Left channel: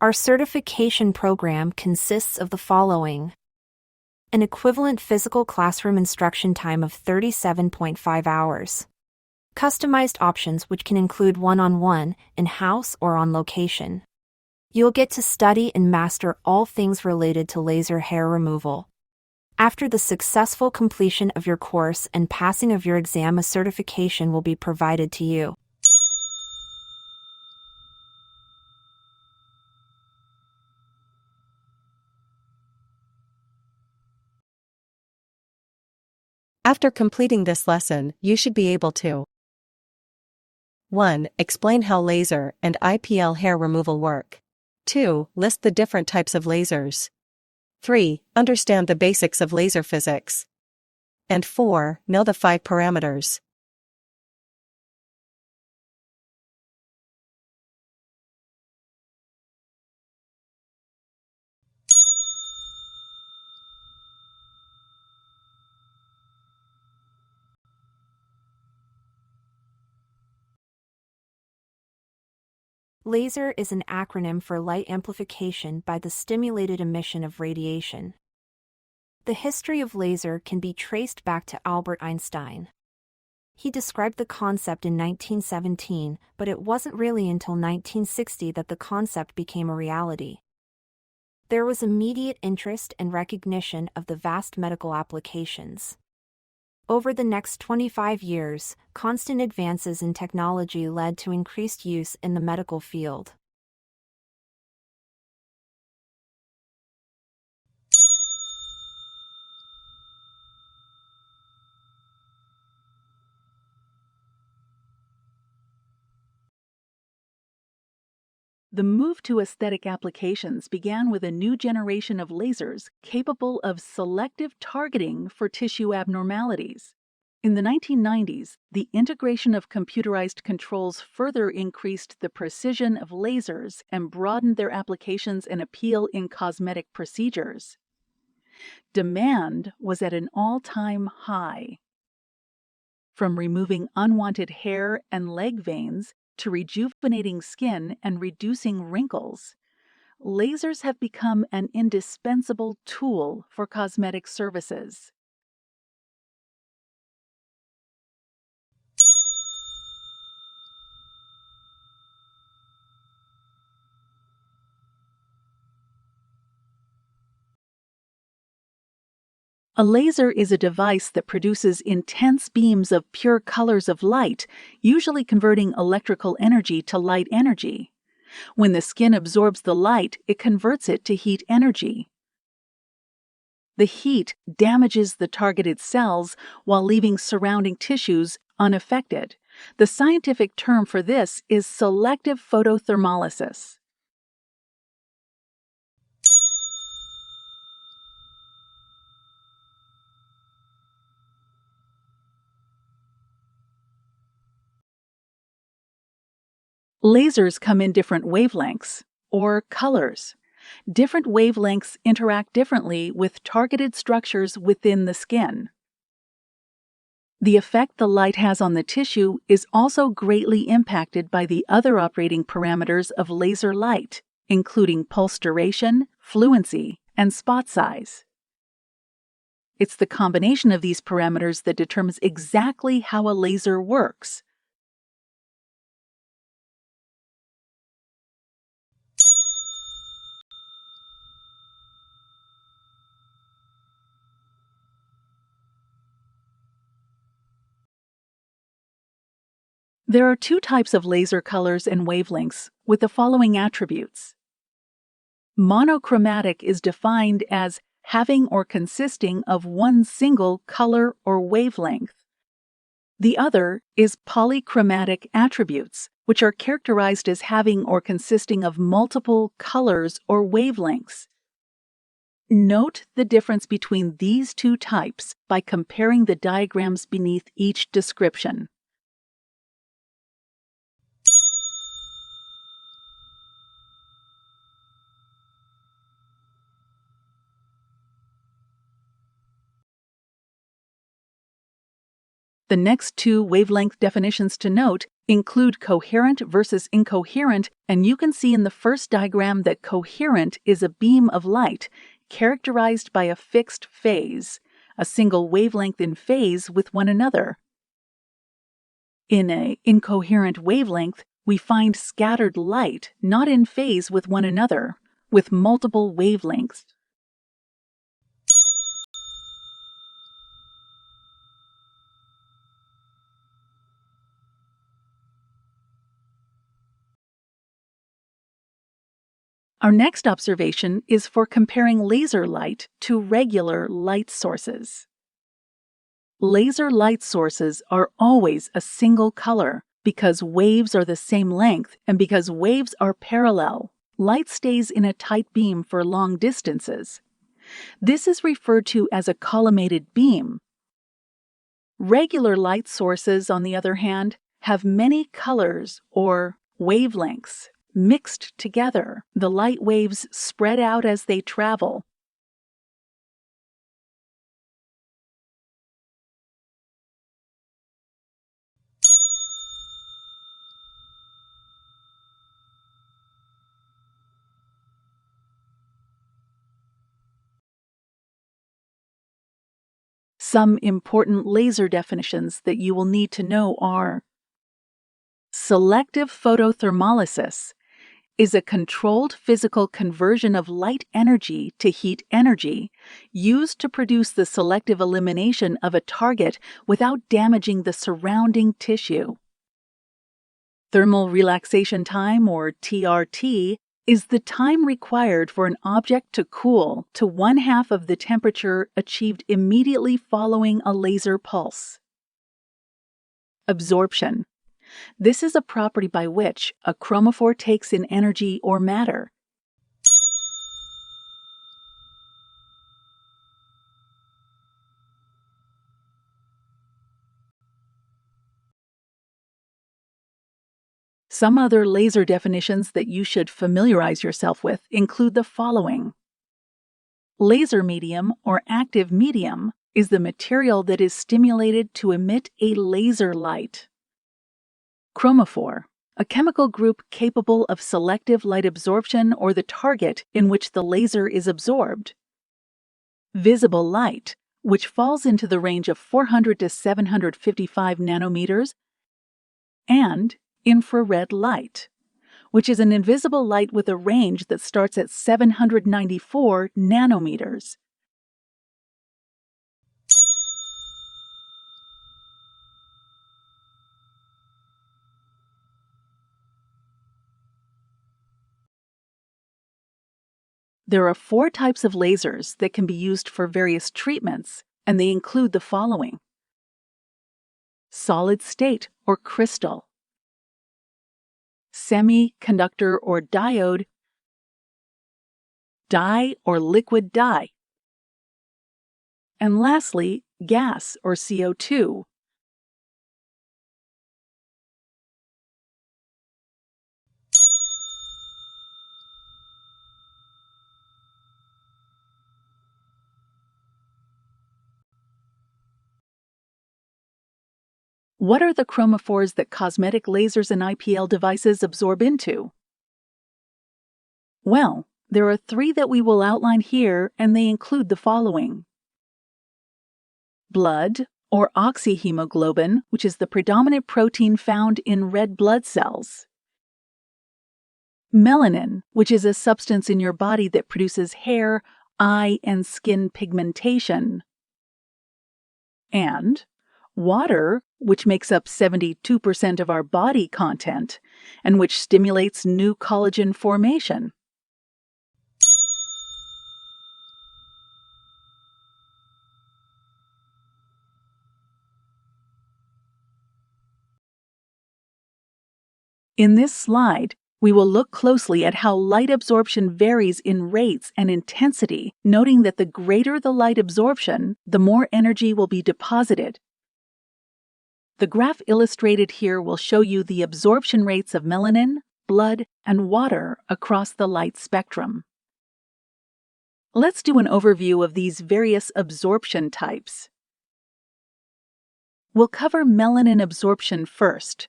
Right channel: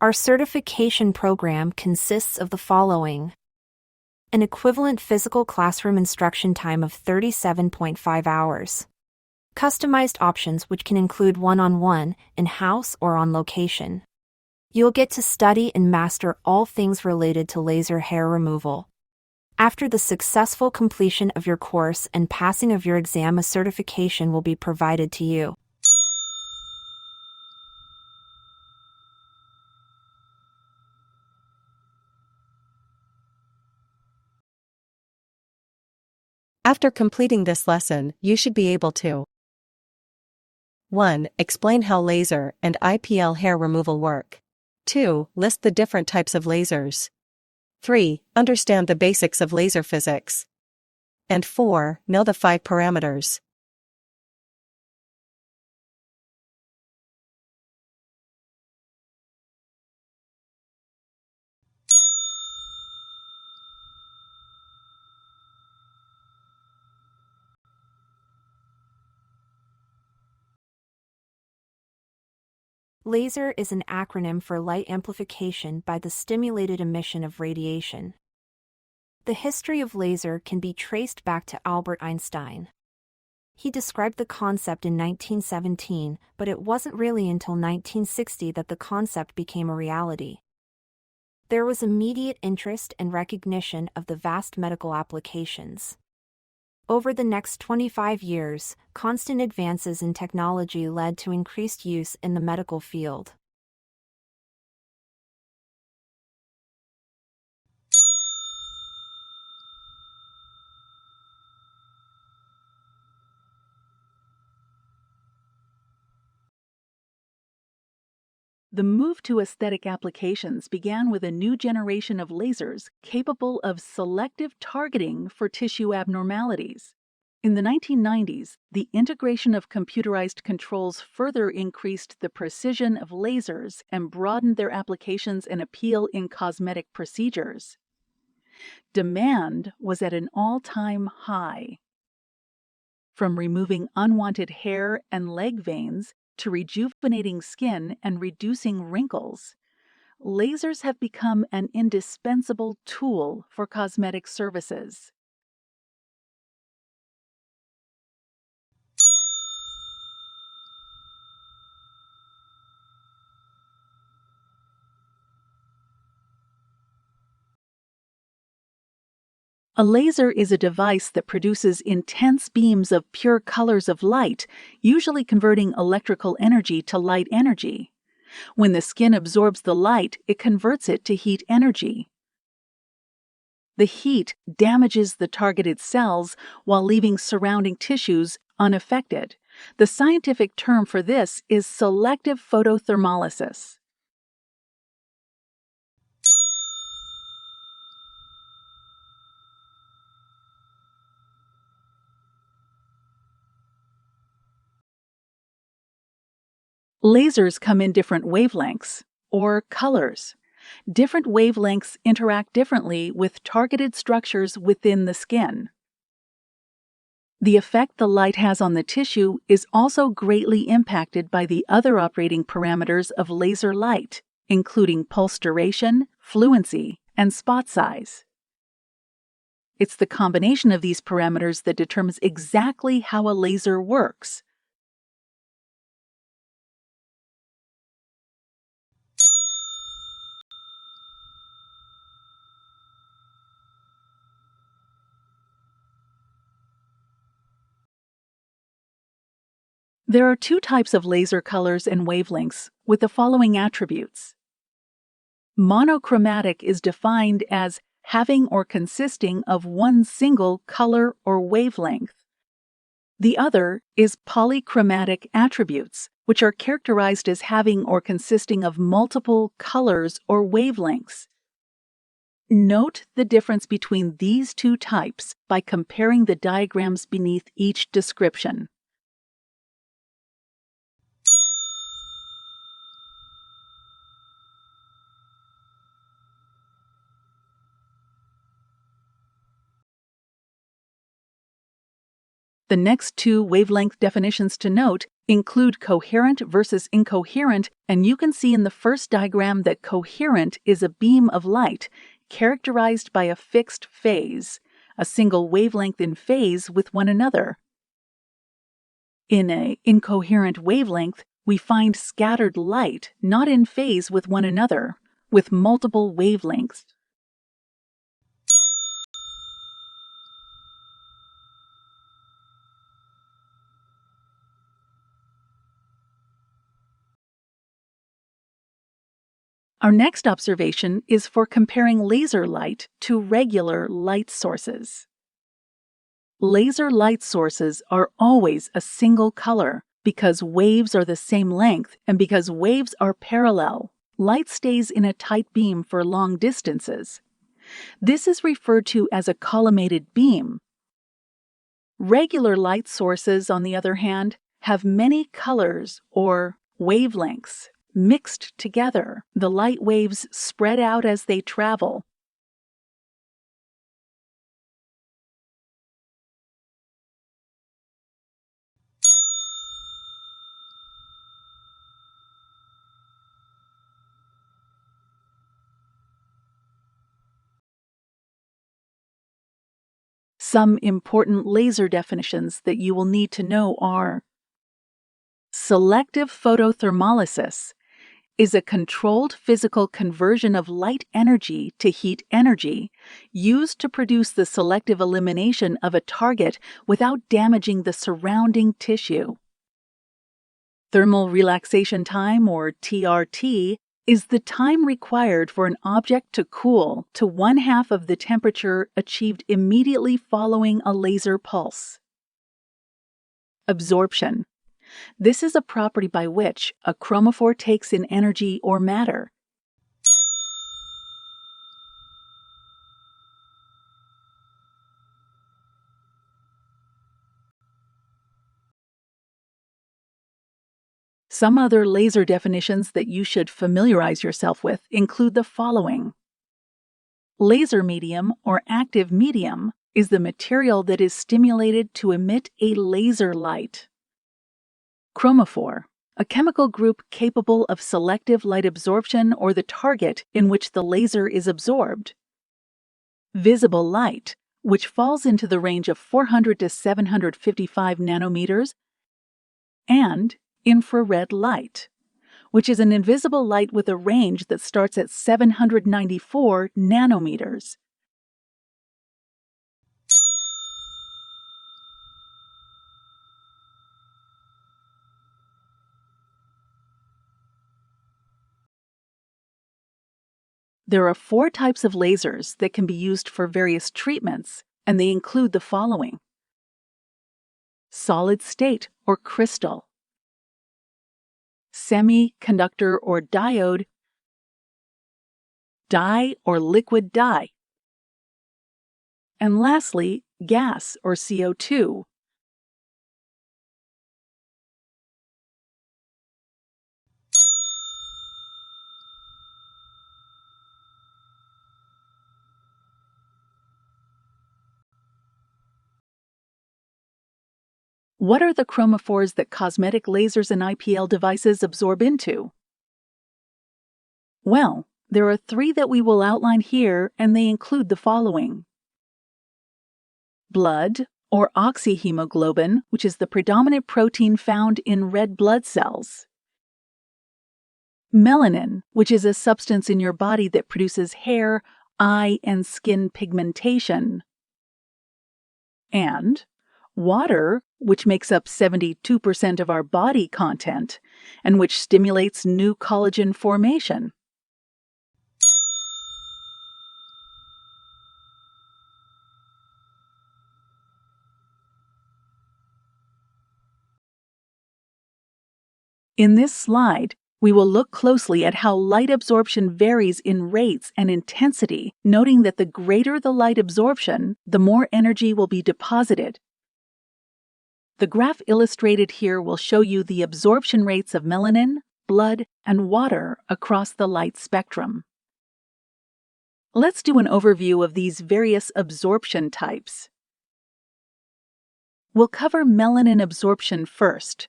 Our certification program consists of the following: an equivalent physical classroom instruction time of 37.5 hours. Customized options which can include one-on-one, in-house, or on location. You'll get to study and master all things related to laser hair removal. After the successful completion of your course and passing of your exam, a certification will be provided to you. After completing this lesson, you should be able to 1. Explain how laser and IPL hair removal work. 2. List the different types of lasers. 3. Understand the basics of laser physics. And 4. Know the 5 parameters. Laser is an acronym for light amplification by the stimulated emission of radiation. The history of laser can be traced back to Albert Einstein. He described the concept in 1917, but it wasn't really until 1960 that the concept became a reality. There was immediate interest and recognition of the vast medical applications. Over the next 25 years, constant advances in technology led to increased use in the medical field. The move to aesthetic applications began with a new generation of lasers capable of selective targeting for tissue abnormalities. In the 1990s, the integration of computerized controls further increased the precision of lasers and broadened their applications and appeal in cosmetic procedures. Demand was at an all-time high. From removing unwanted hair and leg veins to rejuvenating skin and reducing wrinkles, lasers have become an indispensable tool for cosmetic services. A laser is a device that produces intense beams of pure colors of light, usually converting electrical energy to light energy. When the skin absorbs the light, it converts it to heat energy. The heat damages the targeted cells while leaving surrounding tissues unaffected. The scientific term for this is selective photothermolysis. Lasers come in different wavelengths, or colors. Different wavelengths interact differently with targeted structures within the skin. The effect the light has on the tissue is also greatly impacted by the other operating parameters of laser light, including pulse duration, fluency, and spot size. It's the combination of these parameters that determines exactly how a laser works. There are 2 types of laser colors and wavelengths with the following attributes. Monochromatic is defined as having or consisting of one single color or wavelength. The other is polychromatic attributes, which are characterized as having or consisting of multiple colors or wavelengths. Note the difference between these 2 types by comparing the diagrams beneath each description. The next two wavelength definitions to note include coherent versus incoherent, and you can see in the first diagram that coherent is a beam of light characterized by a fixed phase, a single wavelength in phase with one another. In an incoherent wavelength, we find scattered light not in phase with one another, with multiple wavelengths. Our next observation is for comparing laser light to regular light sources. Laser light sources are always a single color because waves are the same length and because waves are parallel. Light stays in a tight beam for long distances. This is referred to as a collimated beam. Regular light sources, on the other hand, have many colors or wavelengths mixed together. The light waves spread out as they travel. Some important laser definitions that you will need to know are: selective photothermolysis is a controlled physical conversion of light energy to heat energy used to produce the selective elimination of a target without damaging the surrounding tissue. Thermal relaxation time, or TRT, is the time required for an object to cool to 1/2 of the temperature achieved immediately following a laser pulse. Absorption. This is a property by which a chromophore takes in energy or matter. Some other laser definitions that you should familiarize yourself with include the following. Laser medium or active medium is the material that is stimulated to emit a laser light. Chromophore, a chemical group capable of selective light absorption or the target in which the laser is absorbed. Visible light, which falls into the range of 400 to 755 nanometers, and infrared light, which is an invisible light with a range that starts at 794 nanometers. There are 4 types of lasers that can be used for various treatments, and they include the following: solid state or crystal, semiconductor or diode, dye or liquid dye, and lastly, gas or CO2. What are the chromophores that cosmetic lasers and IPL devices absorb into? Well, there are 3 that we will outline here, and they include the following: blood, or oxyhemoglobin, which is the predominant protein found in red blood cells; melanin, which is a substance in your body that produces hair, eye, and skin pigmentation; and water, which makes up 72% of our body content, and which stimulates new collagen formation. In this slide, we will look closely at how light absorption varies in rates and intensity, noting that the greater the light absorption, the more energy will be deposited. The graph illustrated here will show you the absorption rates of melanin, blood, and water across the light spectrum. Let's do an overview of these various absorption types. We'll cover melanin absorption first.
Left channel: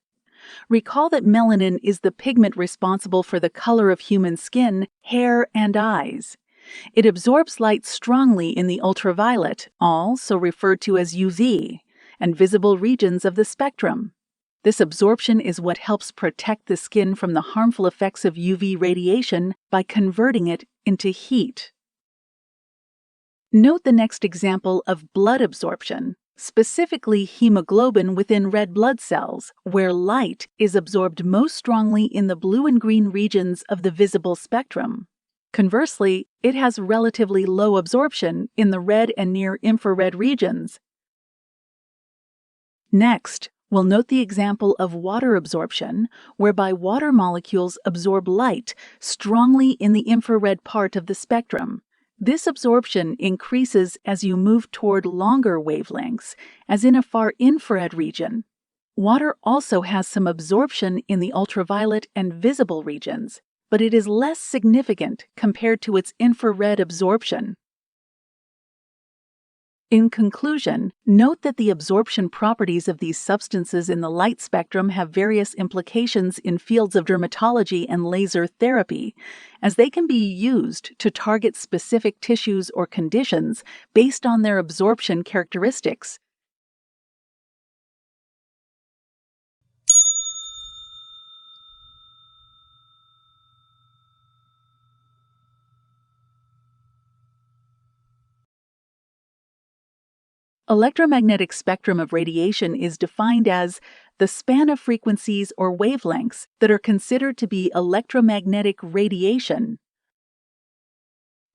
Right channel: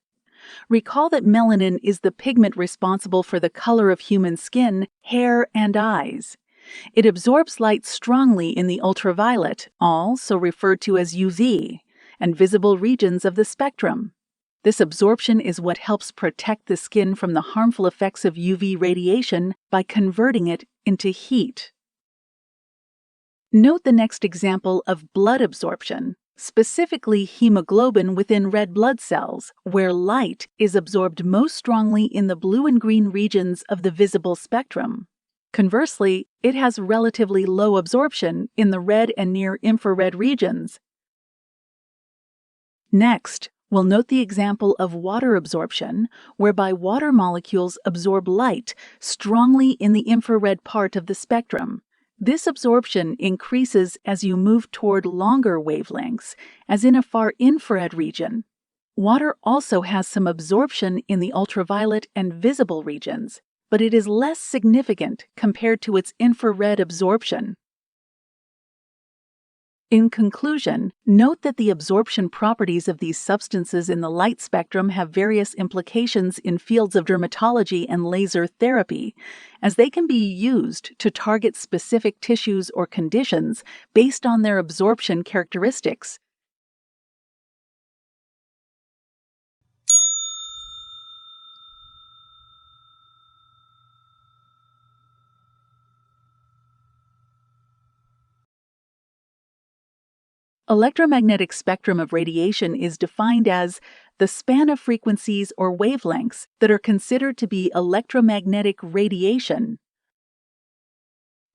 Recall that melanin is the pigment responsible for the color of human skin, hair, and eyes. It absorbs light strongly in the ultraviolet, also referred to as UV, and visible regions of the spectrum. This absorption is what helps protect the skin from the harmful effects of UV radiation by converting it into heat. Note the next example of blood absorption, specifically hemoglobin within red blood cells, where light is absorbed most strongly in the blue and green regions of the visible spectrum. Conversely, it has relatively low absorption in the red and near-infrared regions. Next, we'll note the example of water absorption, whereby water molecules absorb light strongly in the infrared part of the spectrum. This absorption increases as you move toward longer wavelengths, as in a far infrared region. Water also has some absorption in the ultraviolet and visible regions, but it is less significant compared to its infrared absorption. In conclusion, note that the absorption properties of these substances in the light spectrum have various implications in fields of dermatology and laser therapy, as they can be used to target specific tissues or conditions based on their absorption characteristics. Electromagnetic spectrum of radiation is defined as the span of frequencies or wavelengths that are considered to be electromagnetic radiation.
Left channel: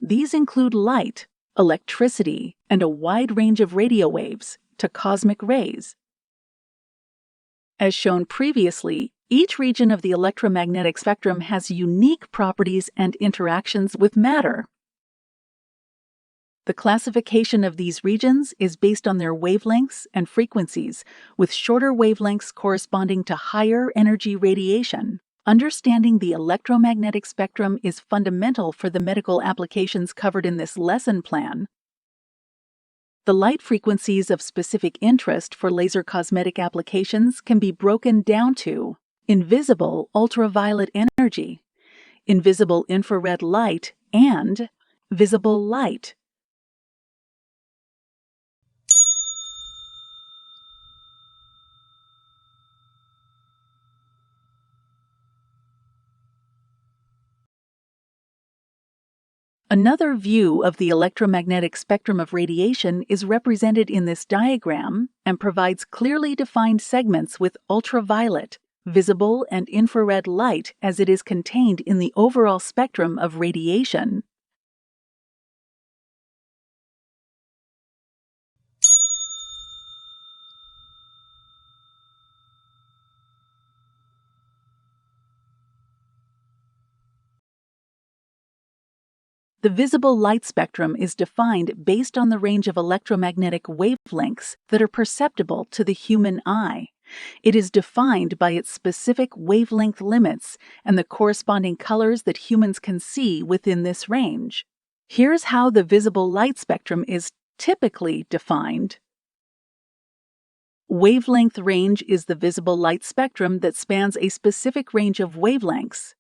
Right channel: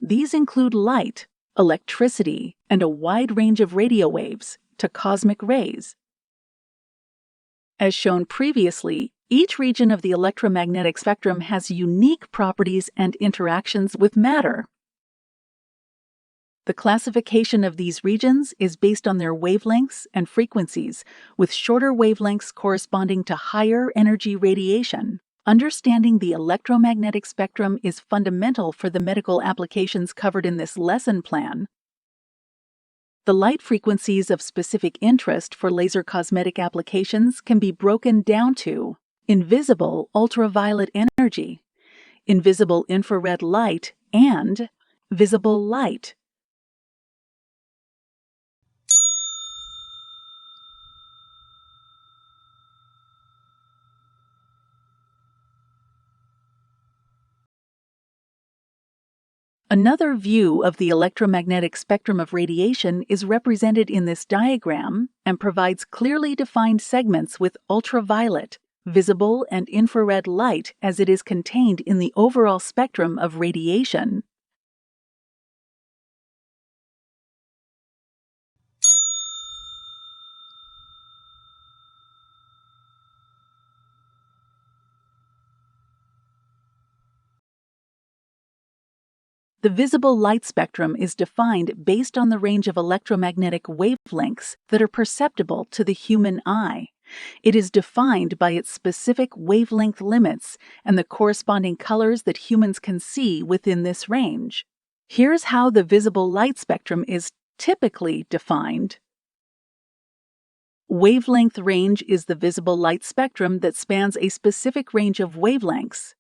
These include light, electricity, and a wide range of radio waves to cosmic rays. As shown previously, each region of the electromagnetic spectrum has unique properties and interactions with matter. The classification of these regions is based on their wavelengths and frequencies, with shorter wavelengths corresponding to higher energy radiation. Understanding the electromagnetic spectrum is fundamental for the medical applications covered in this lesson plan. The light frequencies of specific interest for laser cosmetic applications can be broken down to invisible ultraviolet energy, invisible infrared light, and visible light. Another view of the electromagnetic spectrum of radiation is represented in this diagram and provides clearly defined segments with ultraviolet, visible, and infrared light as it is contained in the overall spectrum of radiation. The visible light spectrum is defined based on the range of electromagnetic wavelengths that are perceptible to the human eye. It is defined by its specific wavelength limits and the corresponding colors that humans can see within this range. Here's how the visible light spectrum is typically defined. Wavelength range is the visible light spectrum that spans a specific range of wavelengths.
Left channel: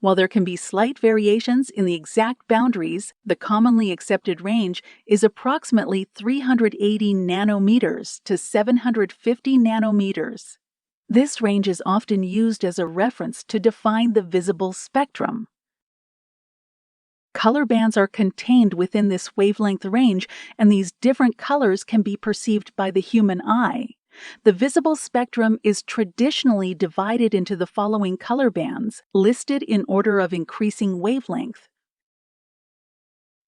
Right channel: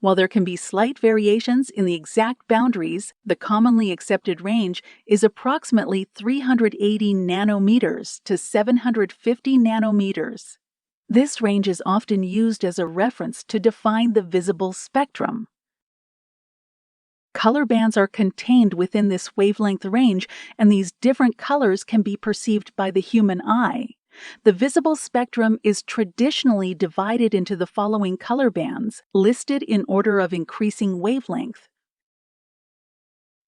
While there can be slight variations in the exact boundaries, the commonly accepted range is approximately 380 nanometers to 750 nanometers. This range is often used as a reference to define the visible spectrum. Color bands are contained within this wavelength range, and these different colors can be perceived by the human eye. The visible spectrum is traditionally divided into the following color bands, listed in order of increasing wavelength.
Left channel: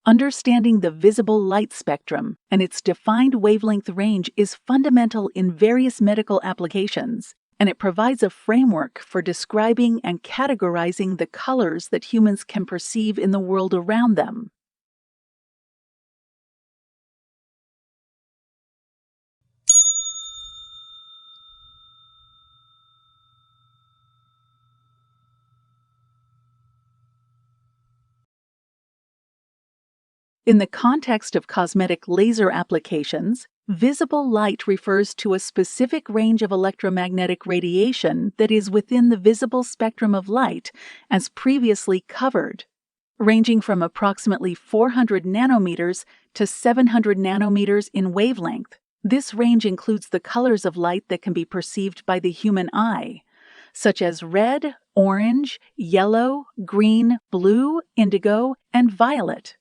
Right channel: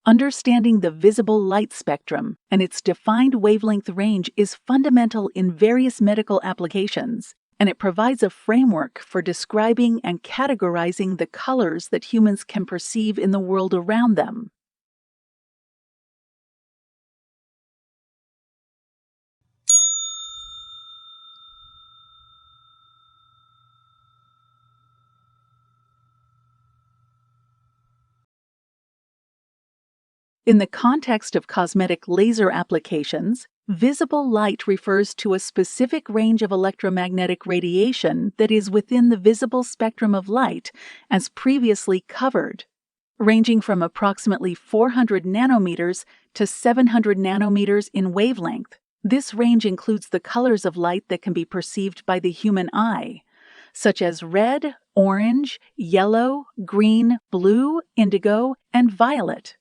Understanding the visible light spectrum and its defined wavelength range is fundamental in various medical applications, and it provides a framework for describing and categorizing the colors that humans can perceive in the world around them. In the context of cosmetic laser applications, Visible light refers to a specific range of electromagnetic radiation that is within the visible spectrum of light as previously covered, ranging from approximately 400 nanometers to 700 nanometers in wavelength. This range includes the colors of light that can be perceived by the human eye, such as red, orange, yellow, green, blue, indigo, and violet.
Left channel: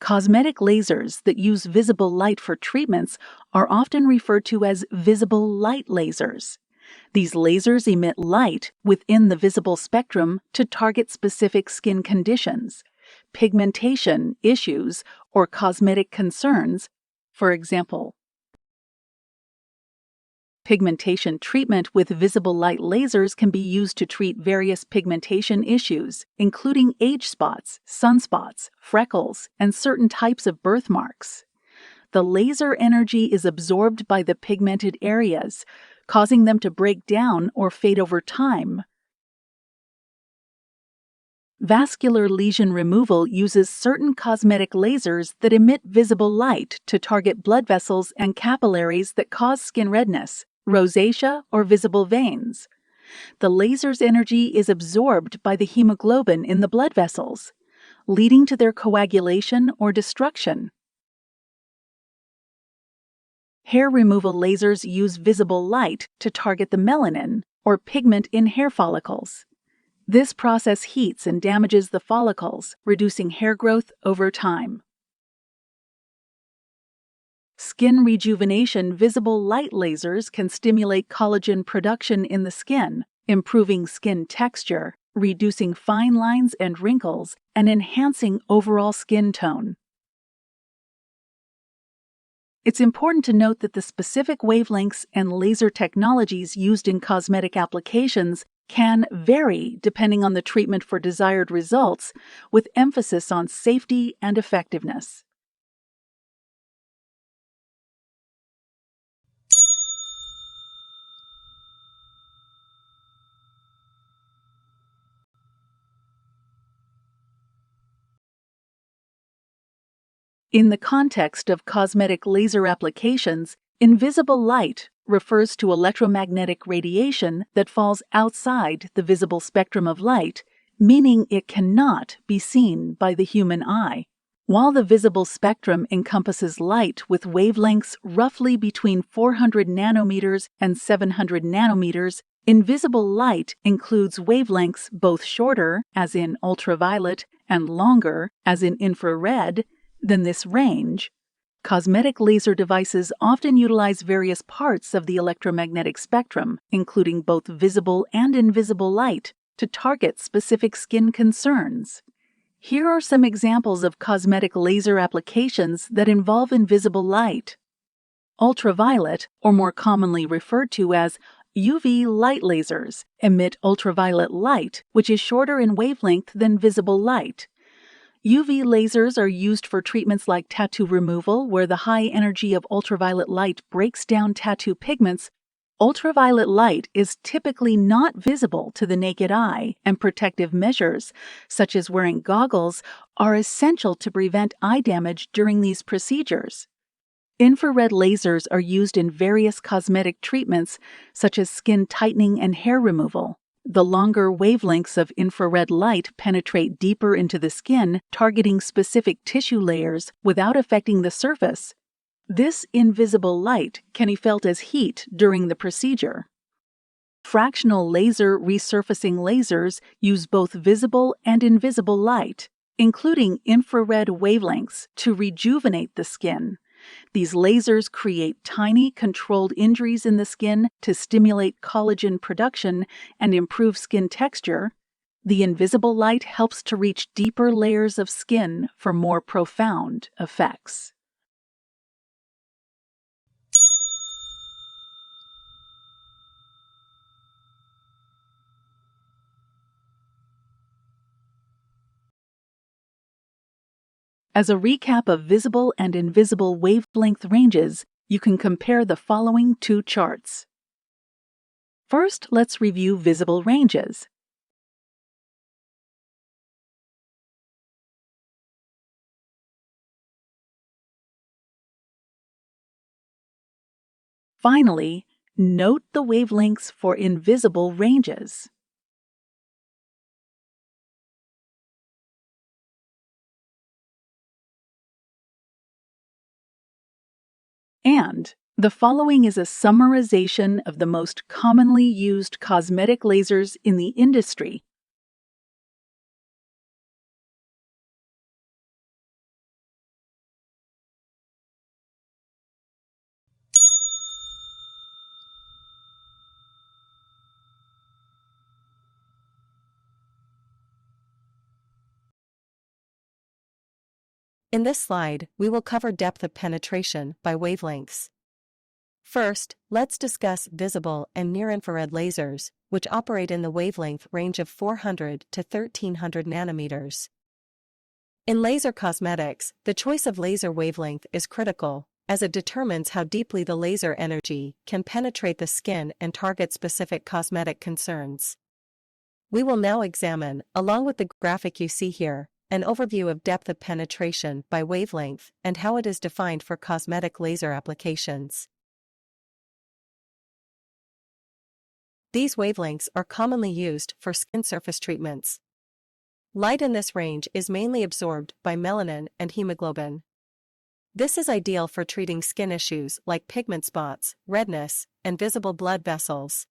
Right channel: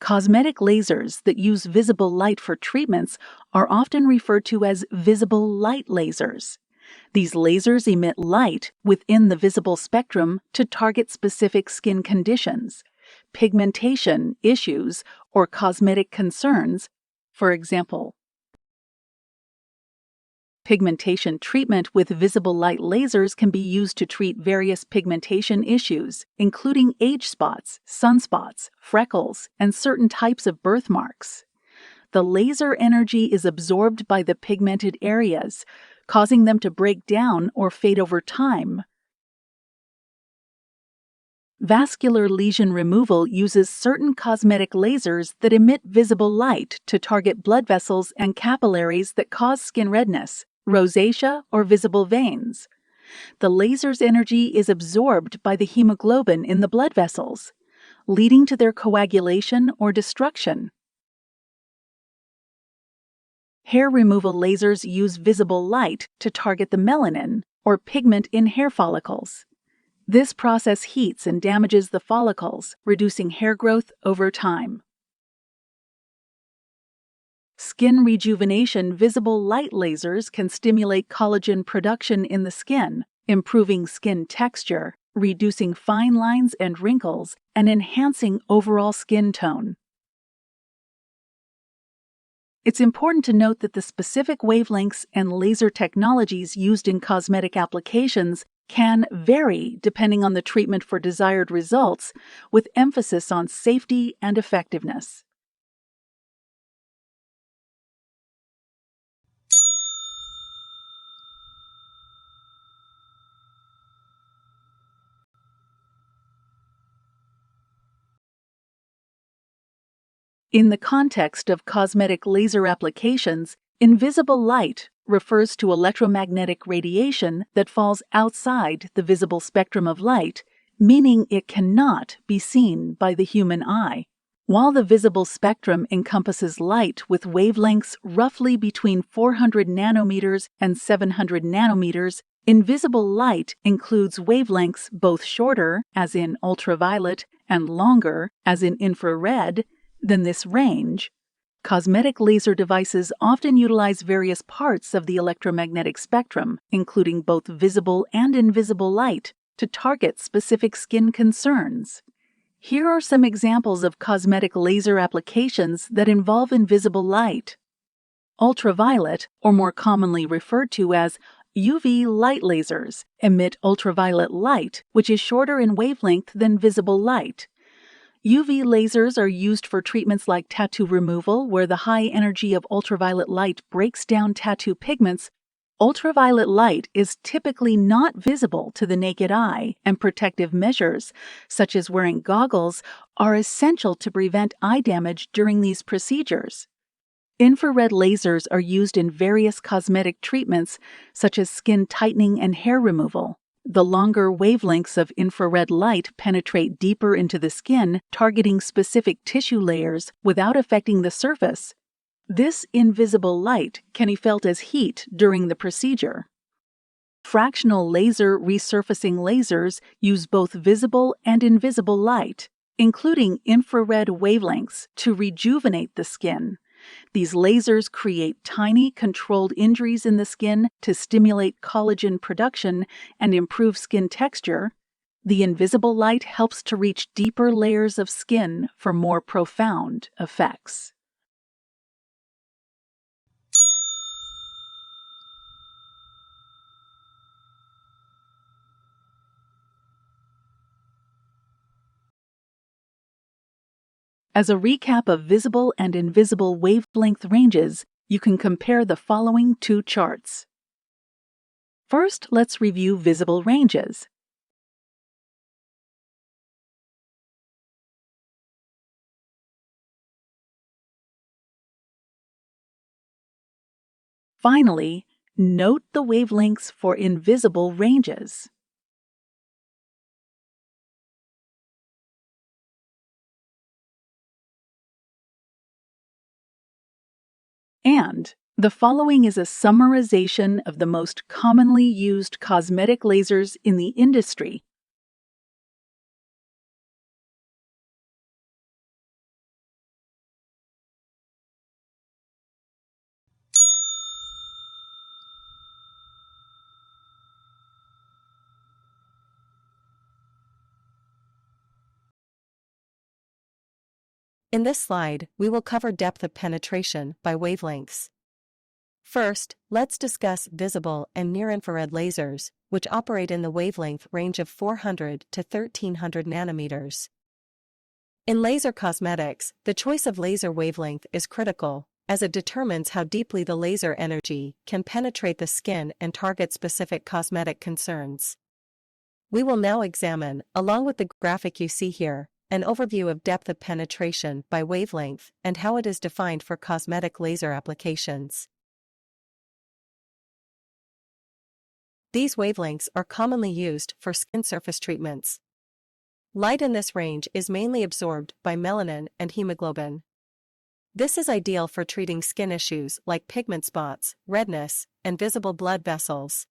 Cosmetic lasers that use visible light for treatments are often referred to as visible light lasers. These lasers emit light within the visible spectrum to target specific skin conditions, pigmentation issues, or cosmetic concerns. For example, pigmentation treatment with visible light lasers can be used to treat various pigmentation issues, including age spots, sunspots, freckles, and certain types of birthmarks. The laser energy is absorbed by the pigmented areas, causing them to break down or fade over time. Vascular lesion removal uses certain cosmetic lasers that emit visible light to target blood vessels and capillaries that cause skin redness, rosacea, or visible veins. The laser's energy is absorbed by the hemoglobin in the blood vessels, leading to their coagulation or destruction. Hair removal lasers use visible light to target the melanin, or pigment in hair follicles. This process heats and damages the follicles, reducing hair growth over time. Skin rejuvenation visible light lasers can stimulate collagen production in the skin, improving skin texture, reducing fine lines and wrinkles, and enhancing overall skin tone. It's important to note that the specific wavelengths and laser technologies used in cosmetic applications can vary depending on the treatment for desired results, with emphasis on safety and effectiveness. In the context of cosmetic laser applications, invisible light refers to electromagnetic radiation that falls outside the visible spectrum of light, meaning it cannot be seen by the human eye. While the visible spectrum encompasses light with wavelengths roughly between 400 nanometers and 700 nanometers, invisible light includes wavelengths both shorter, as in ultraviolet, and longer, as in infrared, than this range. Cosmetic laser devices often utilize various parts of the electromagnetic spectrum, including both visible and invisible light, to target specific skin concerns. Here are some examples of cosmetic laser applications that involve invisible light. Ultraviolet, or more commonly referred to as UV light lasers, emit ultraviolet light, which is shorter in wavelength than visible light. UV lasers are used for treatments like tattoo removal, where the high energy of ultraviolet light breaks down tattoo pigments. Ultraviolet light is typically not visible to the naked eye, and protective measures, such as wearing goggles, are essential to prevent eye damage during these procedures. Infrared lasers are used in various cosmetic treatments, such as skin tightening and hair removal. The longer wavelengths of infrared light penetrate deeper into the skin, targeting specific tissue layers without affecting the surface. This invisible light can be felt as heat during the procedure. Fractional laser resurfacing lasers use both visible and invisible light, including infrared wavelengths, to rejuvenate the skin. These lasers create tiny, controlled injuries in the skin to stimulate collagen production and improve skin texture. The invisible light helps to reach deeper layers of skin for more profound effects. As a recap of visible and invisible wavelength ranges, you can compare the following two charts. First, let's review visible ranges. Finally, note the wavelengths for invisible ranges. And the following is a summarization of the most commonly used cosmetic lasers in the industry. In this slide, we will cover depth of penetration by wavelengths. First, let's discuss visible and near-infrared lasers, which operate in the wavelength range of 400 to 1300 nanometers. In laser cosmetics, the choice of laser wavelength is critical, as it determines how deeply the laser energy can penetrate the skin and target specific cosmetic concerns. We will now examine, along with the graphic you see here, an overview of depth of penetration by wavelength and how it is defined for cosmetic laser applications. These wavelengths are commonly used for skin surface treatments. Light in this range is mainly absorbed by melanin and hemoglobin. This is ideal for treating skin issues like pigment spots, redness, and visible blood vessels.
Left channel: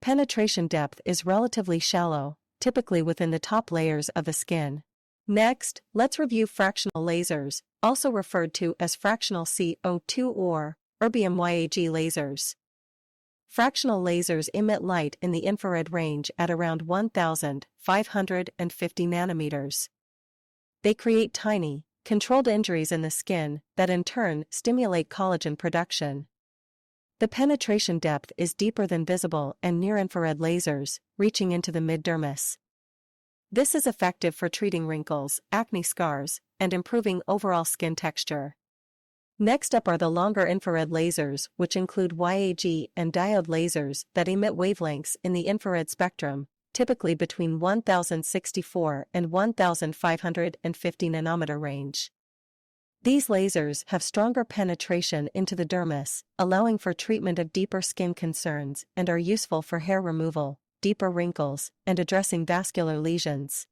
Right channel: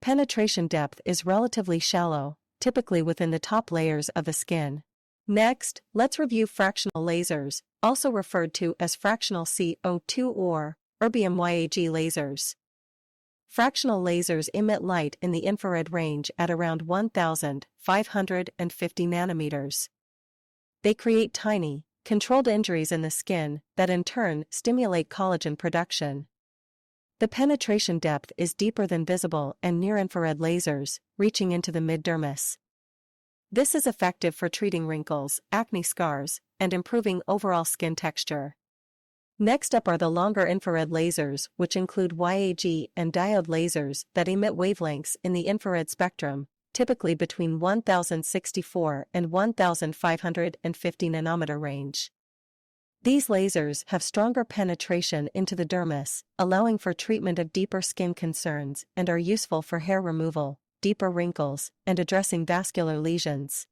Penetration depth is relatively shallow, typically within the top layers of the skin. Next, let's review fractional lasers, also referred to as fractional CO2 or erbium YAG lasers. Fractional lasers emit light in the infrared range at around 1,550 nanometers. They create tiny, controlled injuries in the skin that in turn stimulate collagen production. The penetration depth is deeper than visible and near-infrared lasers, reaching into the mid-dermis. This is effective for treating wrinkles, acne scars, and improving overall skin texture. Next up are the longer infrared lasers, which include YAG and diode lasers that emit wavelengths in the infrared spectrum, typically between 1064 and 1550 nanometer range. These lasers have stronger penetration into the dermis, allowing for treatment of deeper skin concerns and are useful for hair removal, deeper wrinkles, and addressing vascular lesions.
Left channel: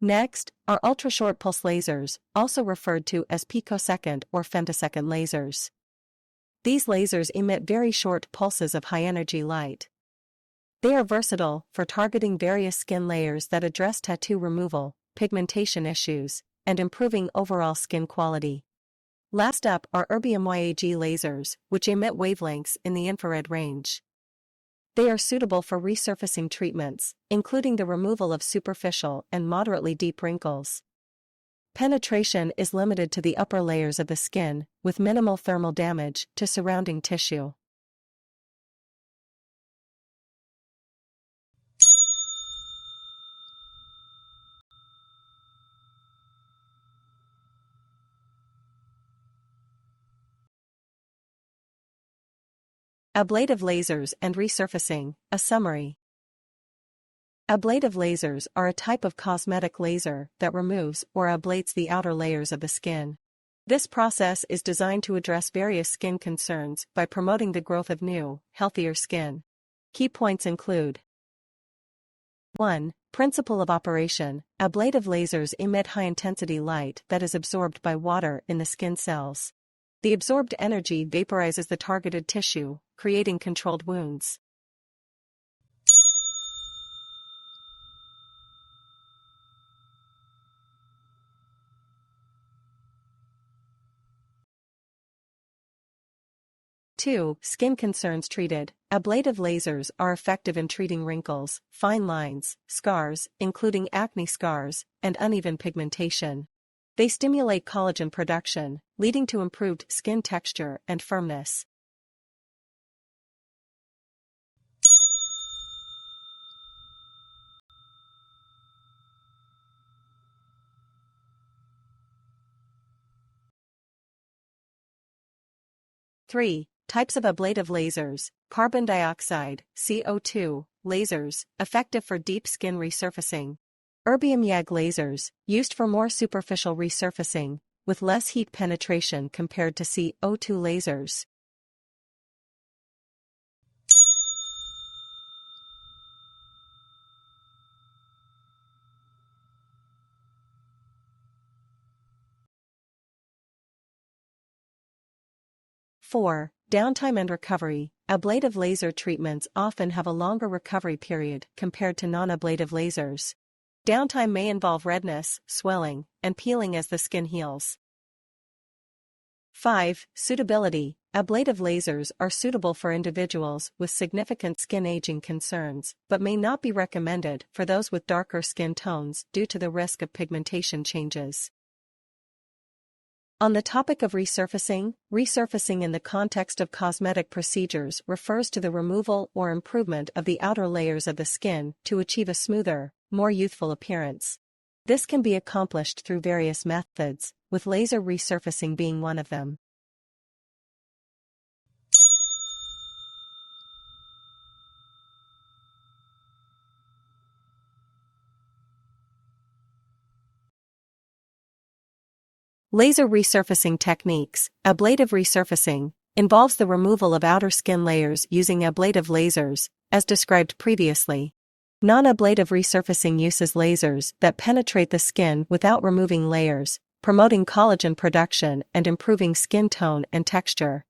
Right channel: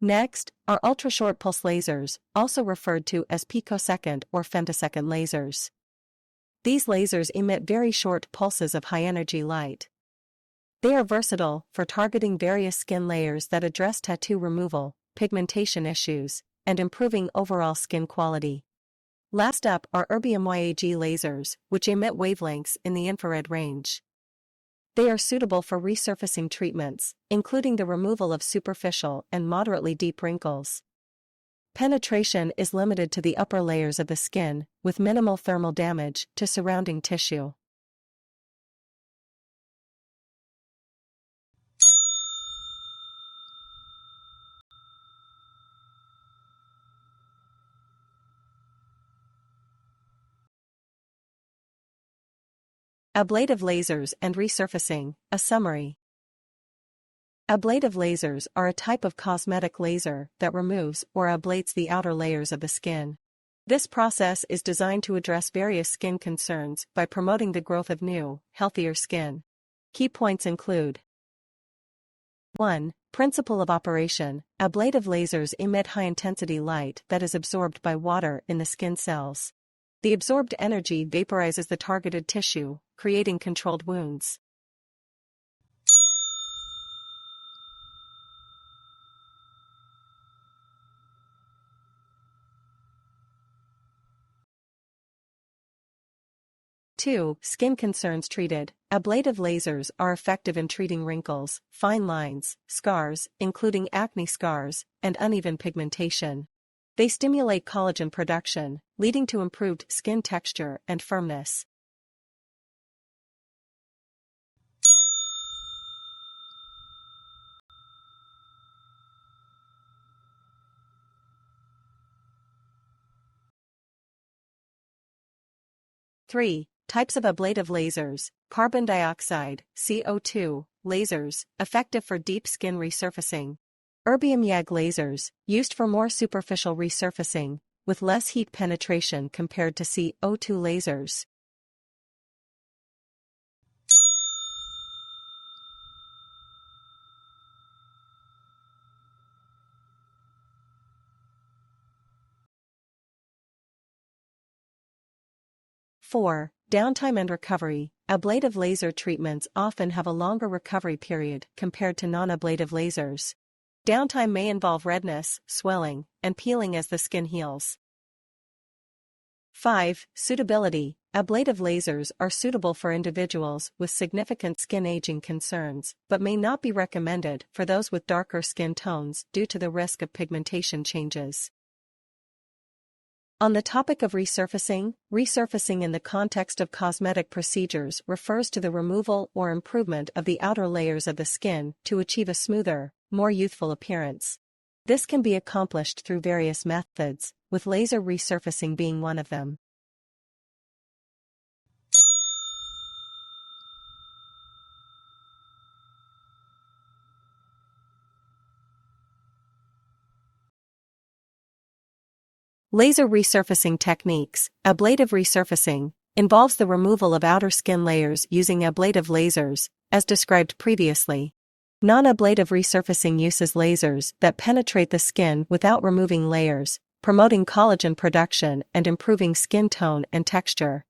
Next are ultra-short pulse lasers, also referred to as picosecond or femtosecond lasers. These lasers emit very short pulses of high-energy light. They are versatile for targeting various skin layers that address tattoo removal, pigmentation issues, and improving overall skin quality. Last up are erbium YAG lasers, which emit wavelengths in the infrared range. They are suitable for resurfacing treatments, including the removal of superficial and moderately deep wrinkles. Penetration is limited to the upper layers of the skin, with minimal thermal damage to surrounding tissue. Ablative lasers and resurfacing, a summary. Ablative lasers are a type of cosmetic laser that removes or ablates the outer layers of the skin. This process is designed to address various skin concerns by promoting the growth of new, healthier skin. Key points include: 1. Principle of operation. Ablative lasers emit high-intensity light that is absorbed by water in the skin cells. The absorbed energy vaporizes the targeted tissue, creating controlled wounds. 2. Skin concerns treated. Ablative lasers are effective in treating wrinkles, fine lines, scars, including acne scars, and uneven pigmentation. They stimulate collagen production, leading to improved skin texture and firmness. 3. Types of ablative lasers. Carbon dioxide, CO2, lasers, effective for deep skin resurfacing. Erbium YAG lasers, used for more superficial resurfacing, with less heat penetration compared to CO2 lasers. Four, downtime and recovery. Ablative laser treatments often have a longer recovery period compared to non-ablative lasers. Downtime may involve redness, swelling, and peeling as the skin heals. 5. Suitability. Ablative lasers are suitable for individuals with significant skin aging concerns, but may not be recommended for those with darker skin tones due to the risk of pigmentation changes. On the topic of resurfacing, resurfacing in the context of cosmetic procedures refers to the removal or improvement of the outer layers of the skin to achieve a smoother, more youthful appearance. This can be accomplished through various methods, with laser resurfacing being one of them. Laser resurfacing techniques. Ablative resurfacing involves the removal of outer skin layers using ablative lasers, as described previously. Non-ablative resurfacing uses lasers that penetrate the skin without removing layers, promoting collagen production and improving skin tone and texture.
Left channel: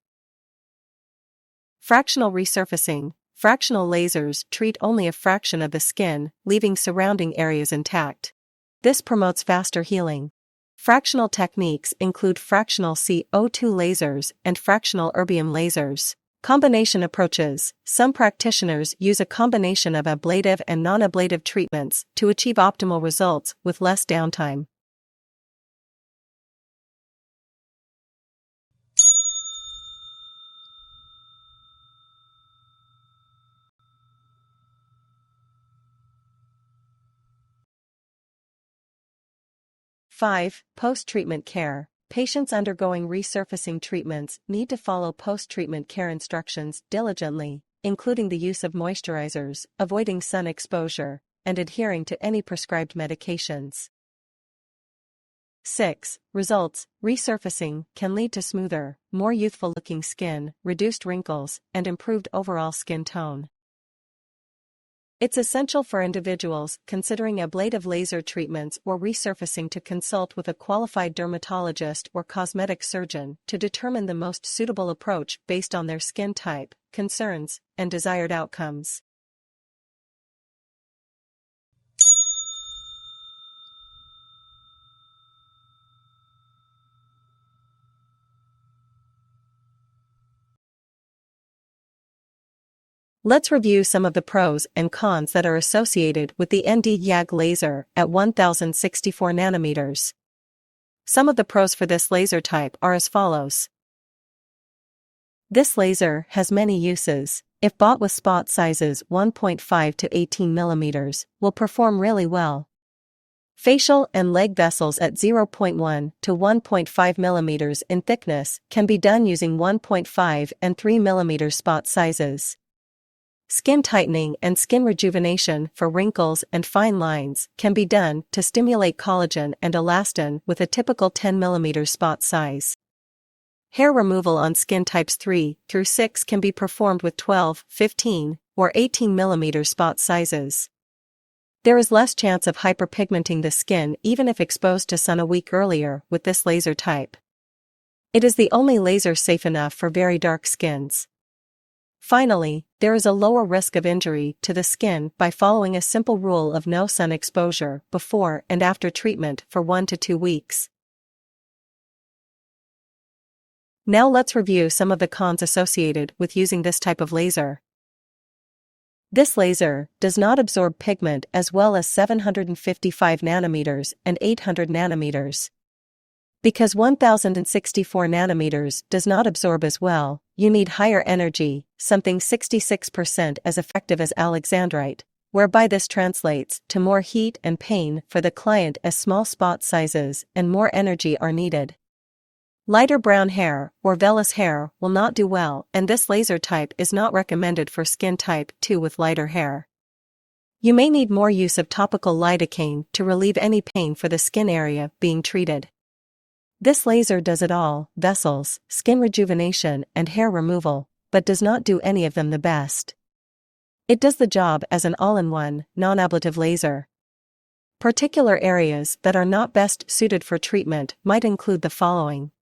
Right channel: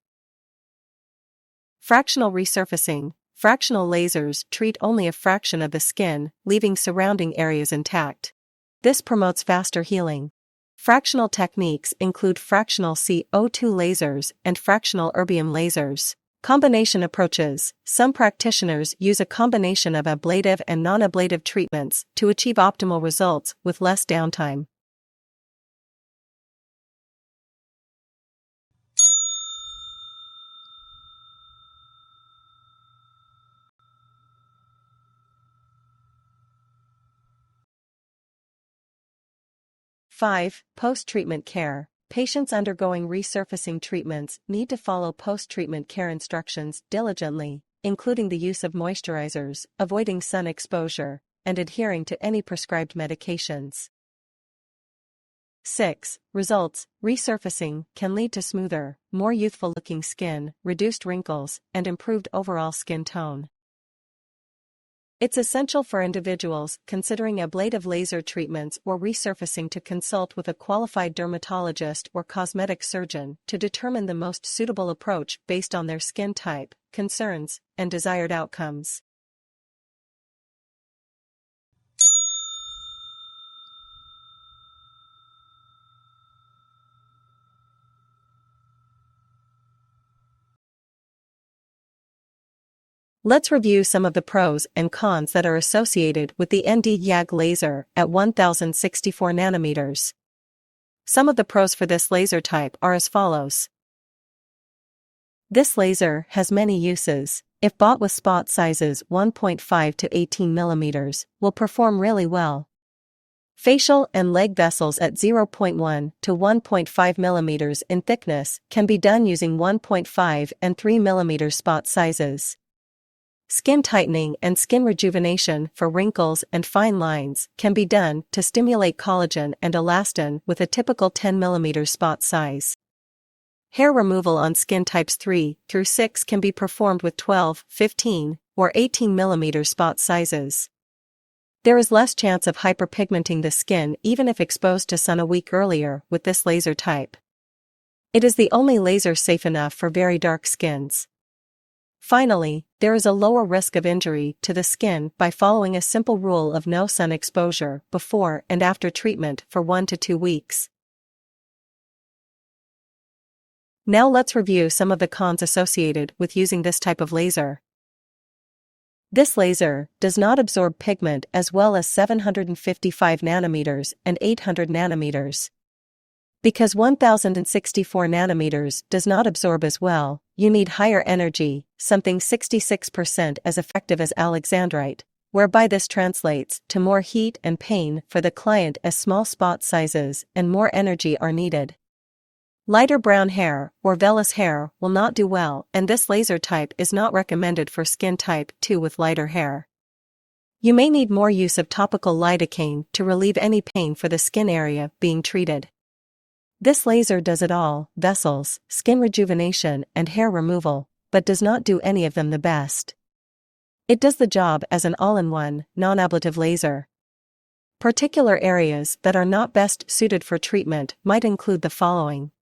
Fractional resurfacing. Fractional lasers treat only a fraction of the skin, leaving surrounding areas intact. This promotes faster healing. Fractional techniques include fractional CO2 lasers and fractional erbium lasers. Combination approaches. Some practitioners use a combination of ablative and non-ablative treatments to achieve optimal results with less downtime. Five, post-treatment care. Patients undergoing resurfacing treatments need to follow post-treatment care instructions diligently, including the use of moisturizers, avoiding sun exposure, and adhering to any prescribed medications. 6. Results. Resurfacing can lead to smoother, more youthful-looking skin, reduced wrinkles, and improved overall skin tone. It's essential for individuals considering ablative laser treatments or resurfacing to consult with a qualified dermatologist or cosmetic surgeon to determine the most suitable approach based on their skin type, concerns, and desired outcomes. Let's review some of the pros and cons that are associated with the ND-YAG laser at 1064 nanometers. Some of the pros for this laser type are as follows. This laser has many uses. If bought with spot sizes 1.5 to 18 millimeters, will perform really well. Facial and leg vessels at 0.1 to 1.5 millimeters in thickness can be done using 1.5 and 3 millimeter spot sizes. Skin tightening and skin rejuvenation for wrinkles and fine lines can be done to stimulate collagen and elastin with a typical 10 mm spot size. Hair removal on skin types 3 through 6 can be performed with 12, 15, or 18 mm spot sizes. There is less chance of hyperpigmenting the skin even if exposed to sun a week earlier with this laser type. It is the only laser safe enough for very dark skins. Finally, there is a lower risk of injury to the skin by following a simple rule of no sun exposure before and after treatment for 1 to 2 weeks. Now let's review some of the cons associated with using this type of laser. This laser does not absorb pigment as well as 755 nanometers and 800 nanometers. Because 1064 nanometers does not absorb as well, you need higher energy, something 66% as effective as alexandrite, whereby this translates to more heat and pain for the client as small spot sizes and more energy are needed. Lighter brown hair or vellus hair will not do well, and this laser type is not recommended for skin type 2 with lighter hair. You may need more use of topical lidocaine to relieve any pain for the skin area being treated. This laser does it all: vessels, skin rejuvenation, and hair removal, but does not do any of them the best. It does the job as an all-in-one, non-ablative laser. Particular areas that are not best suited for treatment might include the following:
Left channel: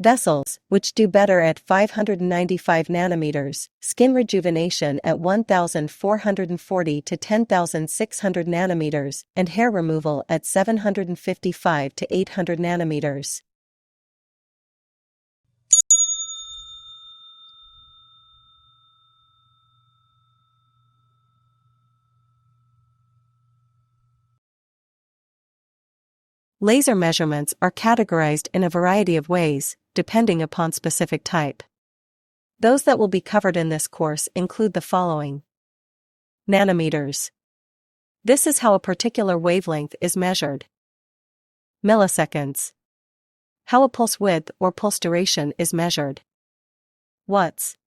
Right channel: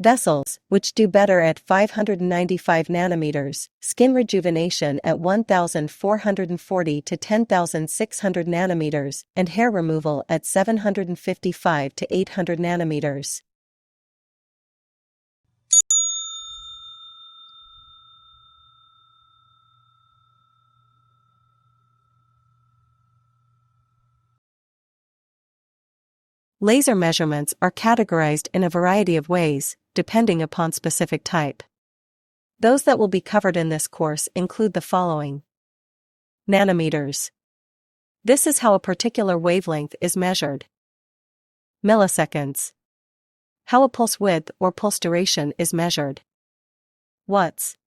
vessels, which do better at 595 nanometers, skin rejuvenation at 1440 to 10,600 nanometers, and hair removal at 755 to 800 nanometers. Laser measurements are categorized in a variety of ways, depending upon specific type. Those that will be covered in this course include the following. Nanometers. This is how a particular wavelength is measured. Milliseconds. How a pulse width or pulse duration is measured. Watts.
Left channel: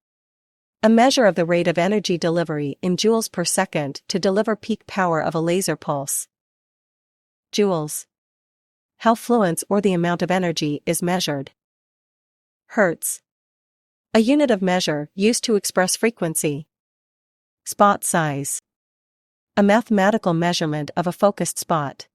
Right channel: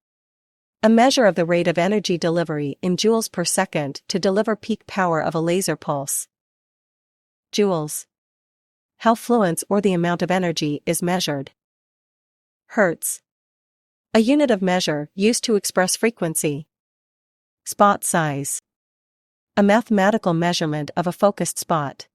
A measure of the rate of energy delivery in joules per second to deliver peak power of a laser pulse. Joules. How fluence or the amount of energy is measured. Hertz. A unit of measure used to express frequency. Spot size. A mathematical measurement of a focused spot.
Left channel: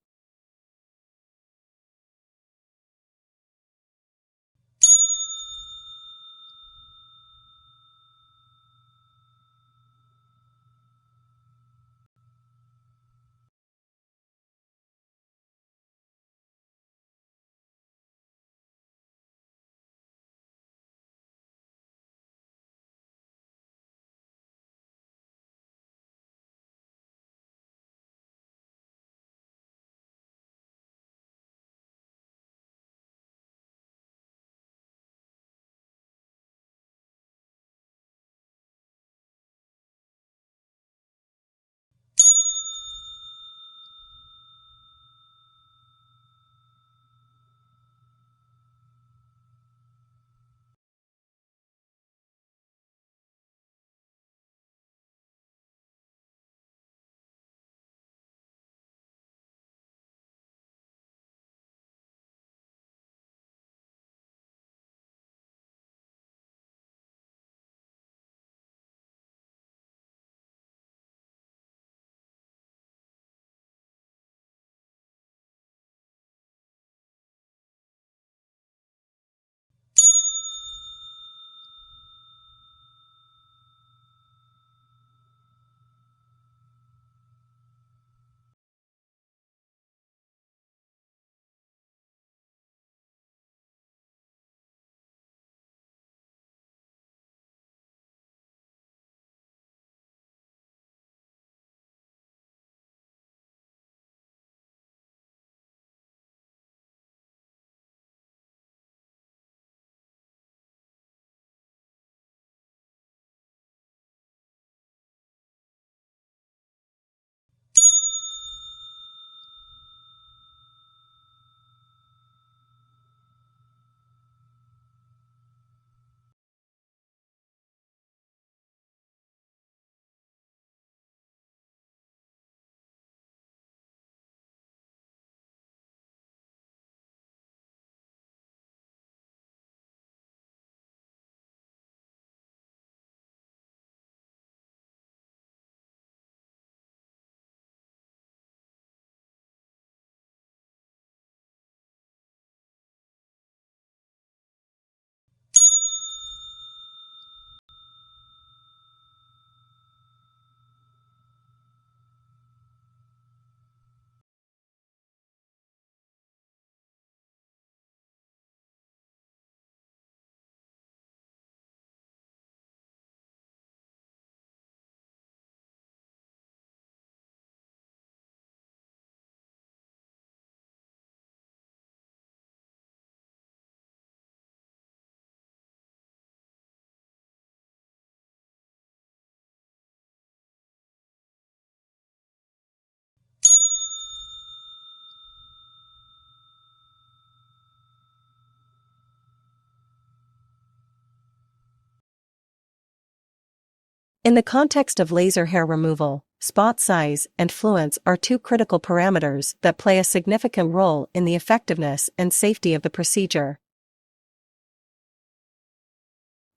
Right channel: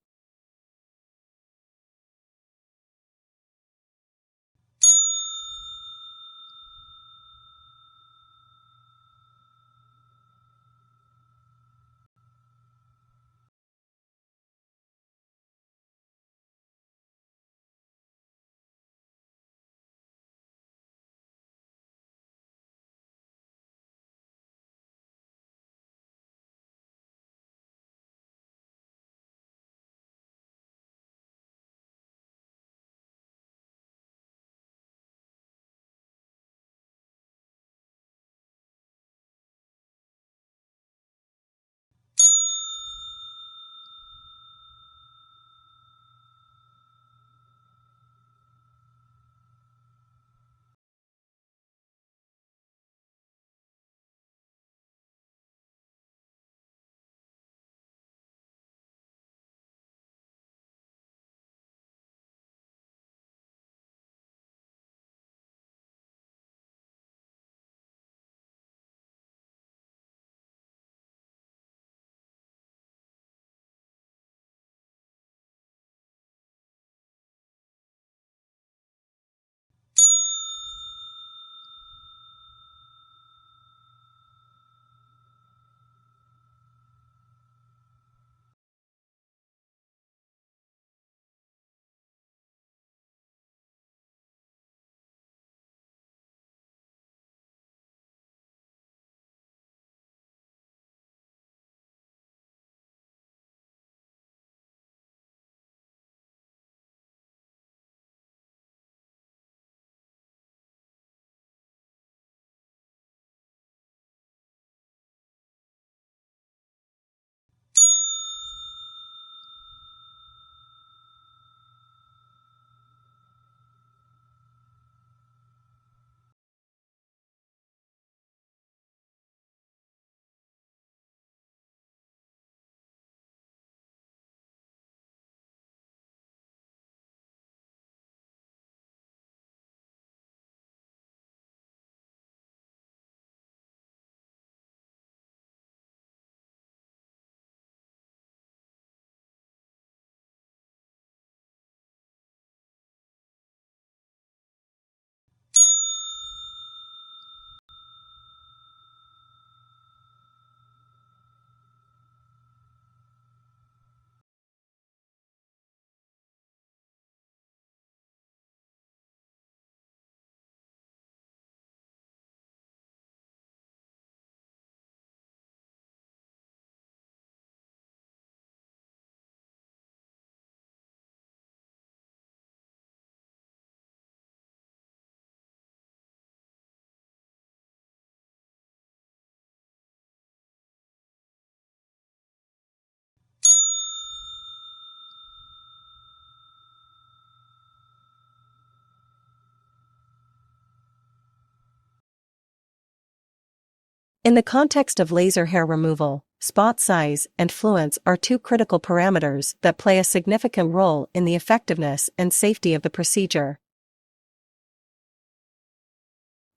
In the context of laser hair removal, spot size, and fluence are two critical parameters that play a significant role in the effectiveness and safety of the procedure.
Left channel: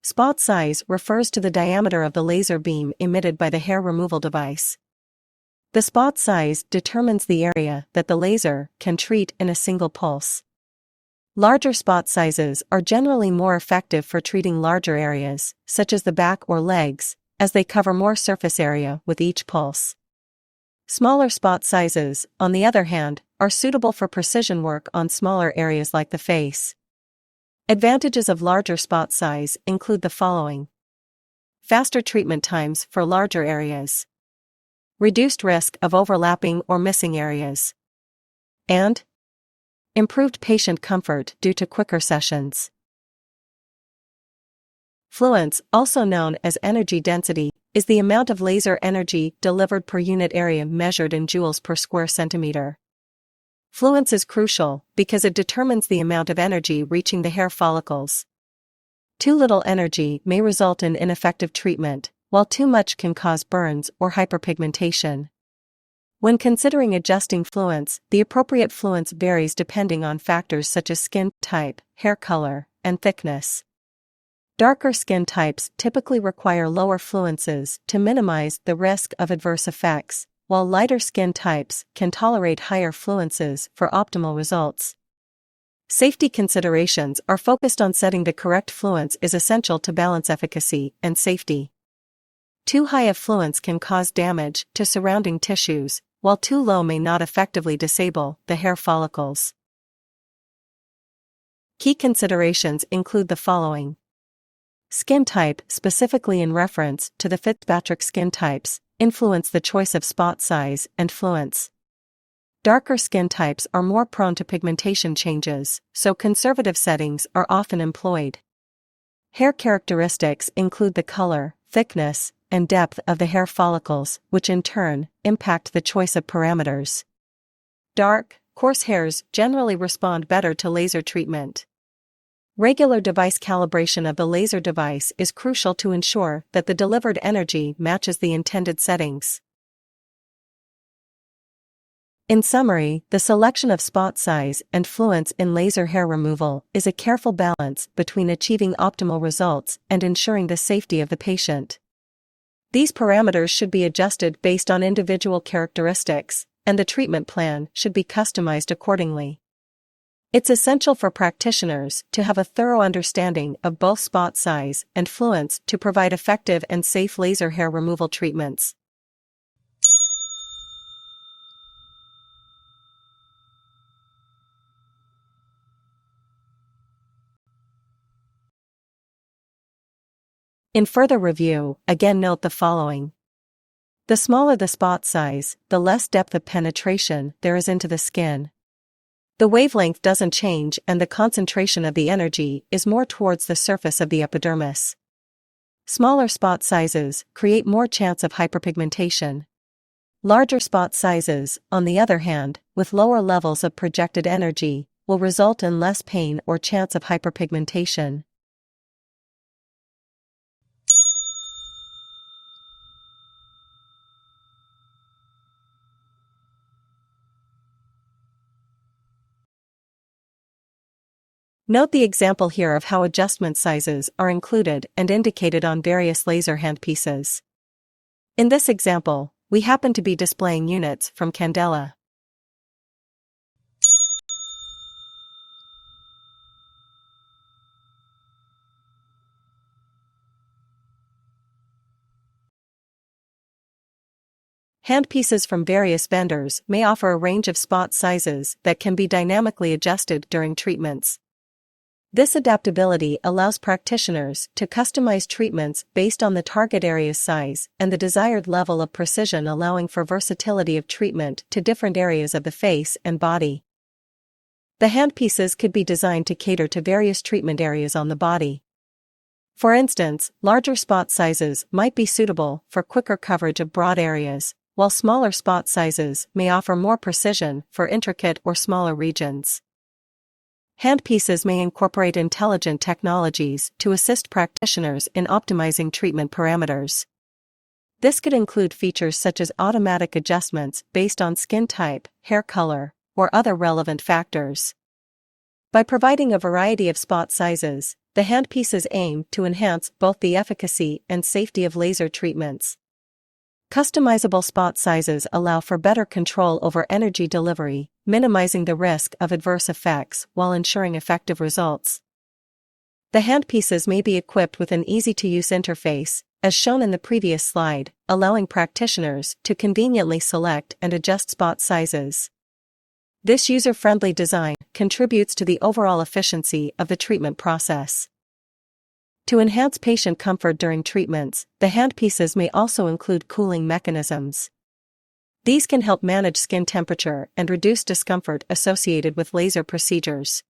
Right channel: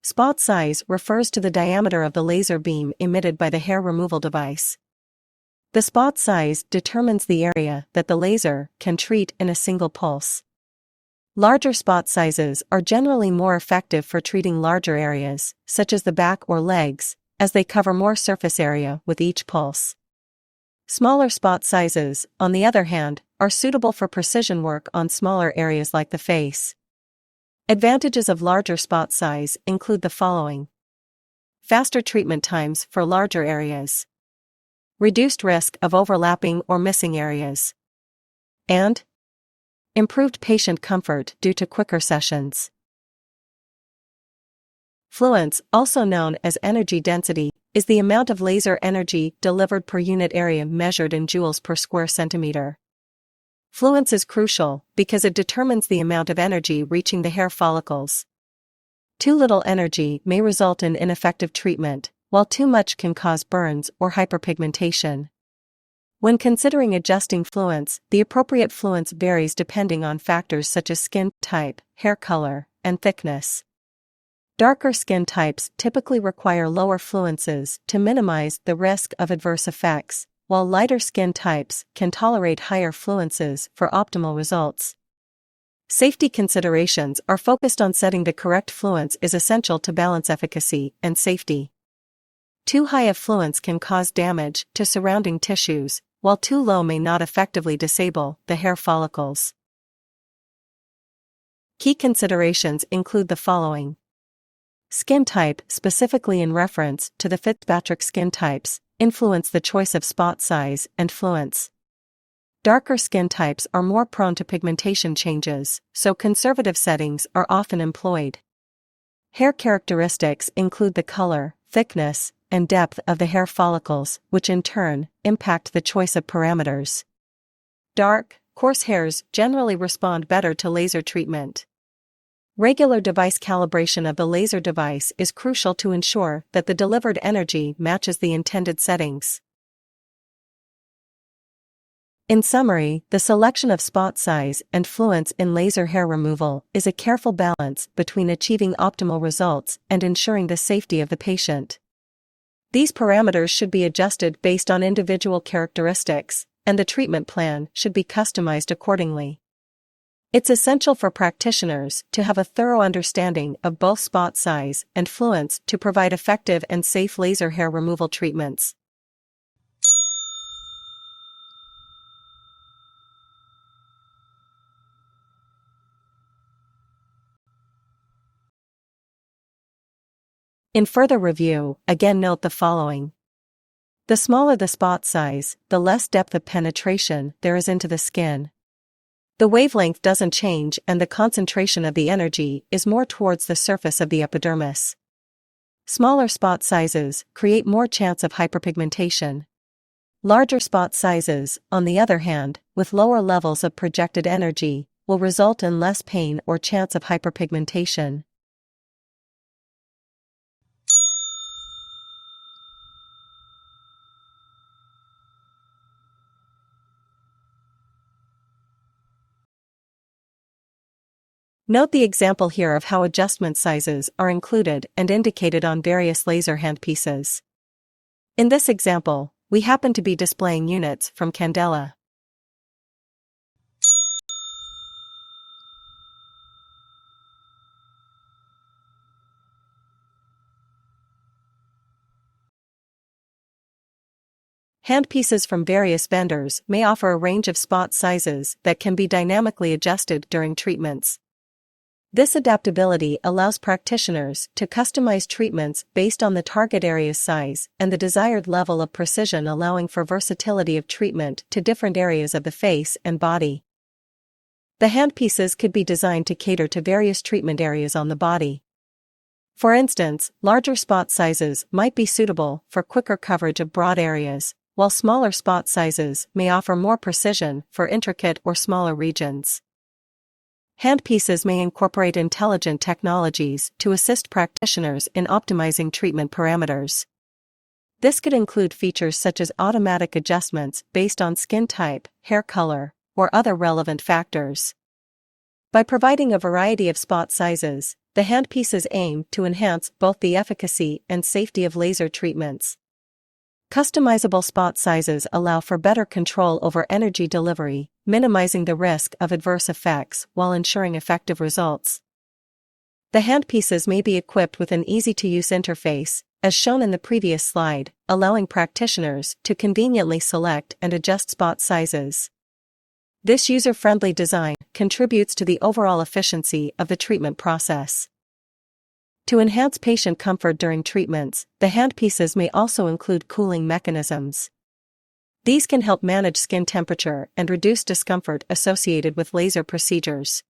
Spot size refers to the diameter of the laser beam emitted by the hair removal device. The spot size determines the area that the laser can treat in a single pulse. Larger spot sizes are generally more effective for treating larger areas, such as the back or legs, as they cover more surface area with each pulse. Smaller spot sizes, on the other hand, are suitable for precision work on smaller areas like the face. Advantages of larger spot size include the following: faster treatment times for larger areas, reduced risk of overlapping or missing areas, and improved patient comfort due to quicker sessions. Fluence, also known as energy density, is the amount of laser energy delivered per unit area measured in joules per square centimeter. Fluence is crucial because it determines the amount of energy reaching the hair follicles. Too little energy may result in ineffective treatment, while too much can cause burns or hyperpigmentation. When considering adjusting fluence, the appropriate fluence varies depending on factors such as skin type, hair color, and thickness. Darker skin types typically require lower fluences to minimize the risk of adverse effects, while lighter skin types can tolerate higher fluences for optimal results. Safety considerations are focused on setting the correct fluence is essential to balance efficacy and safety. Too high a fluence can cause damage to surrounding tissues, while too low may not effectively disable the hair follicles. Key considerations include the following: skin type, specifically in reference to the Fitzpatrick skin types, influence the choice of spot size and fluence. Darker skin types are more prone to pigmentation changes, so conservative settings are often employed. Hair characteristics include the color, thickness, and depth of the hair follicles, which in turn impact the choice of parameters. Dark, coarse hairs generally respond better to laser treatment. Regular device calibration of the laser device is crucial to ensure that the delivered energy matches the intended settings. In summary, the selection of spot size and fluence in laser hair removal is a careful balance between achieving optimal results and ensuring the safety of the patient. These parameters should be adjusted based on individual characteristics, and the treatment plan should be customized accordingly. It's essential for practitioners to have a thorough understanding of both spot size and fluence to provide effective and safe laser hair removal treatments. In further review, again note the following. The smaller the spot size, the less depth of penetration there is into the skin. The wavelength doesn't change and the concentration of the energy is more towards the surface of the epidermis. Smaller spot sizes create more chance of hyperpigmentation. Larger spot sizes, on the other hand, with lower levels of projected energy, will result in less pain or chance of hyperpigmentation. Note the example here of how adjustment sizes are included and indicated on various laser handpieces. In this example, we happen to be displaying units from Candela. Handpieces from various vendors may offer a range of spot sizes that can be dynamically adjusted during treatments. This adaptability allows practitioners to customize treatments based on the target area's size and the desired level of precision, allowing for versatility of treatment to different areas of the face and body. The handpieces could be designed to cater to various treatment areas on the body. For instance, larger spot sizes might be suitable for quicker coverage of broad areas, while smaller spot sizes may offer more precision for intricate or smaller regions. Handpieces may incorporate intelligent technologies to assist practitioners in optimizing treatment parameters. This could include features such as automatic adjustments based on skin type, hair color, or other relevant factors. By providing a variety of spot sizes, the handpieces aim to enhance both the efficacy and safety of laser treatments. Customizable spot sizes allow for better control over energy delivery, minimizing the risk of adverse effects while ensuring effective results. The handpieces may be equipped with an easy-to-use interface, as shown in the previous slide, allowing practitioners to conveniently select and adjust spot sizes. This user-friendly design contributes to the overall efficiency of the treatment process. To enhance patient comfort during treatments, the handpieces may also include cooling mechanisms. These can help manage skin temperature and reduce discomfort associated with laser procedures.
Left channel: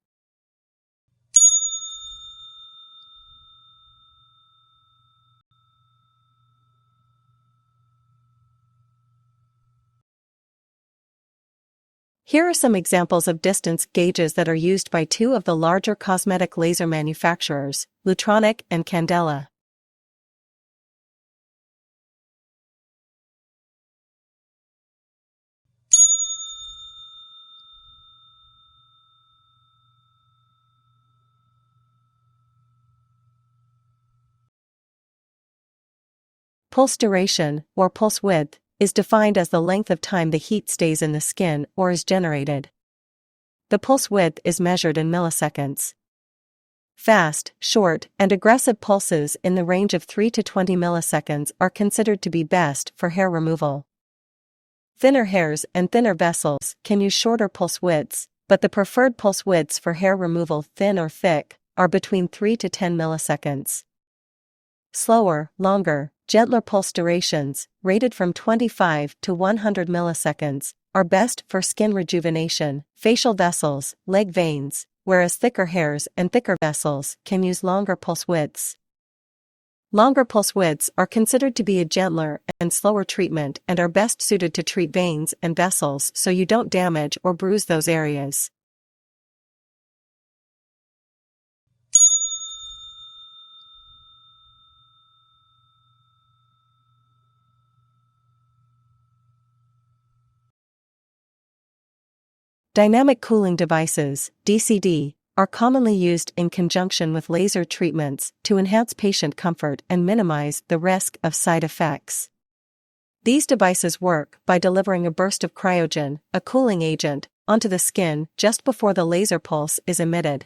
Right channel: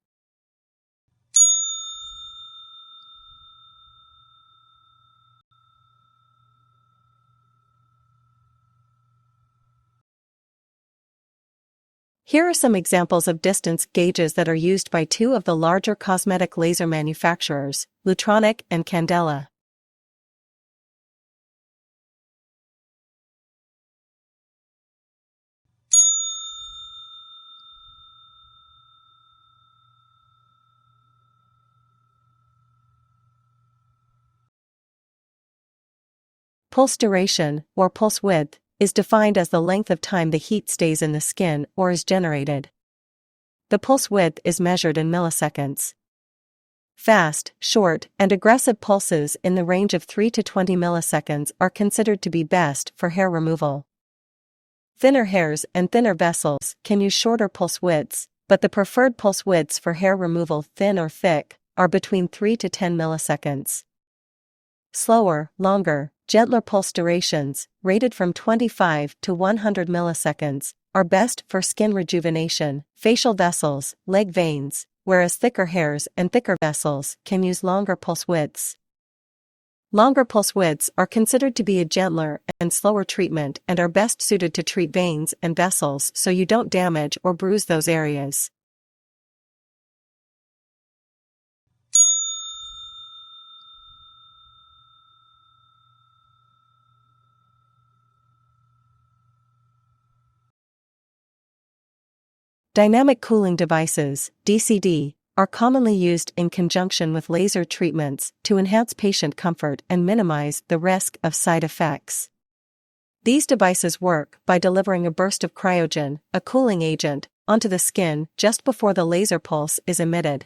Here are some examples of distance gauges that are used by two of the larger cosmetic laser manufacturers, Lutronic and Candela. Pulse duration, or pulse width, is defined as the length of time the heat stays in the skin or is generated. The pulse width is measured in milliseconds. Fast, short, and aggressive pulses in the range of 3 to 20 milliseconds are considered to be best for hair removal. Thinner hairs and thinner vessels can use shorter pulse widths, but the preferred pulse widths for hair removal, thin or thick, are between 3 to 10 milliseconds. Slower, longer, gentler pulse durations, rated from 25 to 100 milliseconds, are best for skin rejuvenation, facial vessels, leg veins, whereas thicker hairs and thicker vessels can use longer pulse widths. Longer pulse widths are considered to be a gentler and slower treatment and are best suited to treat veins and vessels so you don't damage or bruise those areas. Dynamic cooling devices, DCD, are commonly used in conjunction with laser treatments to enhance patient comfort and minimize the risk of side effects. These devices work by delivering a burst of cryogen, a cooling agent, onto the skin just before the laser pulse is emitted.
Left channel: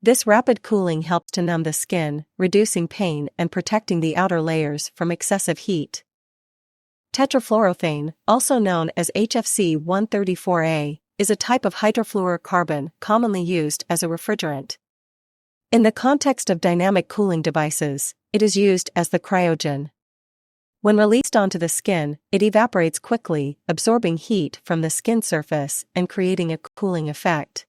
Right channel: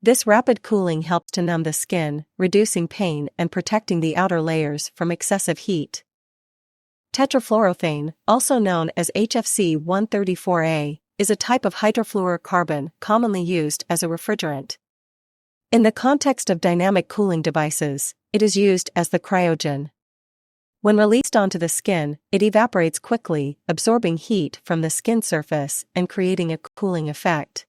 This rapid cooling helps to numb the skin, reducing pain and protecting the outer layers from excessive heat. Tetrafluoroethane, also known as HFC 134A, is a type of hydrofluorocarbon commonly used as a refrigerant. In the context of dynamic cooling devices, it is used as the cryogen. When released onto the skin, it evaporates quickly, absorbing heat from the skin surface and creating a cooling effect.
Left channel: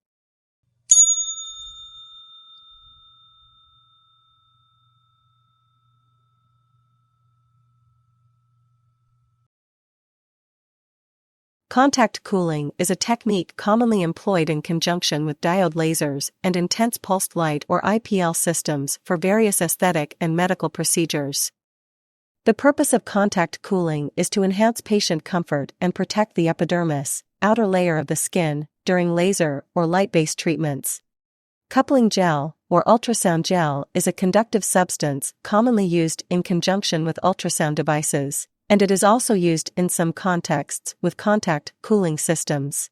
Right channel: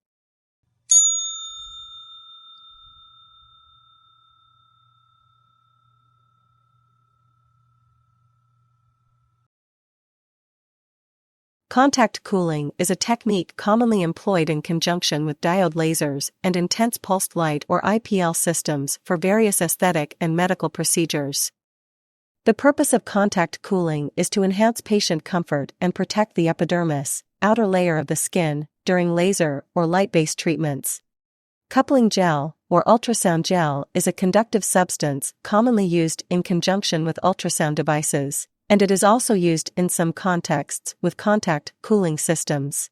Contact cooling is a technique commonly employed in conjunction with diode lasers and intense pulsed light or IPL systems for various aesthetic and medical procedures. The purpose of contact cooling is to enhance patient comfort and protect the epidermis, outer layer of the skin, during laser or light-based treatments. Coupling gel, or ultrasound gel, is a conductive substance commonly used in conjunction with ultrasound devices, and it is also used in some contexts with contact cooling systems.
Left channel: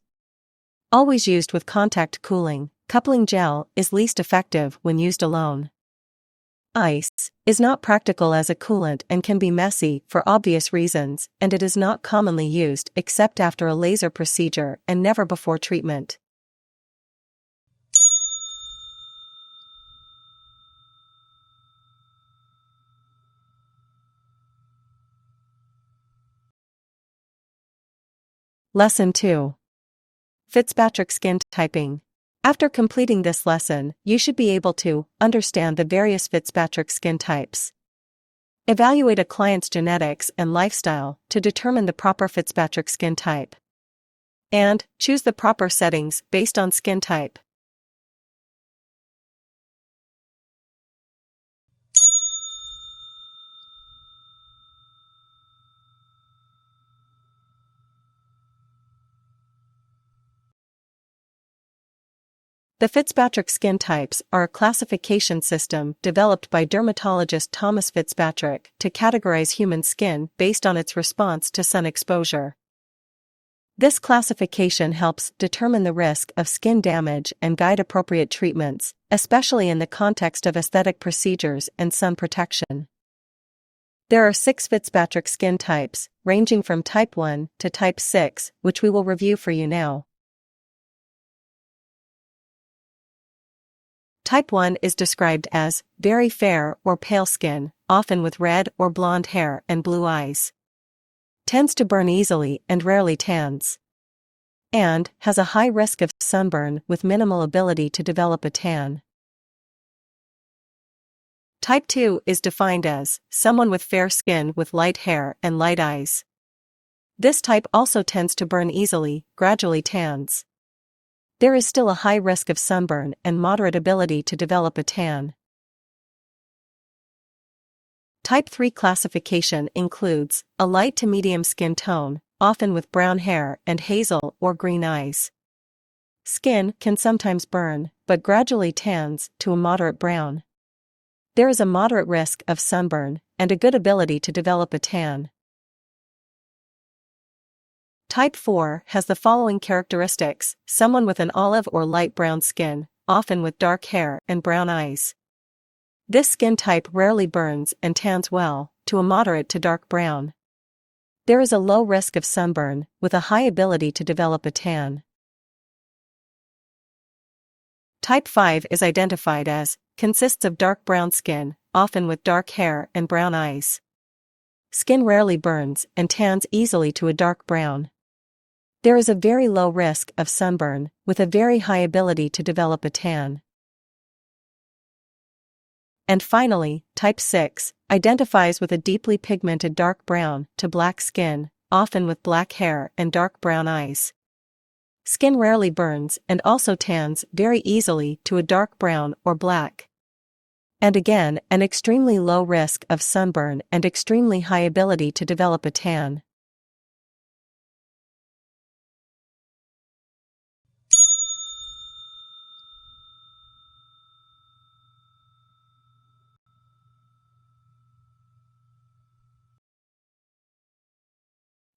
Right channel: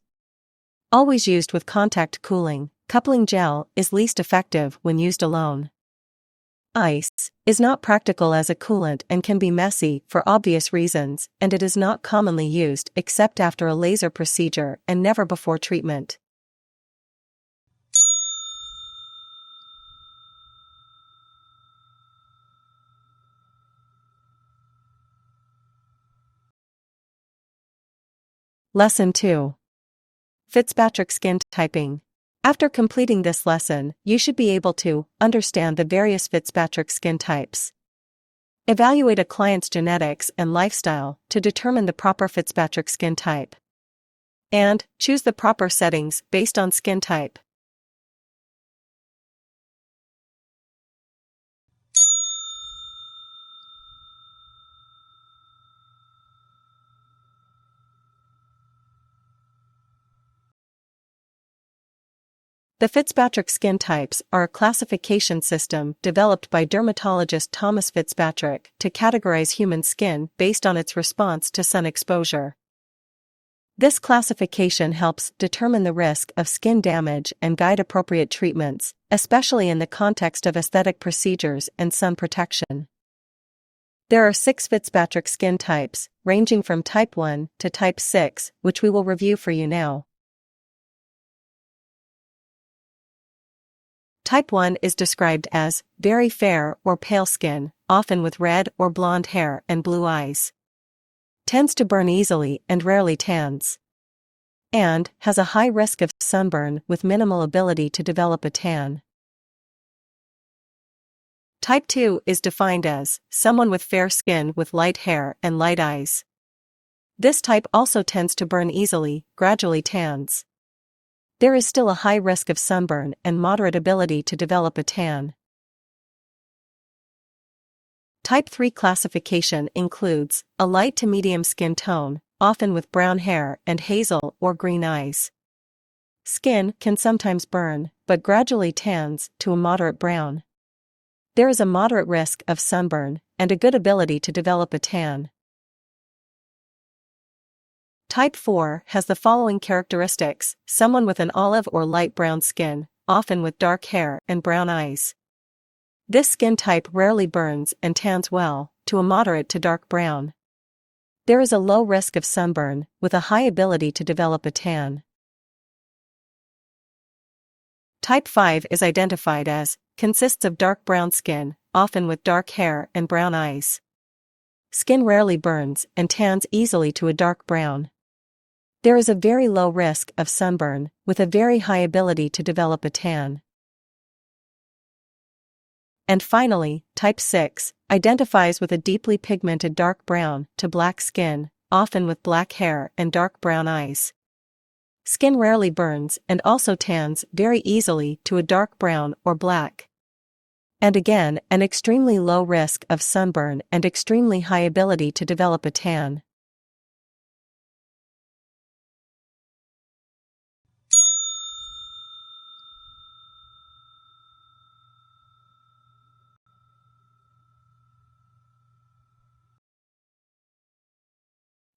Always used with contact cooling, coupling gel is least effective when used alone. Ice is not practical as a coolant and can be messy for obvious reasons, and it is not commonly used except after a laser procedure and never before treatment. Lesson 2. Fitzpatrick skin typing. After completing this lesson, you should be able to understand the various Fitzpatrick skin types. Evaluate a client's genetics and lifestyle to determine the proper Fitzpatrick skin type. And choose the proper settings based on skin type. The Fitzpatrick skin types are a classification system developed by dermatologist Thomas Fitzpatrick to categorize human skin based on its response to sun exposure. This classification helps determine the risk of skin damage and guide appropriate treatments, especially in the context of aesthetic procedures and sun protection. There are 6 Fitzpatrick skin types, ranging from type 1 to type 6, which we will review for you now. Type 1 is described as very fair or pale skin, often with red or blonde hair and blue eyes. Tends to burn easily and rarely tans. And has a high risk of sunburn with minimal ability to develop a tan. Type 2 is defined as someone with fair skin with light hair and light eyes. This type also tends to burn easily, gradually tans. There is still a high risk of sunburn and moderate ability to develop a tan. Type 3 classification includes a light to medium skin tone, often with brown hair and hazel or green eyes. Skin can sometimes burn, but gradually tans to a moderate brown. There is a moderate risk of sunburn and a good ability to develop a tan. Type 4 has the following characteristics: someone with an olive or light brown skin, often with dark hair and brown eyes. This skin type rarely burns and tans well, to a moderate to dark brown. There is a low risk of sunburn, with a high ability to develop a tan. Type 5 is identified as, consists of dark brown skin, often with dark hair and brown eyes. Skin rarely burns and tans easily to a dark brown. There is a very low risk of sunburn, with a very high ability to develop a tan. And finally, type 6 identifies with a deeply pigmented dark brown to black skin, often with black hair and dark brown eyes. Skin rarely burns and also tans very easily to a dark brown or black. And again, an extremely low risk of sunburn and extremely high ability to develop a tan.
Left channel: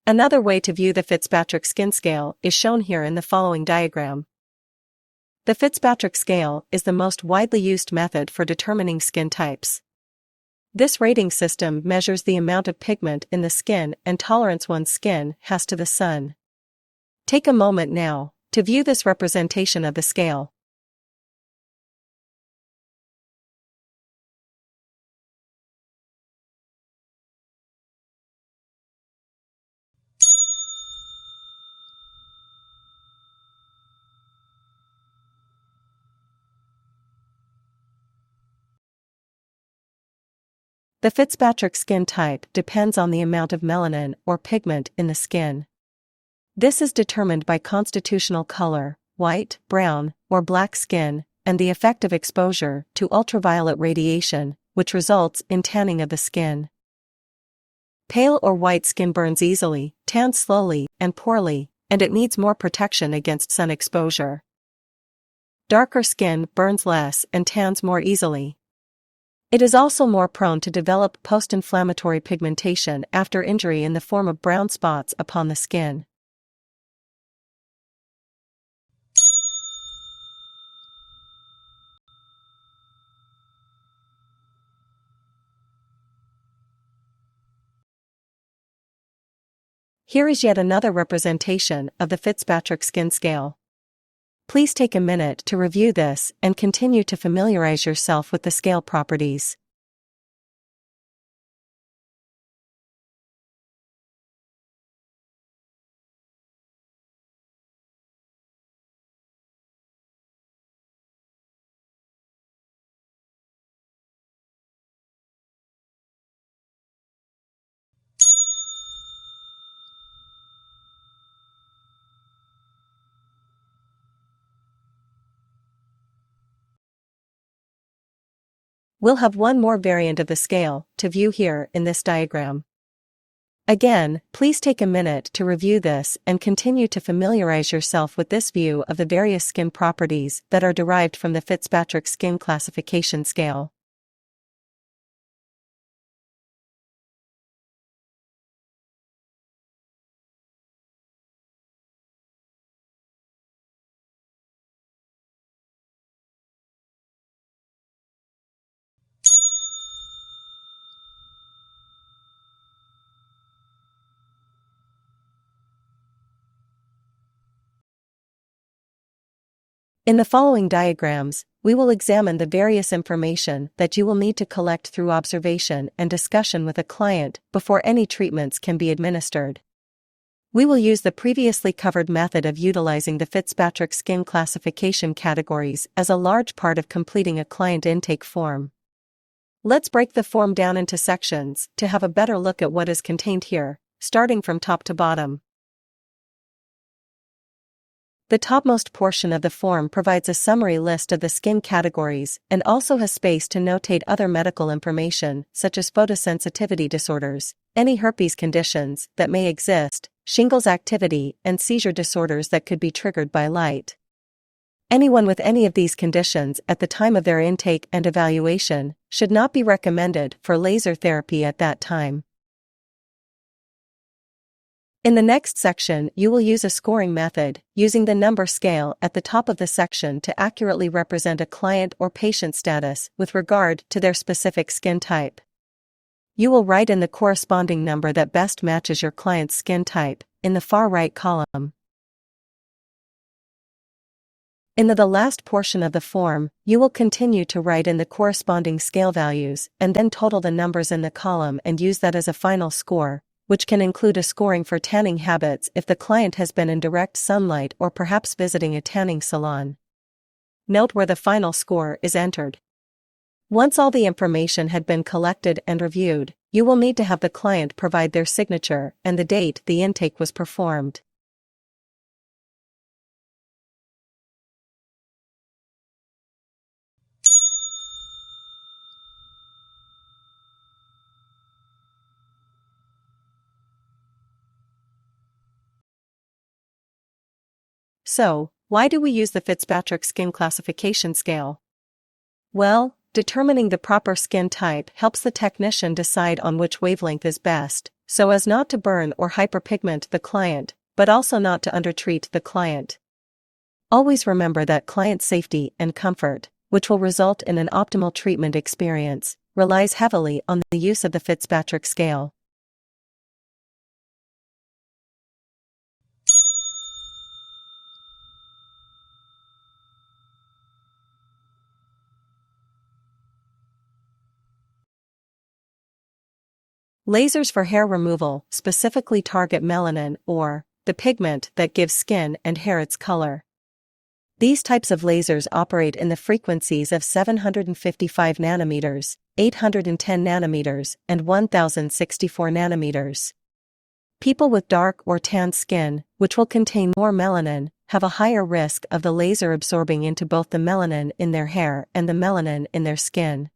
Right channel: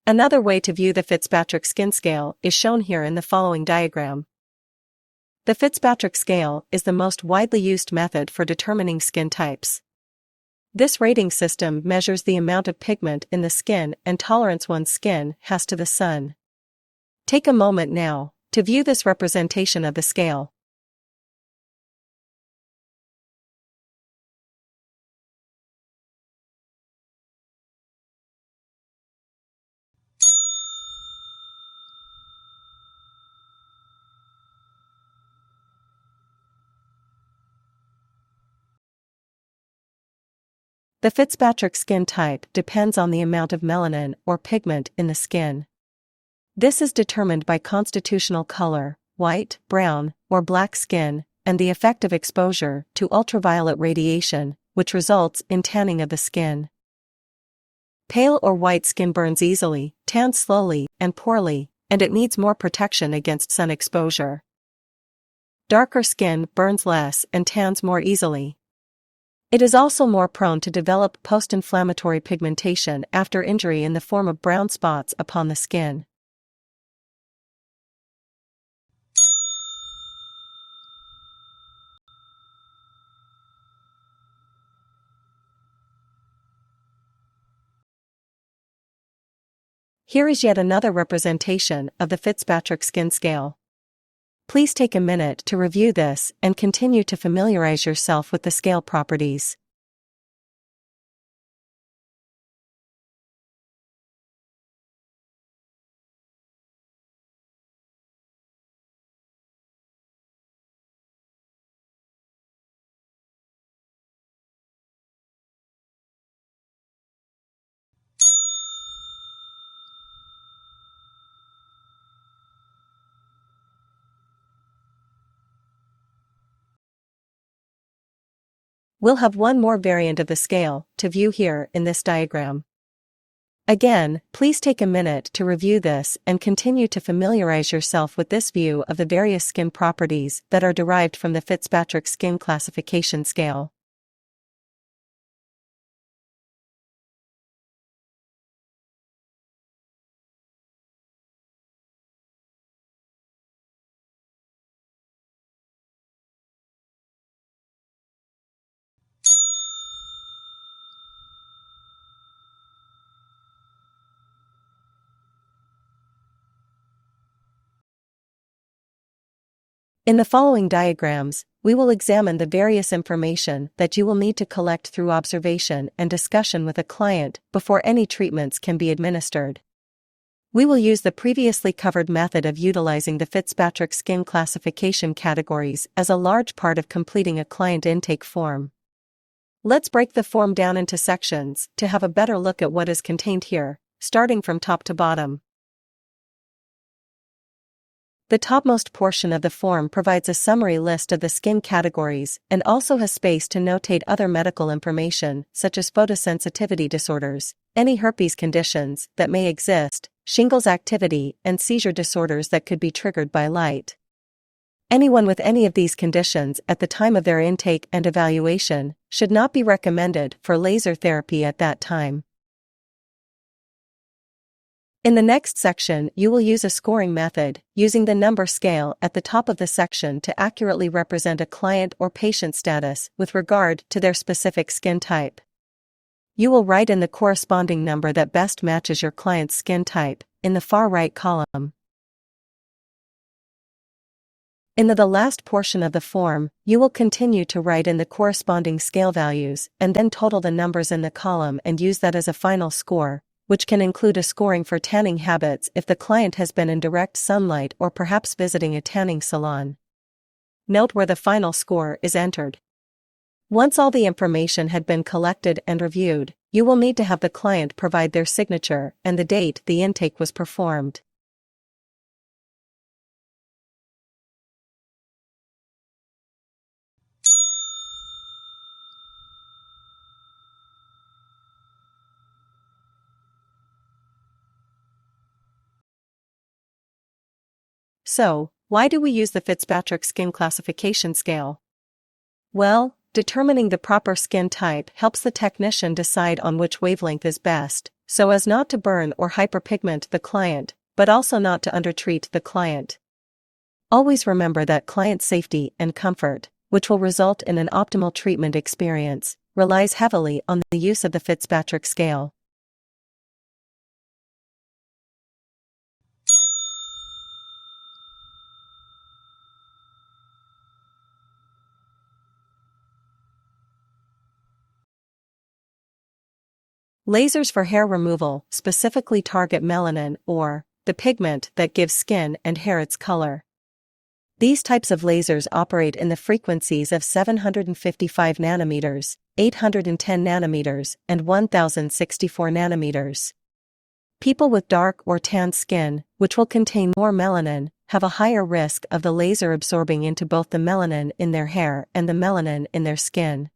Another way to view the Fitzpatrick skin scale is shown here in the following diagram. The Fitzpatrick scale is the most widely used method for determining skin types. This rating system measures the amount of pigment in the skin and tolerance one's skin has to the sun. Take a moment now to view this representation of the scale. The Fitzpatrick skin type depends on the amount of melanin or pigment in the skin. This is determined by constitutional color, white, brown, or black skin, and the effect of exposure to ultraviolet radiation, which results in tanning of the skin. Pale or white skin burns easily, tans slowly and poorly, and it needs more protection against sun exposure. Darker skin burns less and tans more easily. It is also more prone to develop post-inflammatory pigmentation after injury in the form of brown spots upon the skin. Here is yet another representation of the Fitzpatrick skin scale. Please take a minute to review this and continue to familiarize yourself with the scale properties. We'll have one more variant of the scale to view here in this diagram. Again, please take a minute to review this and continue to familiarize yourself with this view of the various skin properties that are derived from the Fitzpatrick Skin Classification Scale. In the following diagrams, we will examine the various information that you will need to collect through observation and discussion with a client before any treatments can be administered. We will use the previously covered method of utilizing the Fitzpatrick Skin Classification categories as a large part of completing a client intake form. Let's break the form down into sections to have a better look at what is contained here, starting from top to bottom. The topmost portion of the form provides a summary list of the skin categories and also has space to notate other medical information such as photosensitivity disorders, any herpes conditions that may exist, shingles activity, and seizure disorders that could be triggered by light. Anyone with any of these conditions at the time of their intake and evaluation should not be recommended for laser therapy at that time. In the next section, you will use a scoring method, using the number scale at the top of the section to accurately represent a client or patient status with regard to their specific skin type. You will write in the corresponding number that best matches your client's skin type, in the far right column. In the last portion of the form, you will continue to write in the corresponding scale values and then total the numbers in the column and use that as a final score, which can include a scoring for tanning habits if the client has been in direct sunlight or perhaps visiting a tanning salon. Note where the final score is entered. Once all the information had been collected and reviewed, you will need to have the client provide their signature and the date the intake was performed. So, why do we use the Fitzpatrick Skin Classification Scale? Well, determining the proper skin type helps the technician decide on which wavelength is best, so as not to burn or hyperpigment the client, but also not to undertreat the client. Always remember that client safety and comfort, which will result in an optimal treatment experience, relies heavily on the use of the Fitzpatrick scale. Lasers for hair removal specifically target melanin, or the pigment that gives skin and hair its color. These types of lasers operate in the frequencies of 755 nanometers, 810 nanometers, and 1064 nanometers. People with dark or tan skin, which will contain more melanin, have a higher risk of the laser absorbing into both the melanin in their hair and the melanin in their skin.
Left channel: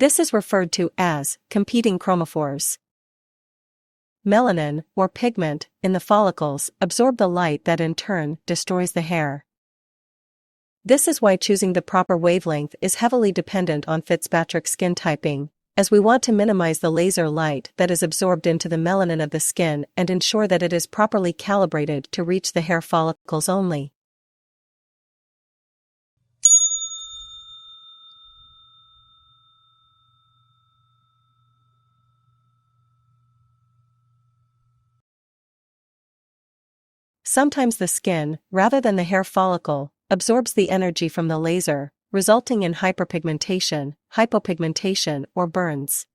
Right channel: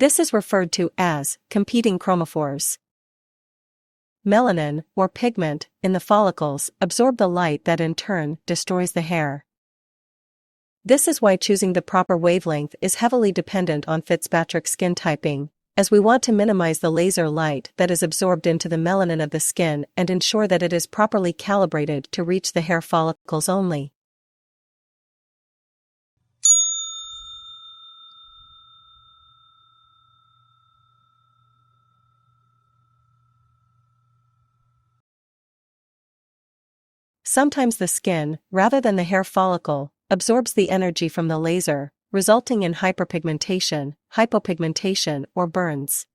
This is referred to as competing chromophores. Melanin, or pigment, in the follicles absorb the light that in turn destroys the hair. This is why choosing the proper wavelength is heavily dependent on Fitzpatrick skin typing, as we want to minimize the laser light that is absorbed into the melanin of the skin and ensure that it is properly calibrated to reach the hair follicles only. Sometimes the skin, rather than the hair follicle, absorbs the energy from the laser, resulting in hyperpigmentation, hypopigmentation, or burns.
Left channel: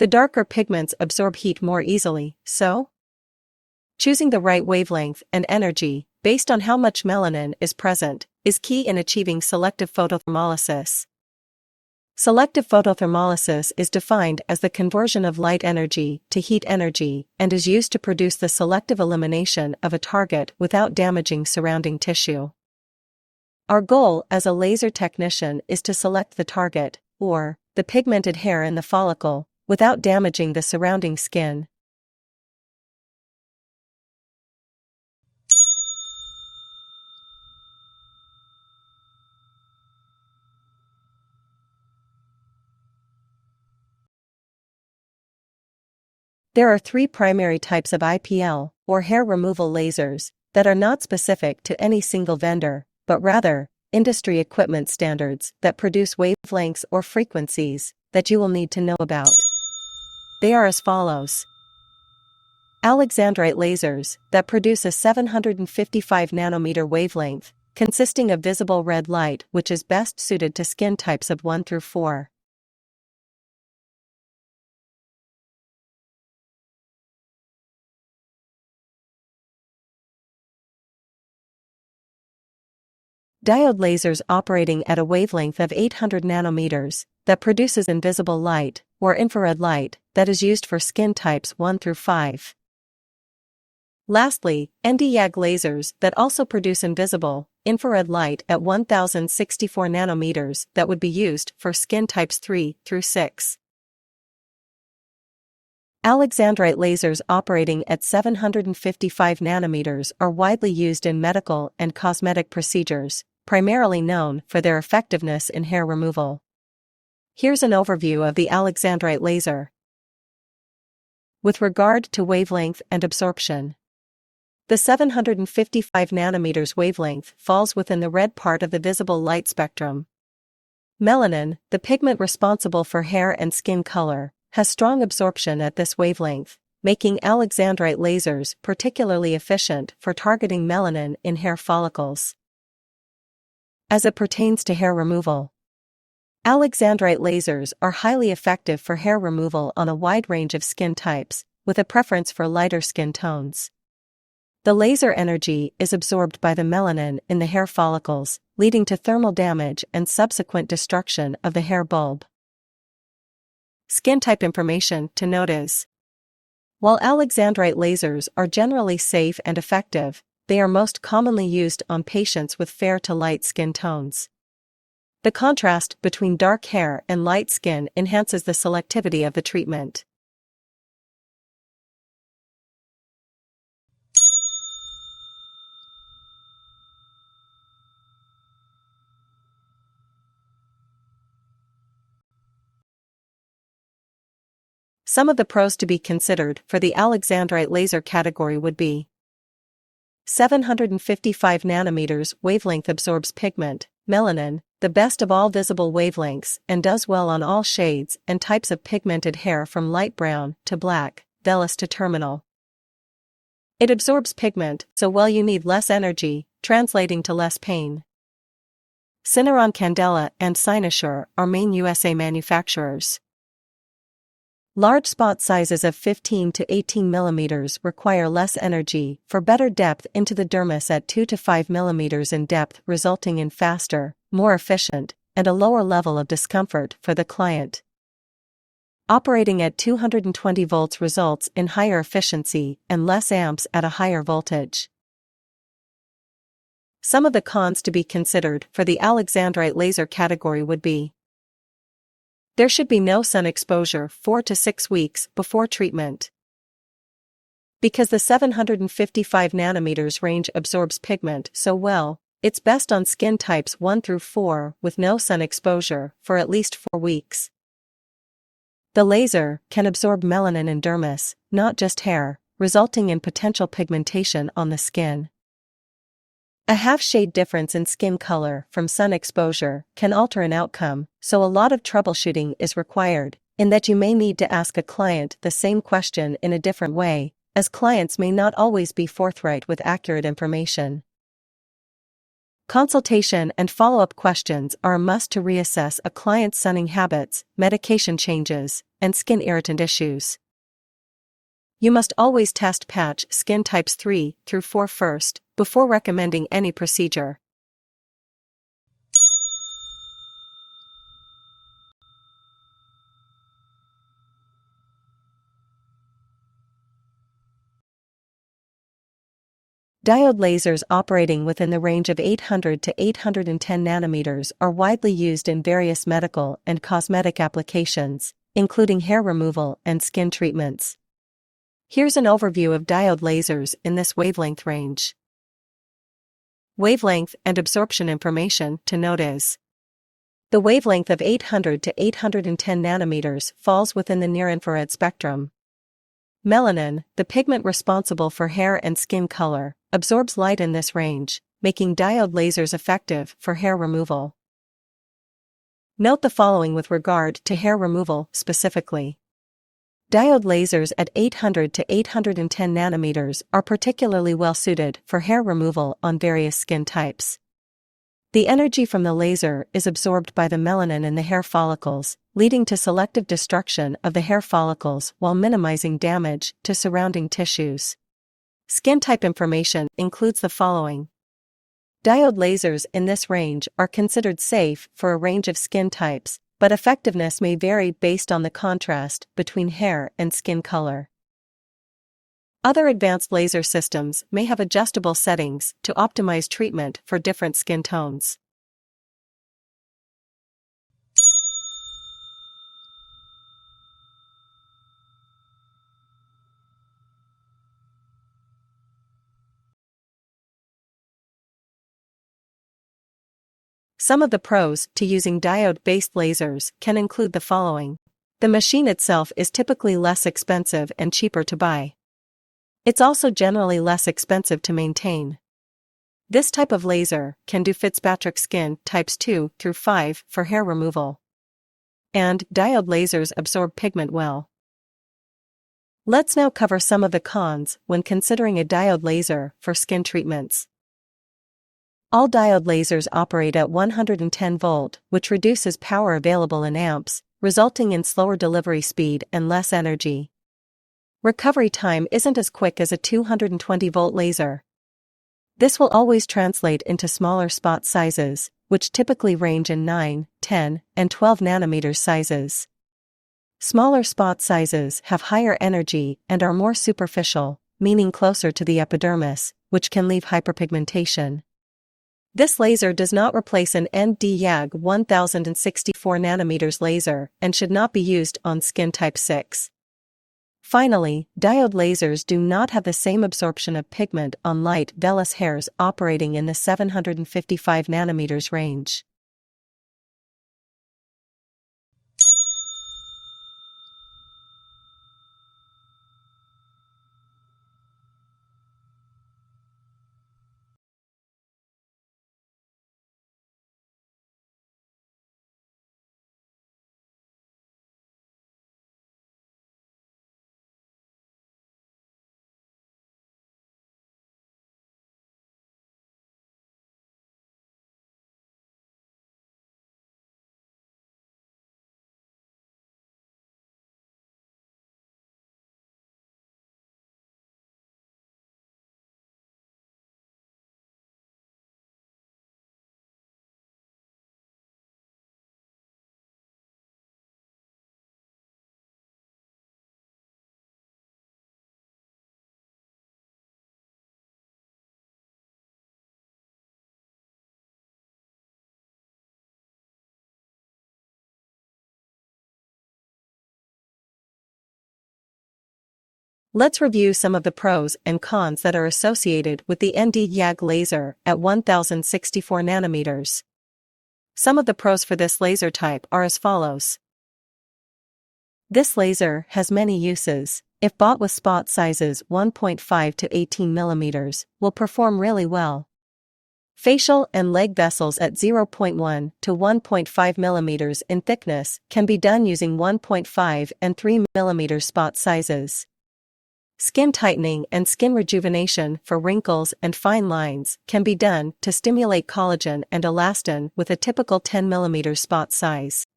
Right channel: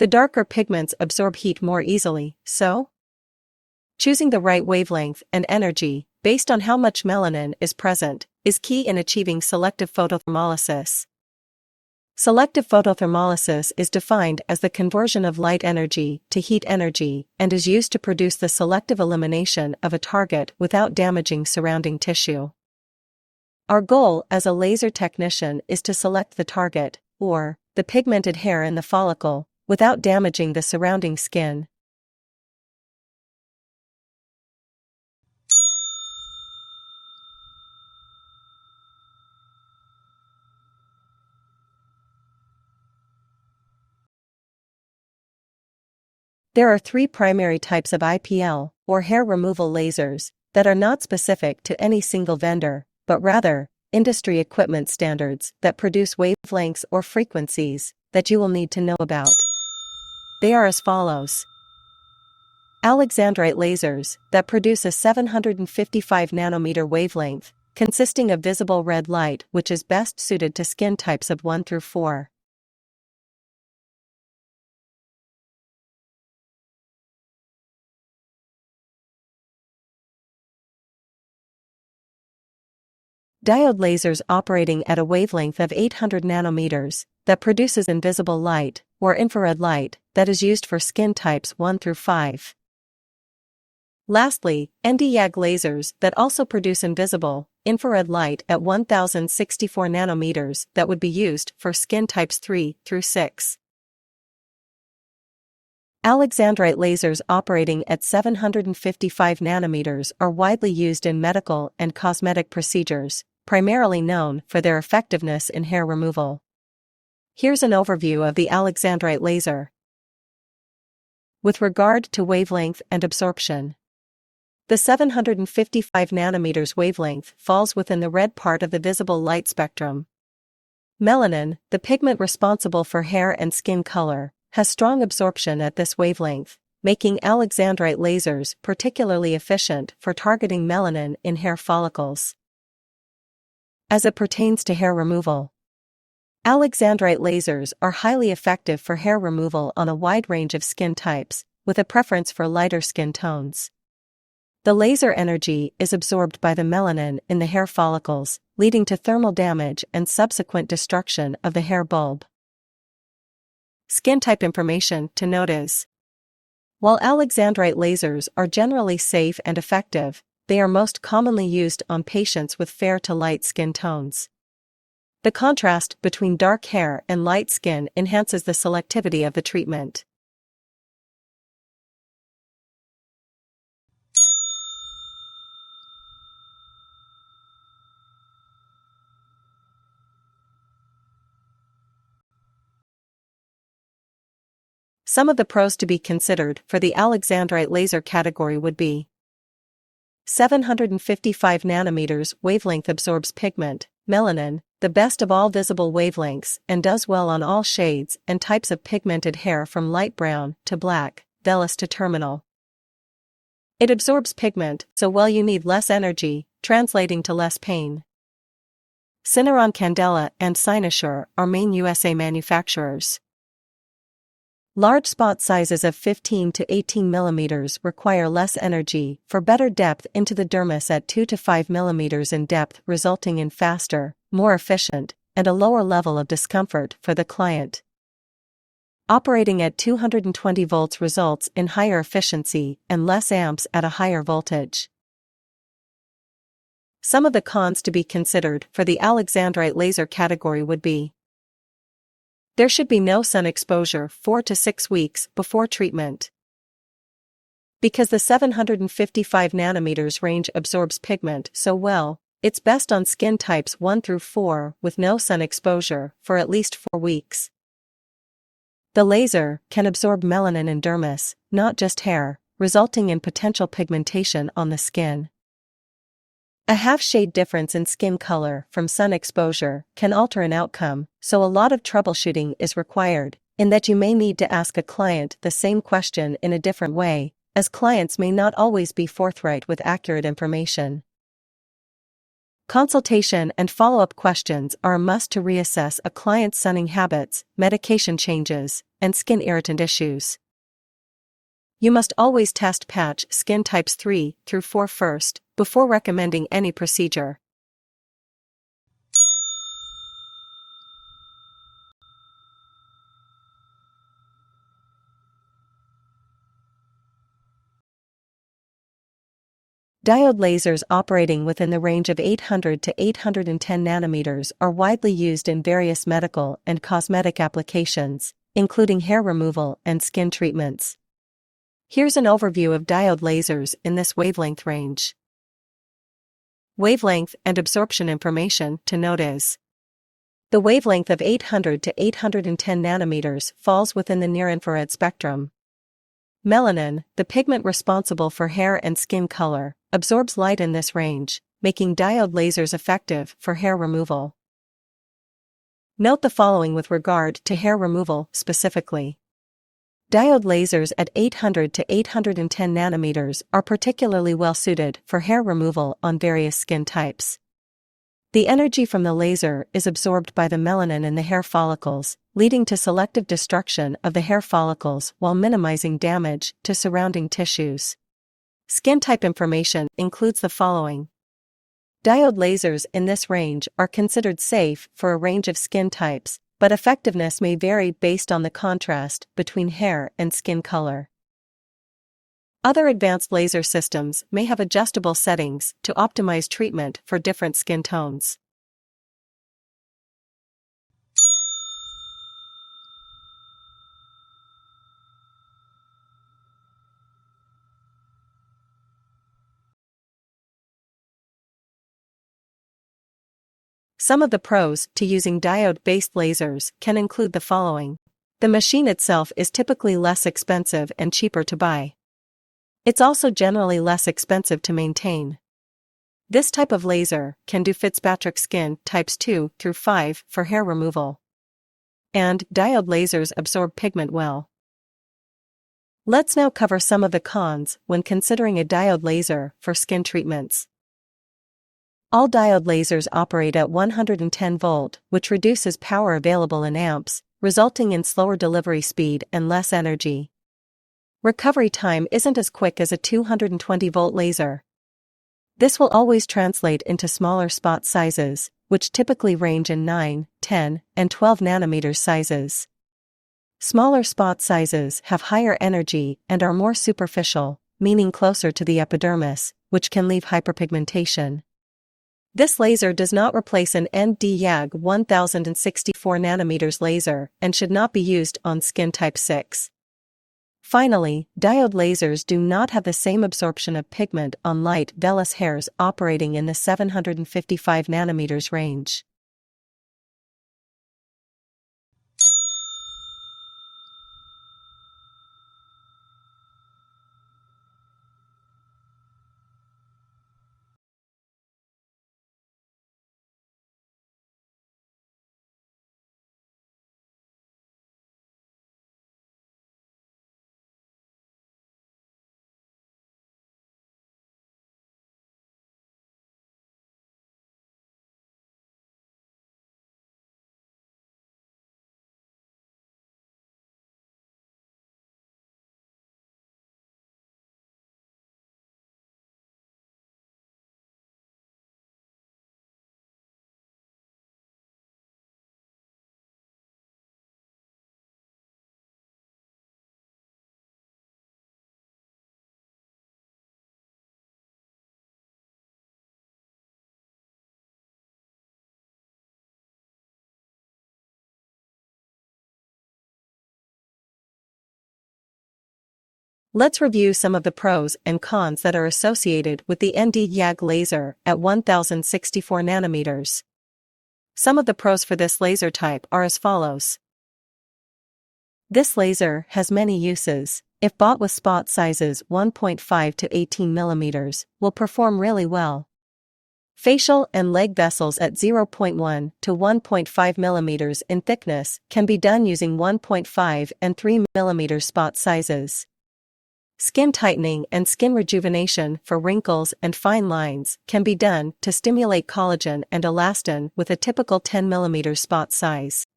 The darker pigments absorb heat more easily, so choosing the right wavelength and energy, based on how much melanin is present, is key in achieving selective photothermolysis. Selective photothermolysis is defined as the conversion of light energy to heat energy and is used to produce the selective elimination of a target without damaging surrounding tissue. Our goal as a laser technician is to select the target, or the pigmented hair in the follicle, without damaging the surrounding skin, There are three primary types of IPL, or hair removal lasers, that are not specific to any single vendor, but rather, industry equipment standards that produce wavelengths or frequencies that you will need to know about. They are as follows. Alexandrite lasers that produce a 755 nanometer wavelength, consisting of visible red light which is best suited to skin types of 1 through 4. Diode lasers operating at a wavelength of 800 nanometers that produces invisible light, or infrared light, that is used for skin types 1 through 5. Lastly, ND-YAG lasers that also produce invisible, infrared light at 1064 nanometers that would be used for skin types 3 through 6. Alexandrite lasers operating at 755 nanometers are widely used in medical and cosmetic procedures, primarily known for their effectiveness in hair removal. Here's an overview of the Alexandrite laser. With regard to wavelength and absorption, the 755 nanometers wavelength falls within the red part of the visible light spectrum. Melanin, the pigment responsible for hair and skin color, has strong absorption at this wavelength, making Alexandrite lasers particularly efficient for targeting melanin in hair follicles. As it pertains to hair removal, Alexandrite lasers are highly effective for hair removal on a wide range of skin types, with a preference for lighter skin tones. The laser energy is absorbed by the melanin in the hair follicles, leading to thermal damage and subsequent destruction of the hair bulb. Skin type information to note is: while Alexandrite lasers are generally safe and effective, they are most commonly used on patients with fair to light skin tones. The contrast between dark hair and light skin enhances the selectivity of the treatment. Some of the pros to be considered for the Alexandrite laser category would be: 755 nanometers wavelength absorbs pigment, melanin, the best of all visible wavelengths, and does well on all shades and types of pigmented hair from light brown to black, vellus to terminal. It absorbs pigment so well you need less energy, translating to less pain. Syneron Candela and Cynosure are main USA manufacturers. Large spot sizes of 15 to 18 mm require less energy for better depth into the dermis at 2 to 5 mm in depth, resulting in faster, more efficient, and a lower level of discomfort for the client. Operating at 220 volts results in higher efficiency and less amps at a higher voltage. Some of the cons to be considered for the Alexandrite laser category would be: there should be no sun exposure 4 to 6 weeks before treatment. Because the 755 nanometers range absorbs pigment so well, it's best on skin types 1 through 4 with no sun exposure for at least 4 weeks. The laser can absorb melanin in dermis, not just hair, resulting in potential pigmentation on the skin. A half-shade difference in skin color from sun exposure can alter an outcome, so a lot of troubleshooting is required, in that you may need to ask a client the same question in a different way, as clients may not always be forthright with accurate information. Consultation and follow-up questions are a must to reassess a client's sunning habits, medication changes, and skin irritant issues. You must always test patch skin types 3 through 4 first, before recommending any procedure. Diode lasers operating within the range of 800 to 810 nanometers are widely used in various medical and cosmetic applications, including hair removal and skin treatments. Here's an overview of diode lasers in this wavelength range. Wavelength and absorption information to note is: the wavelength of 800 to 810 nanometers falls within the near-infrared spectrum. Melanin, the pigment responsible for hair and skin color, absorbs light in this range, making diode lasers effective for hair removal. Note the following with regard to hair removal specifically. Diode lasers at 800 to 810 nanometers are particularly well suited for hair removal on various skin types. The energy from the laser is absorbed by the melanin in the hair follicles, leading to selective destruction of the hair follicles while minimizing damage to surrounding tissues. Skin type information includes the following. Diode lasers in this range are considered safe for a range of skin types, but effectiveness may vary based on the contrast between hair and skin color. Other advanced laser systems may have adjustable settings to optimize treatment for different skin tones. Some of the pros to using diode-based lasers can include the following. The machine itself is typically less expensive and cheaper to buy. It's also generally less expensive to maintain. This type of laser can do Fitzpatrick skin types 2 through 5 for hair removal. And diode lasers absorb pigment well. Let's now cover some of the cons when considering a diode laser for skin treatments. All diode lasers operate at 110 volt, which reduces power available in amps, resulting in slower delivery speed and less energy. Recovery time isn't as quick as a 220 volt laser. This will always translate into smaller spot sizes, which typically range in 9, 10, and 12 nanometers sizes. Smaller spot sizes have higher energy and are more superficial, meaning closer to the epidermis, which can leave hyperpigmentation. This laser does not replace an Nd:YAG 1064 nanometers laser and should not be used on skin type 6. Finally, diode lasers do not have the same absorption of pigment on light vellus hairs operating in the 755 nanometers range. Let's review some of the pros and cons that are associated with the Nd:YAG laser at 1064 nanometers. Some of the pros for this laser type are as follows. This laser has many uses. If bought with spot sizes 1.5 to 18 mm, will perform really well. Facial and leg vessels at 0.1 to 1.5 mm in thickness can be done using 1.5 and 3 mm spot sizes. Skin tightening and skin rejuvenation for wrinkles and fine lines can be done to stimulate collagen and elastin with a typical 10 mm spot size.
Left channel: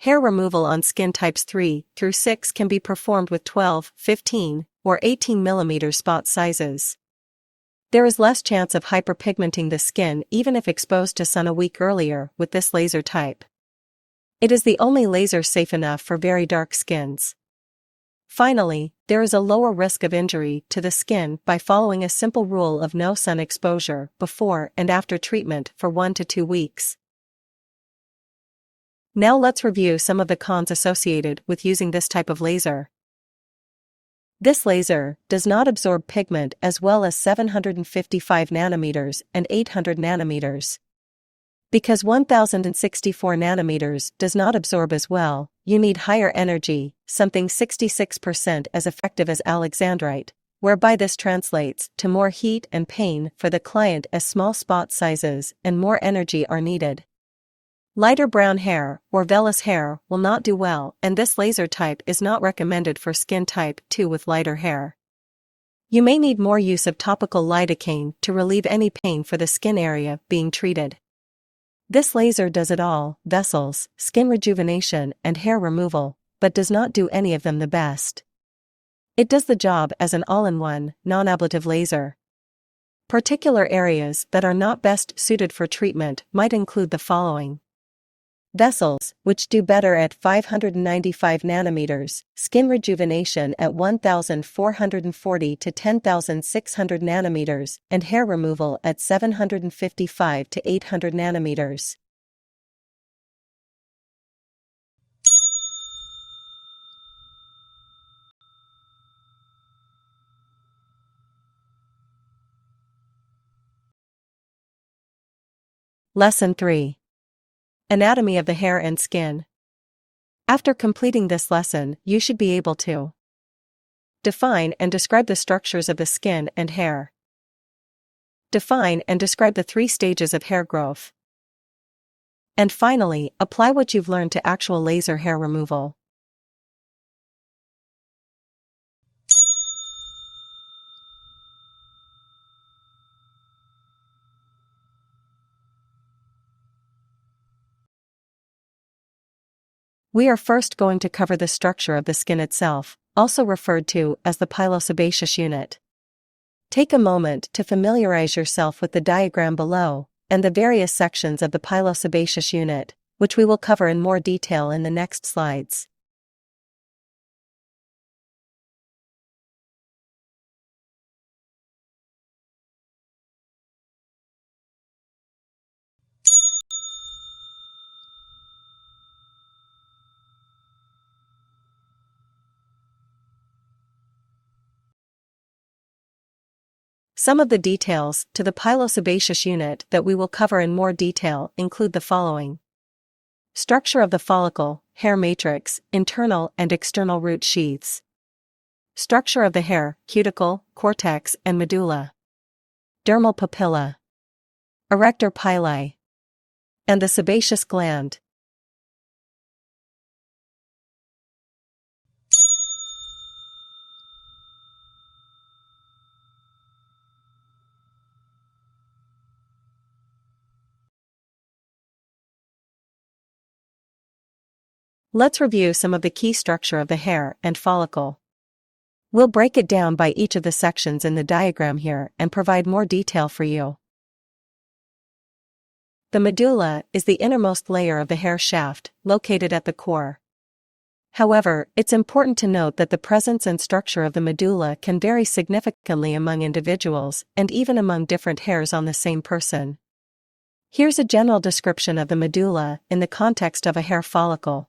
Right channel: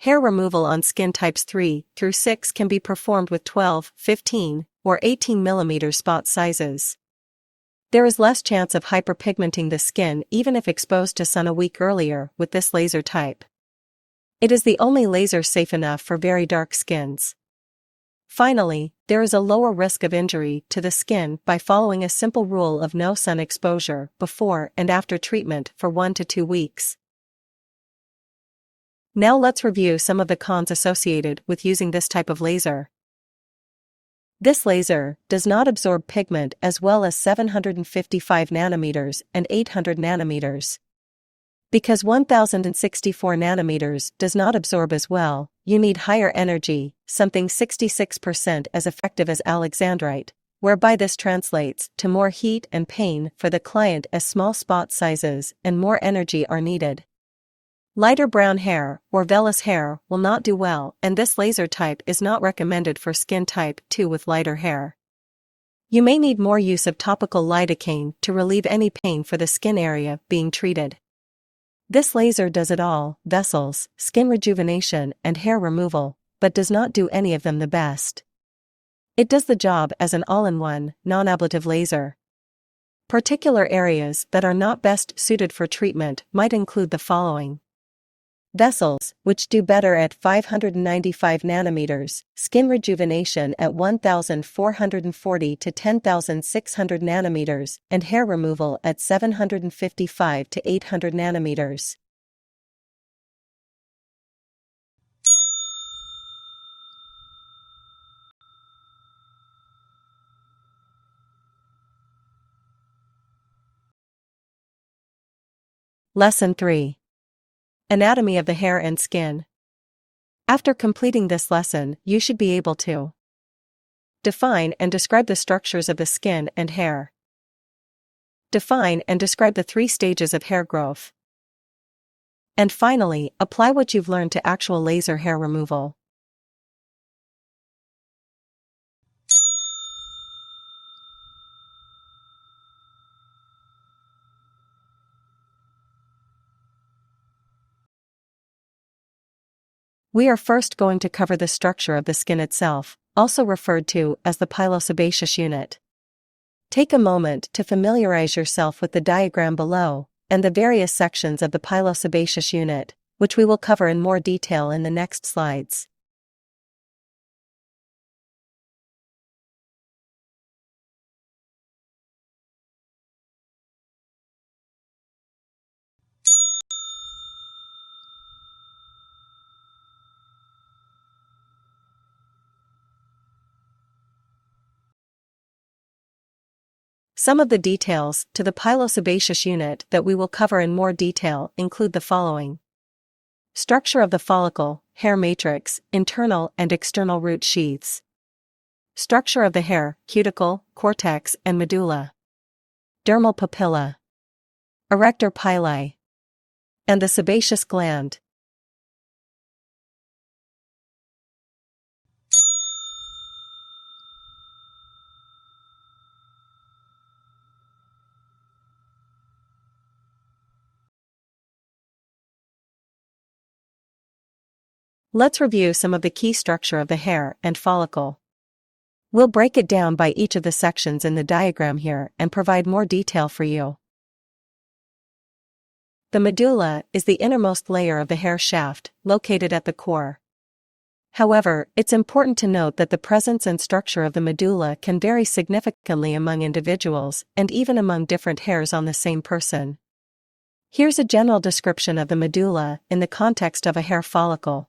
Hair removal on skin types 3 through 6 can be performed with 12, 15, or 18 mm spot sizes. There is less chance of hyperpigmenting the skin even if exposed to sun a week earlier with this laser type. It is the only laser safe enough for very dark skins. Finally, there is a lower risk of injury to the skin by following a simple rule of no sun exposure before and after treatment for 1 to 2 weeks. Now let's review some of the cons associated with using this type of laser. This laser does not absorb pigment as well as 755 nanometers and 800 nanometers. Because 1064 nanometers does not absorb as well, you need higher energy, something 66% as effective as alexandrite, whereby this translates to more heat and pain for the client as small spot sizes and more energy are needed. Lighter brown hair or vellus hair will not do well, and this laser type is not recommended for skin type 2 with lighter hair. You may need more use of topical lidocaine to relieve any pain for the skin area being treated. This laser does it all: vessels, skin rejuvenation, and hair removal, but does not do any of them the best. It does the job as an all-in-one, non-ablative laser. Particular areas that are not best suited for treatment might include the following: vessels, which do better at 595 nanometers, skin rejuvenation at 1440 to 10,600 nanometers, and hair removal at 755 to 800 nanometers. Lesson 3. Anatomy of the hair and skin. After completing this lesson, you should be able to define and describe the structures of the skin and hair. Define and describe the 3 stages of hair growth. And finally, apply what you've learned to actual laser hair removal. We are first going to cover the structure of the skin itself, also referred to as the pilosebaceous unit. Take a moment to familiarize yourself with the diagram below, and the various sections of the pilosebaceous unit, which we will cover in more detail in the next slides. Some of the details to the pilosebaceous unit that we will cover in more detail include the following: structure of the follicle, hair matrix, internal and external root sheaths. Structure of the hair, cuticle, cortex, and medulla. Dermal papilla. Erector pili. And the sebaceous gland. Let's review some of the key structure of the hair and follicle. We'll break it down by each of the sections in the diagram here and provide more detail for you. The medulla is the innermost layer of the hair shaft, located at the core. However, it's important to note that the presence and structure of the medulla can vary significantly among individuals and even among different hairs on the same person. Here's a general description of the medulla in the context of a hair follicle.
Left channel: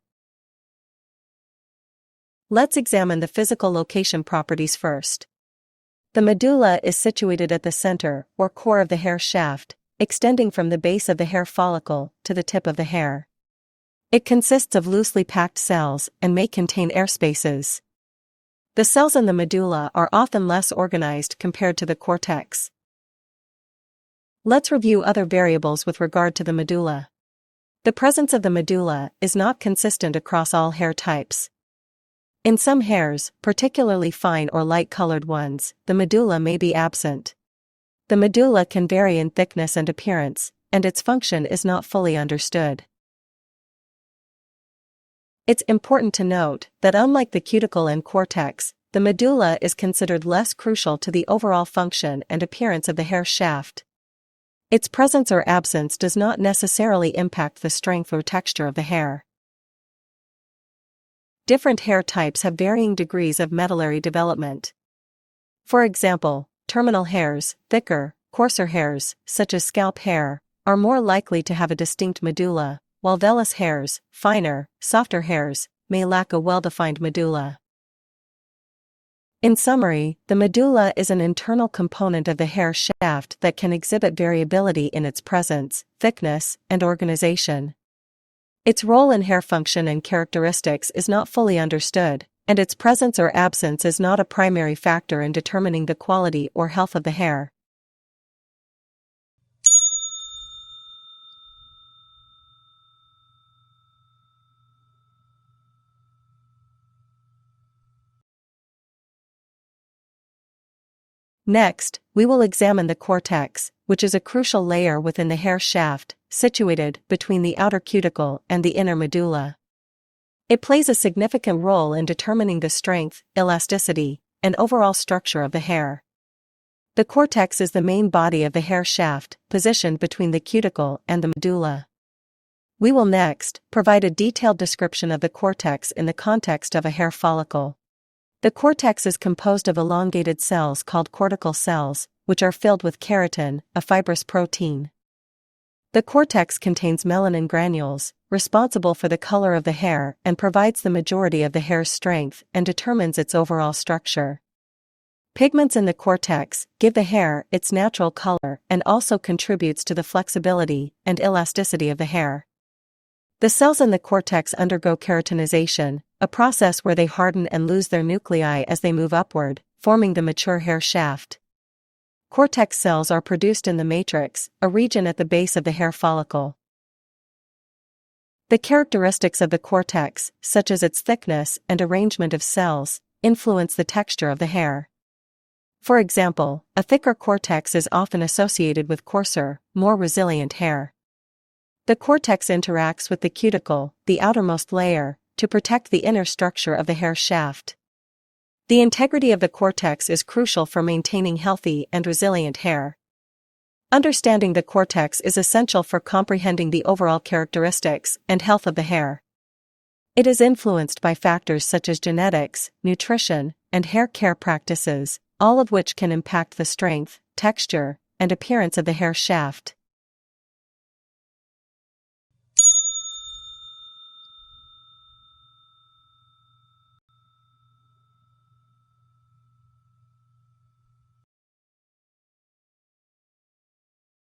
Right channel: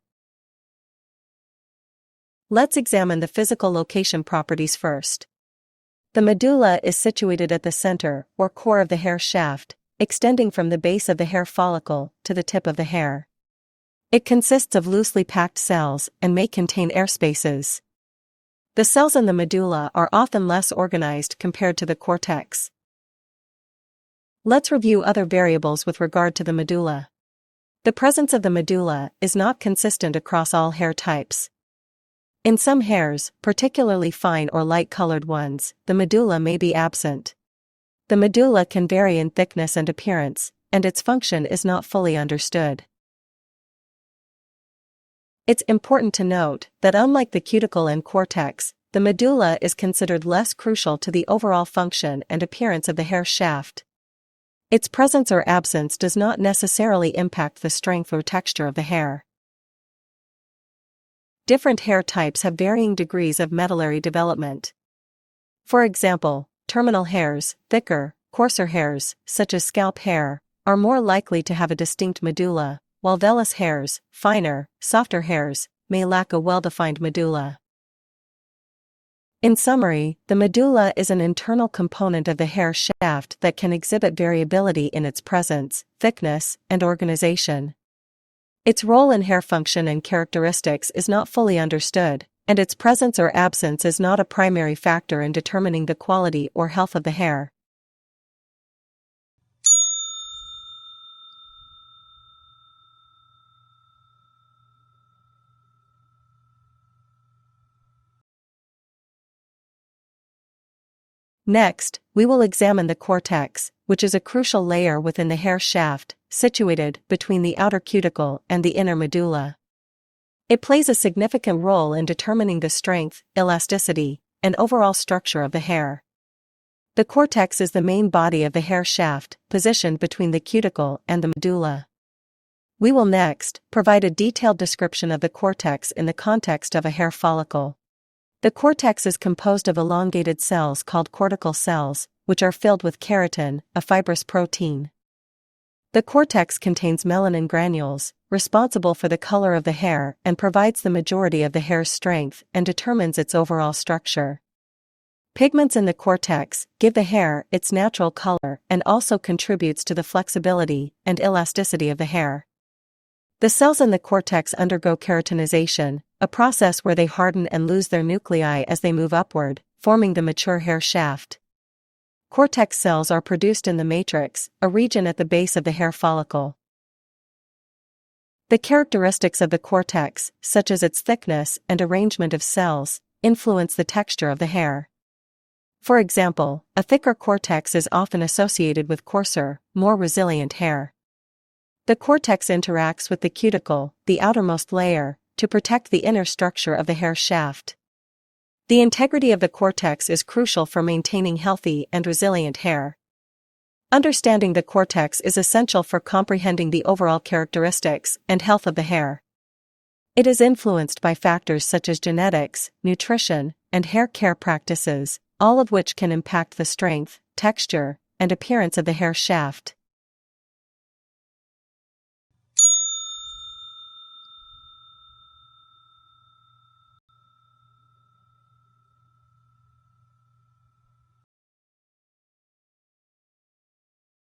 Let's examine the physical location properties first. The medulla is situated at the center or core of the hair shaft, extending from the base of the hair follicle to the tip of the hair. It consists of loosely packed cells and may contain air spaces. The cells in the medulla are often less organized compared to the cortex. Let's review other variables with regard to the medulla. The presence of the medulla is not consistent across all hair types. In some hairs, particularly fine or light-colored ones, the medulla may be absent. The medulla can vary in thickness and appearance, and its function is not fully understood. It's important to note that unlike the cuticle and cortex, the medulla is considered less crucial to the overall function and appearance of the hair shaft. Its presence or absence does not necessarily impact the strength or texture of the hair. Different hair types have varying degrees of medullary development. For example, terminal hairs, thicker, coarser hairs, such as scalp hair, are more likely to have a distinct medulla, while vellus hairs, finer, softer hairs, may lack a well-defined medulla. In summary, the medulla is an internal component of the hair shaft that can exhibit variability in its presence, thickness, and organization. Its role in hair function and characteristics is not fully understood, and its presence or absence is not a primary factor in determining the quality or health of the hair. Next, we will examine the cortex, which is a crucial layer within the hair shaft, situated between the outer cuticle and the inner medulla. It plays a significant role in determining the strength, elasticity, and overall structure of the hair. The cortex is the main body of the hair shaft, positioned between the cuticle and the medulla. We will next provide a detailed description of the cortex in the context of a hair follicle. The cortex is composed of elongated cells called cortical cells, which are filled with keratin, a fibrous protein. The cortex contains melanin granules, responsible for the color of the hair and provides the majority of the hair's strength and determines its overall structure. Pigments in the cortex give the hair its natural color and also contributes to the flexibility and elasticity of the hair. The cells in the cortex undergo keratinization, a process where they harden and lose their nuclei as they move upward, forming the mature hair shaft. Cortex cells are produced in the matrix, a region at the base of the hair follicle. The characteristics of the cortex, such as its thickness and arrangement of cells, influence the texture of the hair. For example, a thicker cortex is often associated with coarser, more resilient hair. The cortex interacts with the cuticle, the outermost layer, to protect the inner structure of the hair shaft. The integrity of the cortex is crucial for maintaining healthy and resilient hair. Understanding the cortex is essential for comprehending the overall characteristics and health of the hair. It is influenced by factors such as genetics, nutrition, and hair care practices, all of which can impact the strength, texture, and appearance of the hair shaft.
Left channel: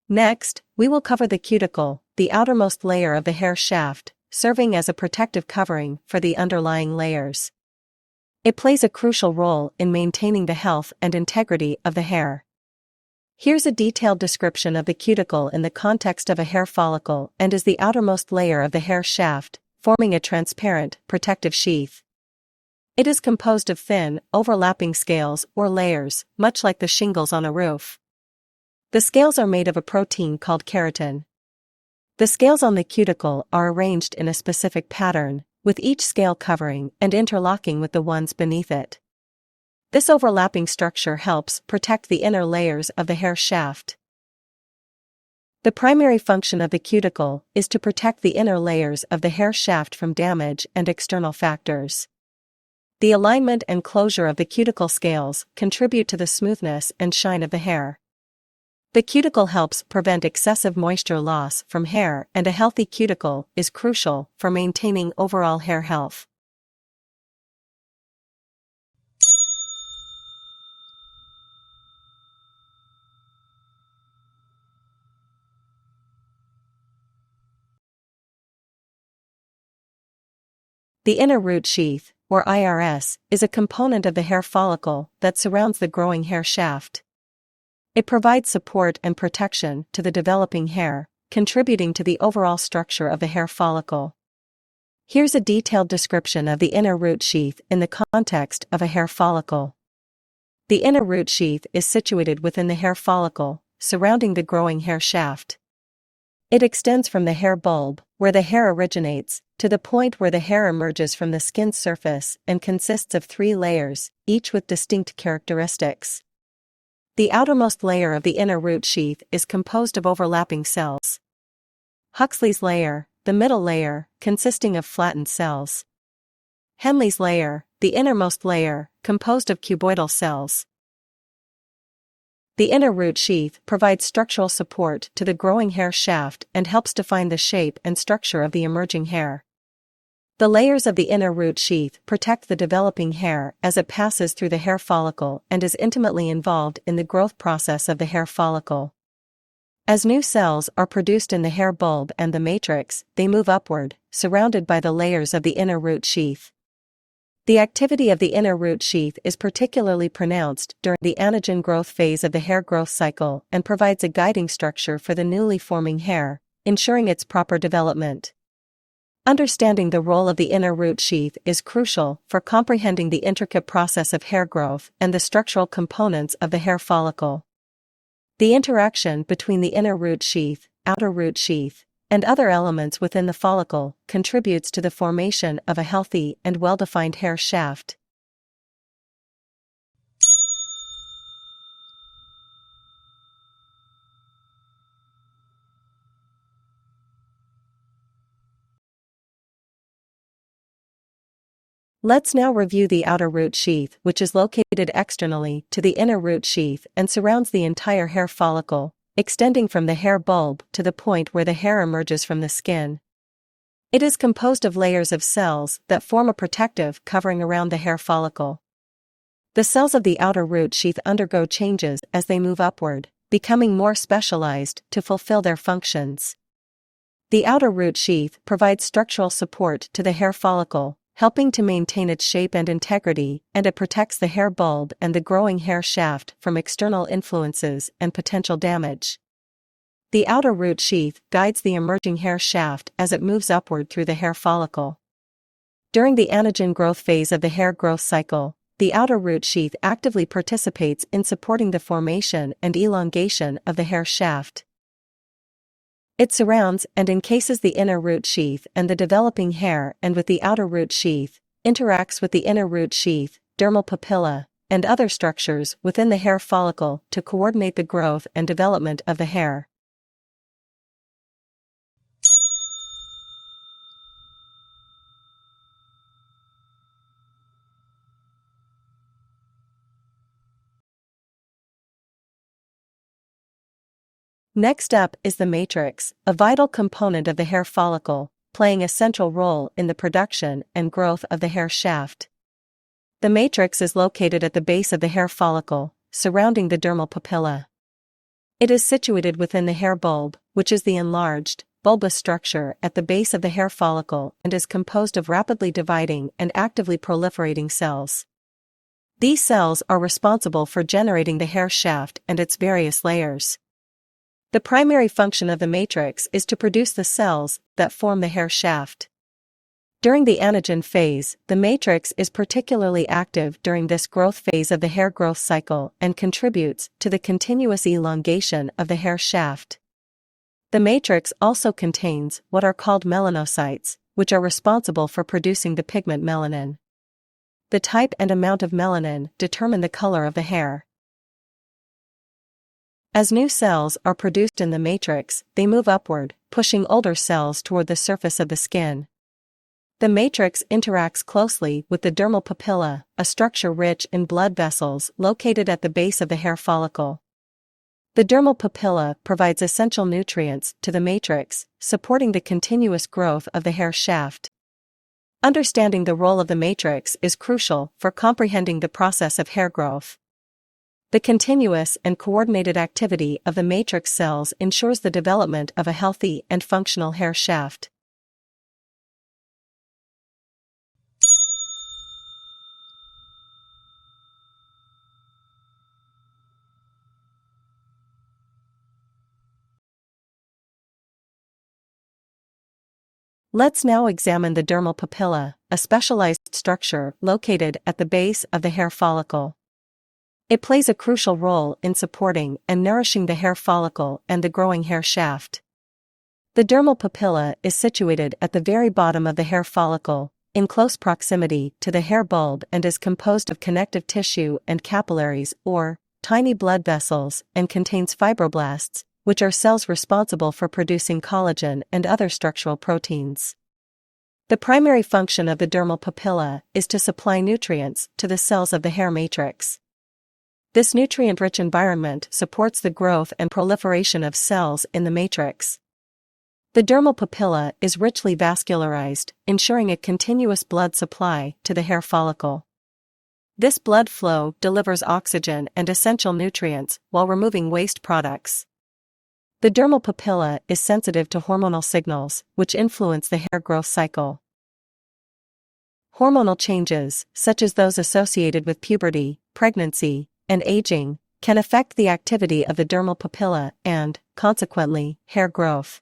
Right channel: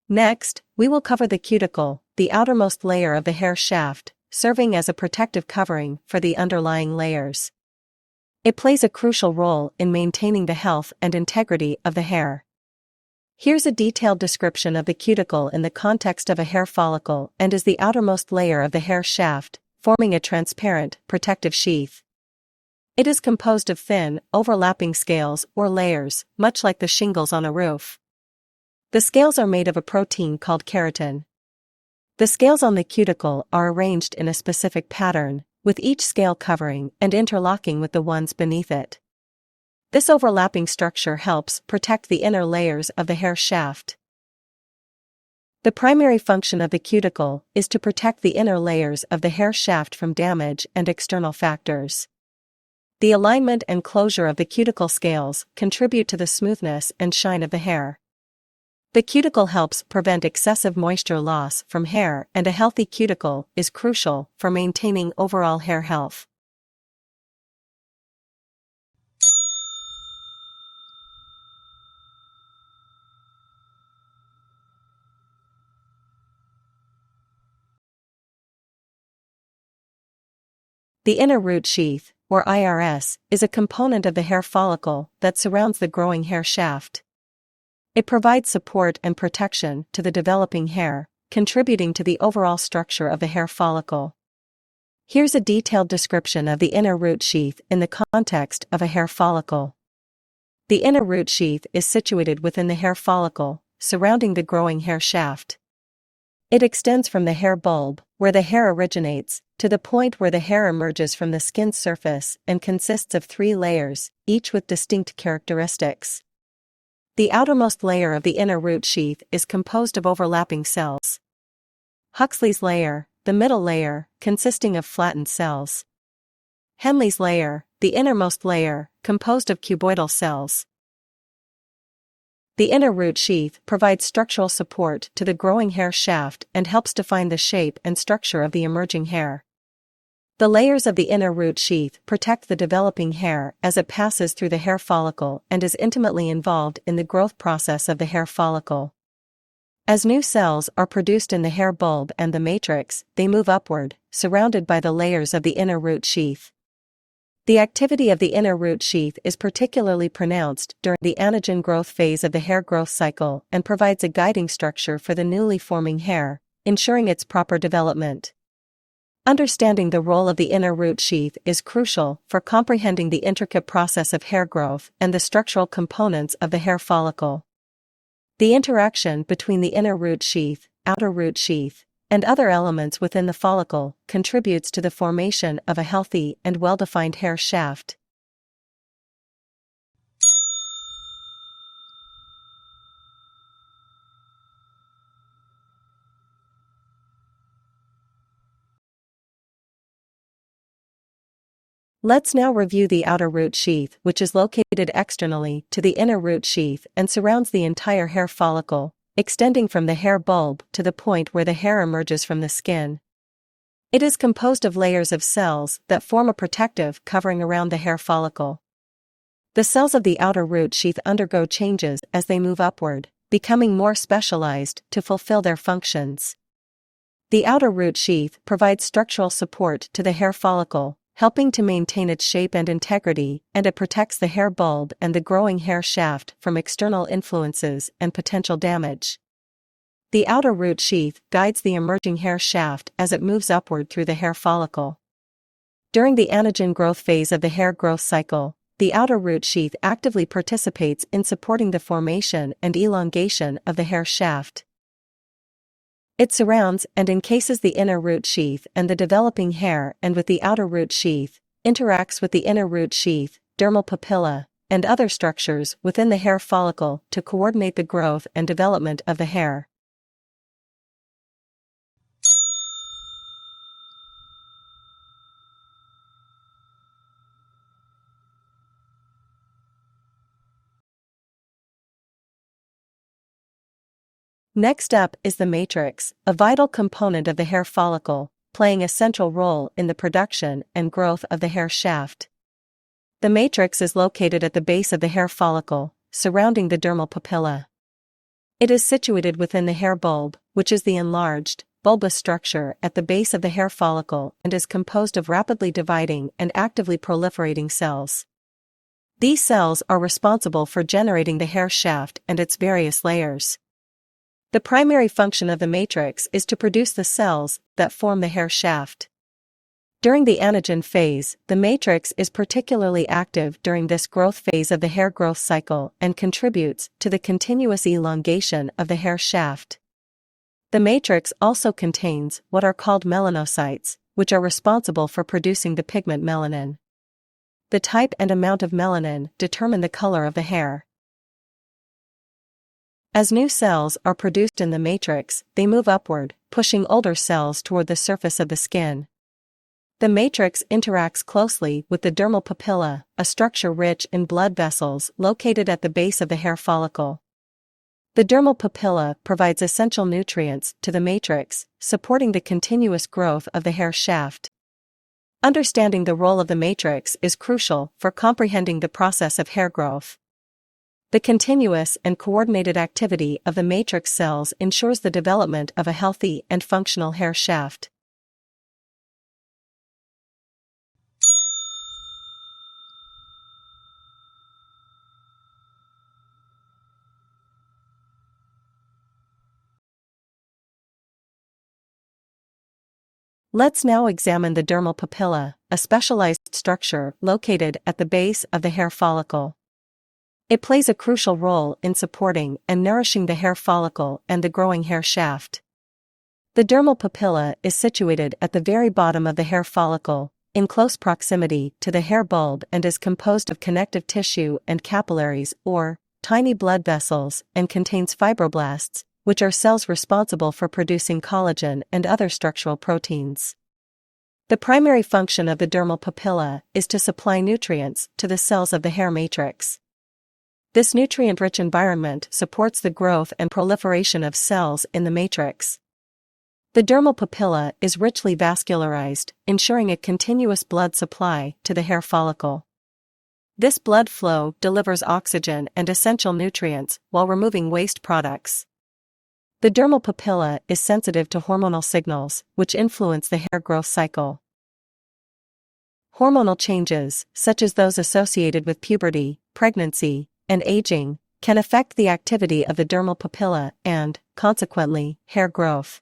Next, we will cover the cuticle, the outermost layer of the hair shaft, serving as a protective covering for the underlying layers. It plays a crucial role in maintaining the health and integrity of the hair. Here's a detailed description of the cuticle in the context of a hair follicle and is the outermost layer of the hair shaft, forming a transparent, protective sheath. It is composed of thin, overlapping scales or layers, much like the shingles on a roof. The scales are made of a protein called keratin. The scales on the cuticle are arranged in a specific pattern, with each scale covering and interlocking with the ones beneath it. This overlapping structure helps protect the inner layers of the hair shaft. The primary function of the cuticle is to protect the inner layers of the hair shaft from damage and external factors. The alignment and closure of the cuticle scales contribute to the smoothness and shine of the hair. The cuticle helps prevent excessive moisture loss from hair, and a healthy cuticle is crucial for maintaining overall hair health. The inner root sheath, or IRS, is a component of the hair follicle that surrounds the growing hair shaft. It provides support and protection to the developing hair, contributing to the overall structure of the hair follicle. Here's a detailed description of the inner root sheath in the context of a hair follicle. The inner root sheath is situated within the hair follicle, surrounding the growing hair shaft. It extends from the hair bulb, where the hair originates, to the point where the hair emerges from the skin's surface and consists of 3 layers, each with distinct characteristics. The outermost layer of the inner root sheath is composed of overlapping cells. Huxley's layer, the middle layer, consisting of flattened cells. Henle's layer, the innermost layer, composed of cuboidal cells. The inner root sheath provides structural support to the growing hair shaft and helps define the shape and structure of the emerging hair. The layers of the inner root sheath protect the developing hair as it passes through the hair follicle and is intimately involved in the growth process of the hair follicle. As new cells are produced in the hair bulb and the matrix, they move upward, surrounded by the layers of the inner root sheath. The activity of the inner root sheath is particularly pronounced during the anagen growth phase of the hair growth cycle and provides a guiding structure for the newly forming hair, ensuring its proper development. Understanding the role of the inner root sheath is crucial for comprehending the intricate process of hair growth and the structural components of the hair follicle. The interaction between the inner root sheath, outer root sheath, and other elements within the follicle contributes to the formation of a healthy and well-defined hair shaft. Let's now review the outer root sheath, which is located externally to the inner root sheath and surrounds the entire hair follicle, extending from the hair bulb to the point where the hair emerges from the skin. It is composed of layers of cells that form a protective covering around the hair follicle. The cells of the outer root sheath undergo changes as they move upward, becoming more specialized to fulfill their functions. The outer root sheath provides structural support to the hair follicle, helping to maintain its shape and integrity, and it protects the hair bulb and the growing hair shaft from external influences and potential damage. The outer root sheath guides the emerging hair shaft as it moves upward through the hair follicle. During the anagen growth phase of the hair growth cycle, the outer root sheath actively participates in supporting the formation and elongation of the hair shaft. It surrounds and encases the inner root sheath and the developing hair, and with the outer root sheath, interacts with the inner root sheath, dermal papilla, and other structures within the hair follicle to coordinate the growth and development of the hair. Next up is the matrix, a vital component of the hair follicle, playing a central role in the production and growth of the hair shaft. The matrix is located at the base of the hair follicle, surrounding the dermal papilla. It is situated within the hair bulb, which is the enlarged, bulbous structure at the base of the hair follicle and is composed of rapidly dividing and actively proliferating cells. These cells are responsible for generating the hair shaft and its various layers. The primary function of the matrix is to produce the cells that form the hair shaft. During the anagen phase, the matrix is particularly active during this growth phase of the hair growth cycle and contributes to the continuous elongation of the hair shaft. The matrix also contains what are called melanocytes, which are responsible for producing the pigment melanin. The type and amount of melanin determine the color of the hair. As new cells are produced in the matrix, they move upward, pushing older cells toward the surface of the skin. The matrix interacts closely with the dermal papilla, a structure rich in blood vessels located at the base of the hair follicle. The dermal papilla provides essential nutrients to the matrix, supporting the continuous growth of the hair shaft. Understanding the role of the matrix is crucial for comprehending the process of hair growth. The continuous and coordinated activity of the matrix cells ensures the development of a healthy and functional hair shaft. Let's now examine the dermal papilla, a specialized structure located at the base of the hair follicle. It plays a crucial role in supporting and nourishing the hair follicle and the growing hair shaft. The dermal papilla is situated at the very bottom of the hair follicle, in close proximity to the hair bulb, and is composed of connective tissue and capillaries, or tiny blood vessels, and contains fibroblasts, which are cells responsible for producing collagen and other structural proteins. The primary function of the dermal papilla is to supply nutrients to the cells of the hair matrix. This nutrient-rich environment supports the growth and proliferation of cells in the matrix. The dermal papilla is richly vascularized, ensuring a continuous blood supply to the hair follicle. This blood flow delivers oxygen and essential nutrients while removing waste products. The dermal papilla is sensitive to hormonal signals, which influence the hair growth cycle. Hormonal changes, such as those associated with puberty, pregnancy, and aging, can affect the activity of the dermal papilla and, consequently, hair growth.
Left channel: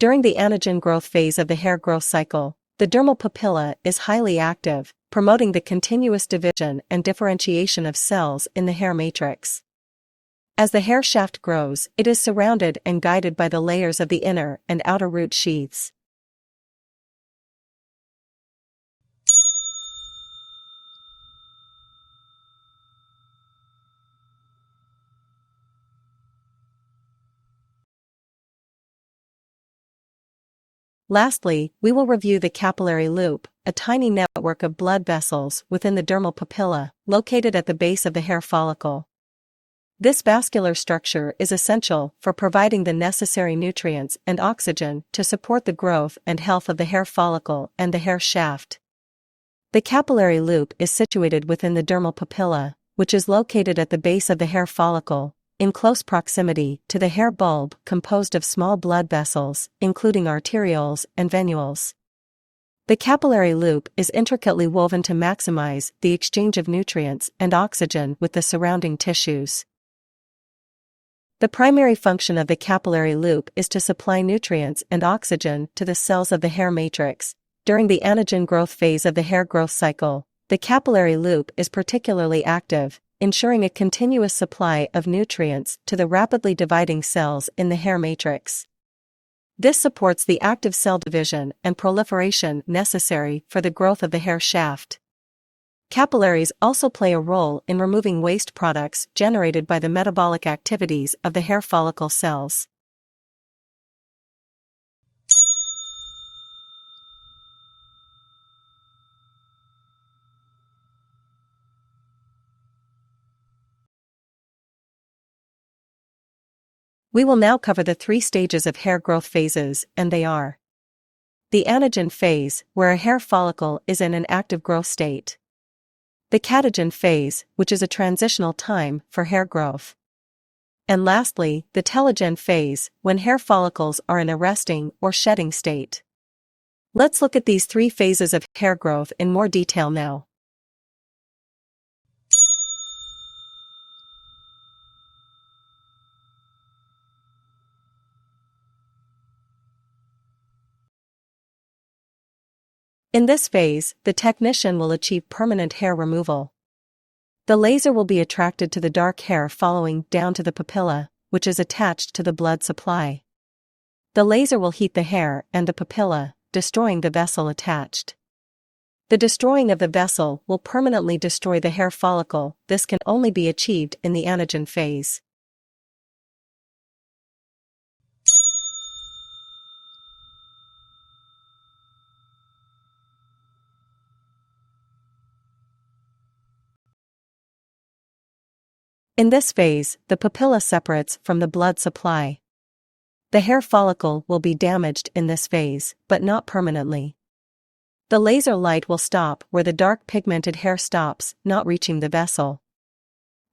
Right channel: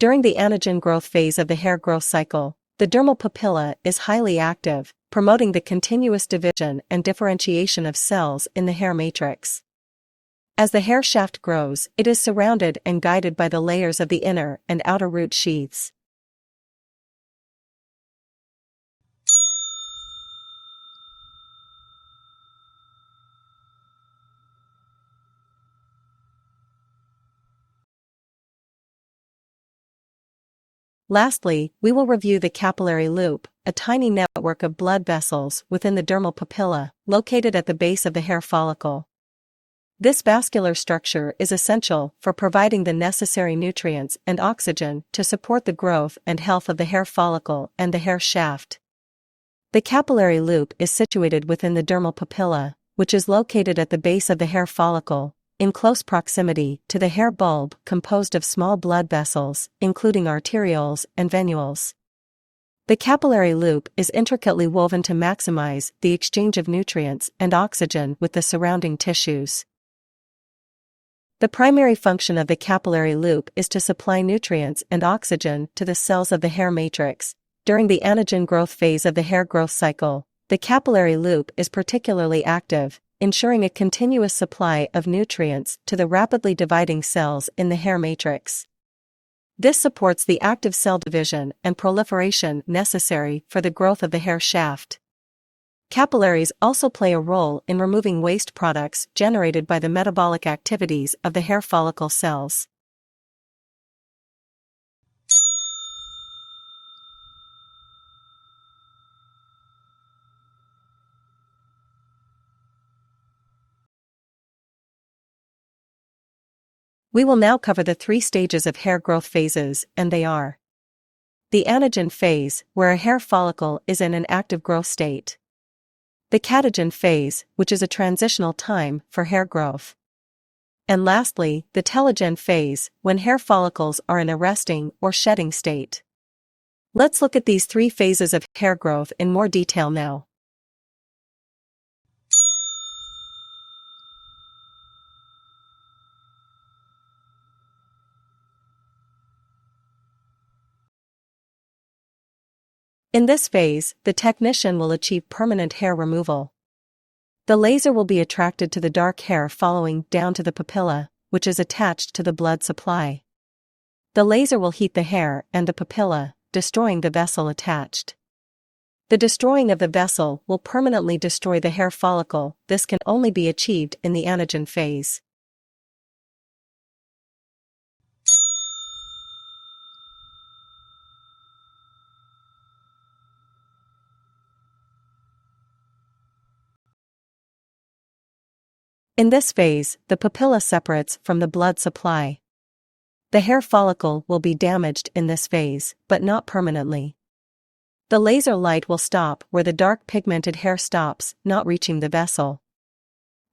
During the anagen growth phase of the hair growth cycle, the dermal papilla is highly active, promoting the continuous division and differentiation of cells in the hair matrix. As the hair shaft grows, it is surrounded and guided by the layers of the inner and outer root sheaths. Lastly, we will review the capillary loop, a tiny network of blood vessels within the dermal papilla, located at the base of the hair follicle. This vascular structure is essential for providing the necessary nutrients and oxygen to support the growth and health of the hair follicle and the hair shaft. The capillary loop is situated within the dermal papilla, which is located at the base of the hair follicle, in close proximity to the hair bulb composed of small blood vessels, including arterioles and venules. The capillary loop is intricately woven to maximize the exchange of nutrients and oxygen with the surrounding tissues. The primary function of the capillary loop is to supply nutrients and oxygen to the cells of the hair matrix. During the anagen growth phase of the hair growth cycle, the capillary loop is particularly active, ensuring a continuous supply of nutrients to the rapidly dividing cells in the hair matrix. This supports the active cell division and proliferation necessary for the growth of the hair shaft. Capillaries also play a role in removing waste products generated by the metabolic activities of the hair follicle cells. We will now cover the 3 stages of hair growth phases, and they are: the anagen phase, where a hair follicle is in an active growth state; the catagen phase, which is a transitional time for hair growth; and lastly, the telogen phase, when hair follicles are in a resting or shedding state. Let's look at these 3 phases of hair growth in more detail now. In this phase, the technician will achieve permanent hair removal. The laser will be attracted to the dark hair following down to the papilla, which is attached to the blood supply. The laser will heat the hair and the papilla, destroying the vessel attached. The destroying of the vessel will permanently destroy the hair follicle. This can only be achieved in the anagen phase. In this phase, the papilla separates from the blood supply. The hair follicle will be damaged in this phase, but not permanently. The laser light will stop where the dark pigmented hair stops, not reaching the vessel.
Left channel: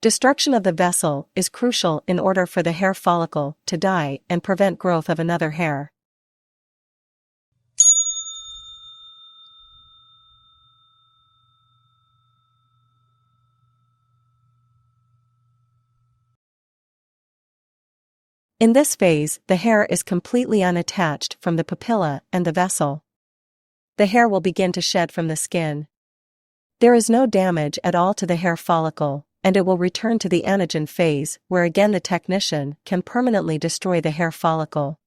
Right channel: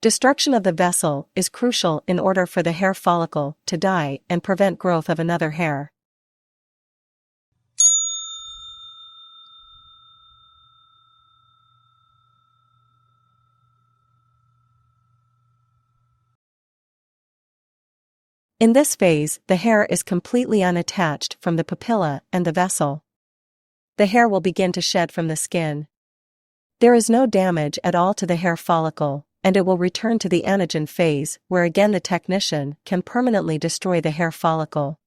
Destruction of the vessel is crucial in order for the hair follicle to die and prevent growth of another hair. In this phase, the hair is completely unattached from the papilla and the vessel. The hair will begin to shed from the skin. There is no damage at all to the hair follicle, and it will return to the anagen phase, where again the technician can permanently destroy the hair follicle.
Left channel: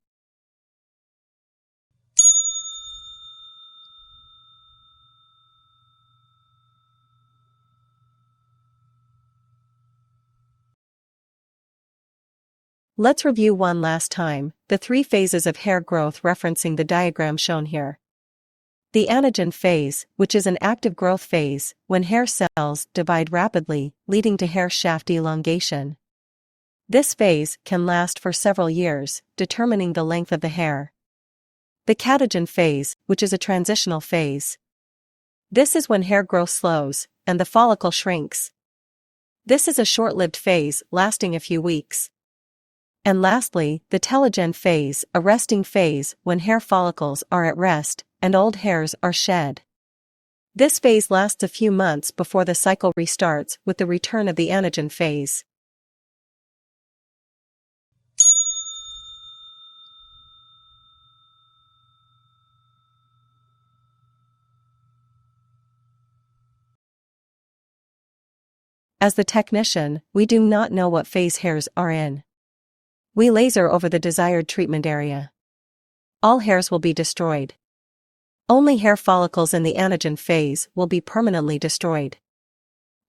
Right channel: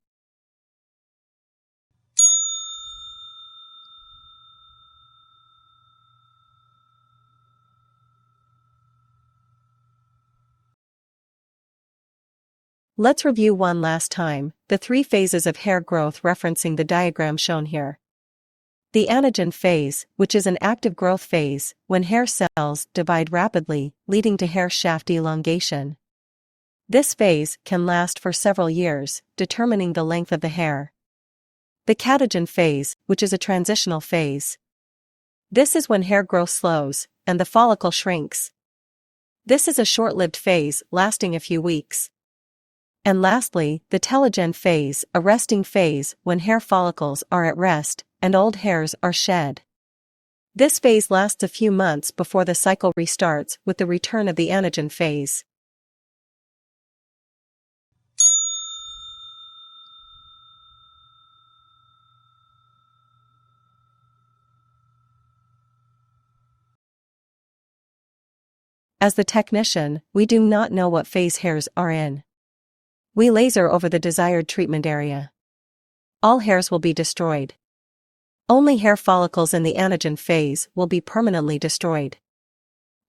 Let's review one last time the 3 phases of hair growth referencing the diagram shown here. The anagen phase, which is an active growth phase, when hair cells divide rapidly, leading to hair shaft elongation. This phase can last for several years, determining the length of the hair. The catagen phase, which is a transitional phase. This is when hair growth slows, and the follicle shrinks. This is a short-lived phase, lasting a few weeks. And lastly, the telogen phase, a resting phase when hair follicles are at rest and old hairs are shed. This phase lasts a few months before the cycle restarts with the return of the anagen phase. As the technician, we do not know what phase hairs are in. We laser over the desired treatment area. All hairs will be destroyed. Only hair follicles in the anagen phase will be permanently destroyed.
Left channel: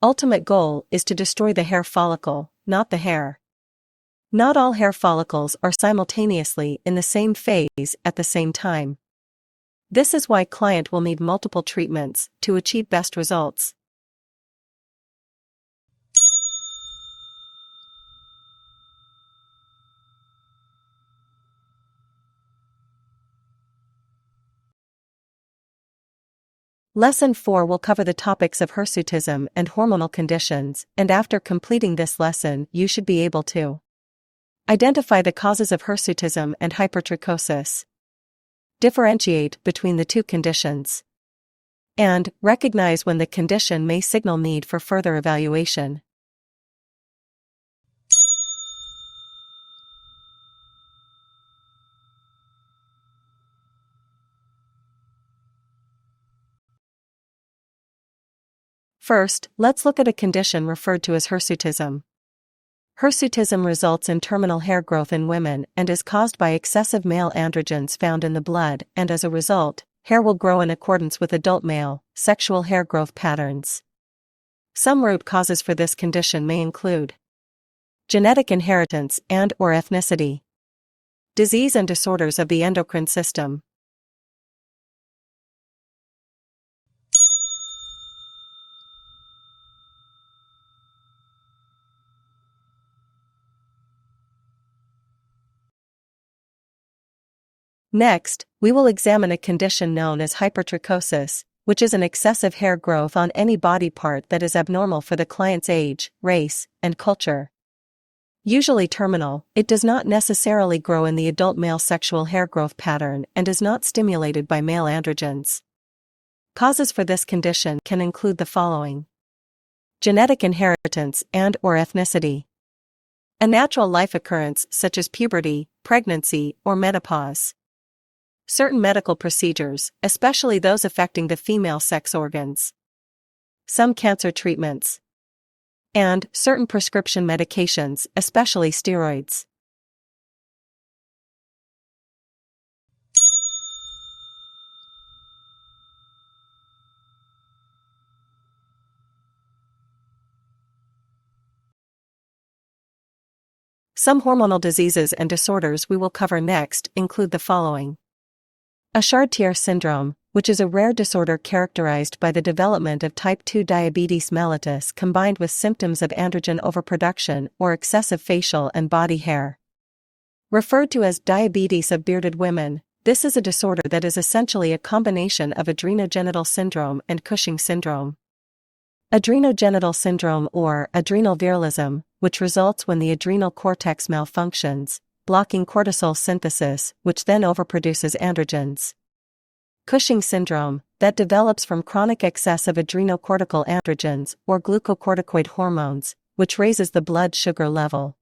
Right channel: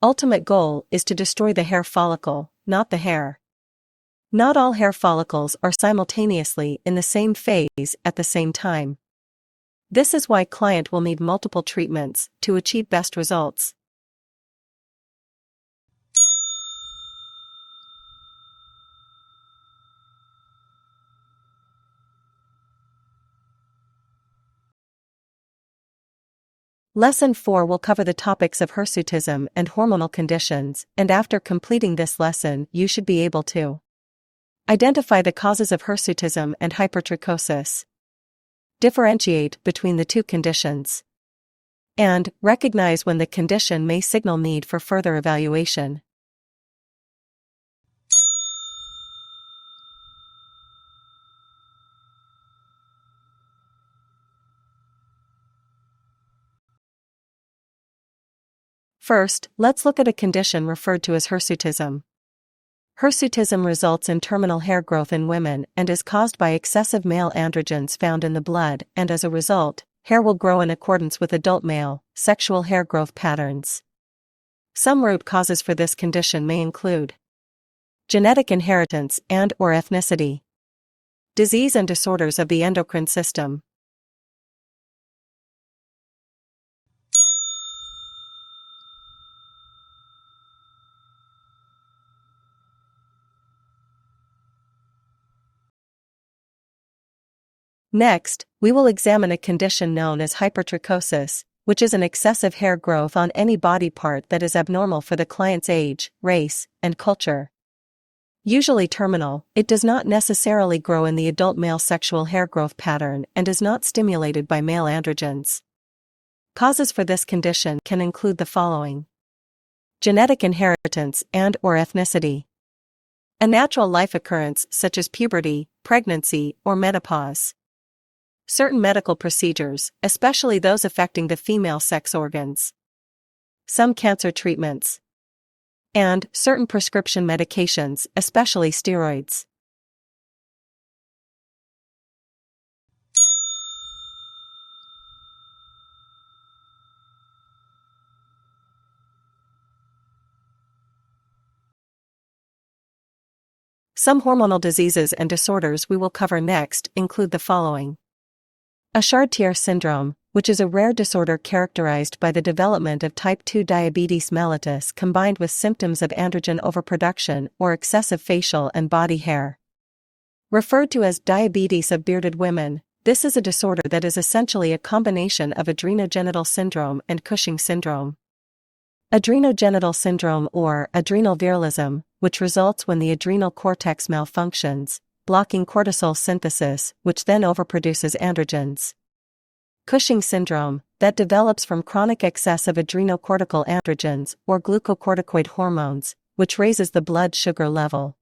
Ultimate goal is to destroy the hair follicle, not the hair. Not all hair follicles are simultaneously in the same phase at the same time. This is why client will need multiple treatments to achieve best results. Lesson 4 will cover the topics of hirsutism and hormonal conditions, and after completing this lesson you should be able to identify the causes of hirsutism and hypertrichosis, differentiate between the two conditions, and recognize when the condition may signal need for further evaluation. First, let's look at a condition referred to as hirsutism. Hirsutism results in terminal hair growth in women and is caused by excessive male androgens found in the blood, and as a result, hair will grow in accordance with adult male, sexual hair growth patterns. Some root causes for this condition may include genetic inheritance and/or ethnicity, disease and disorders of the endocrine system. Next, we will examine a condition known as hypertrichosis, which is an excessive hair growth on any body part that is abnormal for the client's age, race, and culture. Usually terminal, it does not necessarily grow in the adult male sexual hair growth pattern and is not stimulated by male androgens. Causes for this condition can include the following: genetic inheritance and/or ethnicity, a natural life occurrence such as puberty, pregnancy, or menopause, certain medical procedures, especially those affecting the female sex organs, some cancer treatments, and certain prescription medications, especially steroids. Some hormonal diseases and disorders we will cover next include the following: a Chartier syndrome, which is a rare disorder characterized by the development of type 2 diabetes mellitus combined with symptoms of androgen overproduction or excessive facial and body hair. Referred to as diabetes of bearded women, this is a disorder that is essentially a combination of adrenogenital syndrome and Cushing syndrome. Adrenogenital syndrome or adrenal virilism, which results when the adrenal cortex malfunctions, blocking cortisol synthesis, which then overproduces androgens. Cushing syndrome, that develops from chronic excess of adrenocortical androgens or glucocorticoid hormones, which raises the blood sugar level.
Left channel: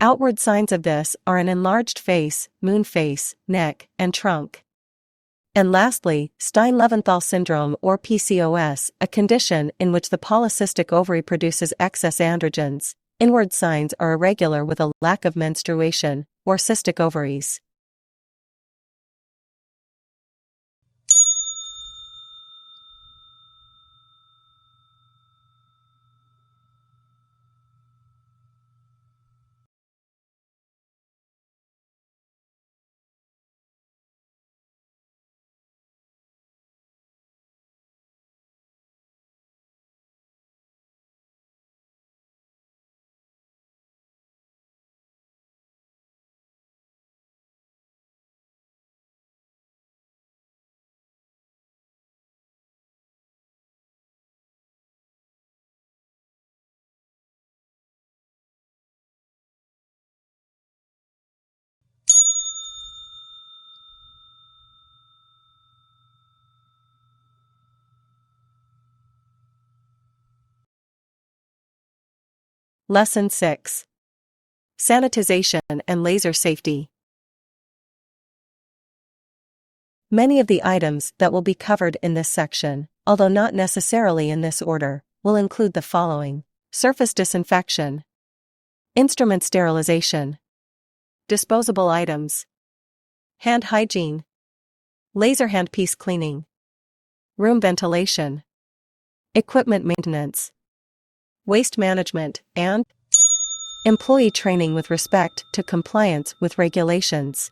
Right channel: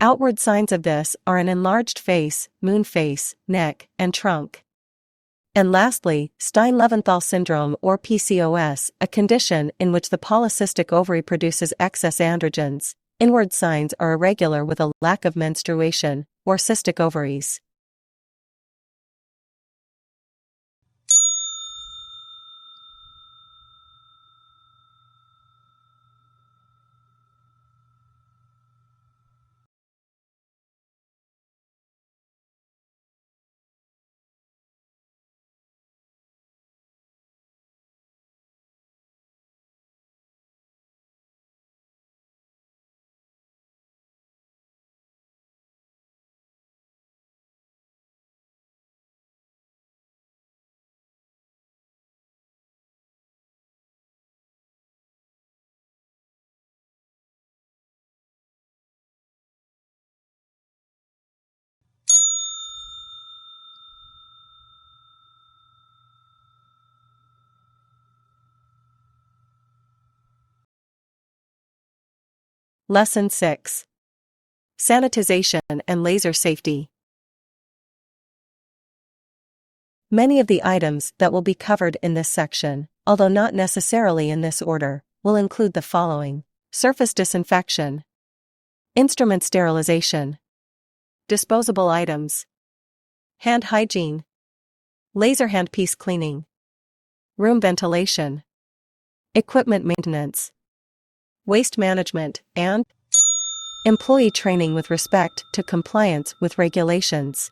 Outward signs of this are an enlarged face, moon face, neck, and trunk. And lastly, Stein-Leventhal syndrome or PCOS, a condition in which the polycystic ovary produces excess androgens. Inward signs are irregular with a lack of menstruation, or cystic ovaries. Lesson 6. Sanitization and laser safety. Many of the items that will be covered in this section, although not necessarily in this order, will include the following: surface disinfection, instrument sterilization, disposable items, hand hygiene, laser handpiece cleaning, room ventilation, equipment maintenance, waste management, and employee training with respect to compliance with regulations.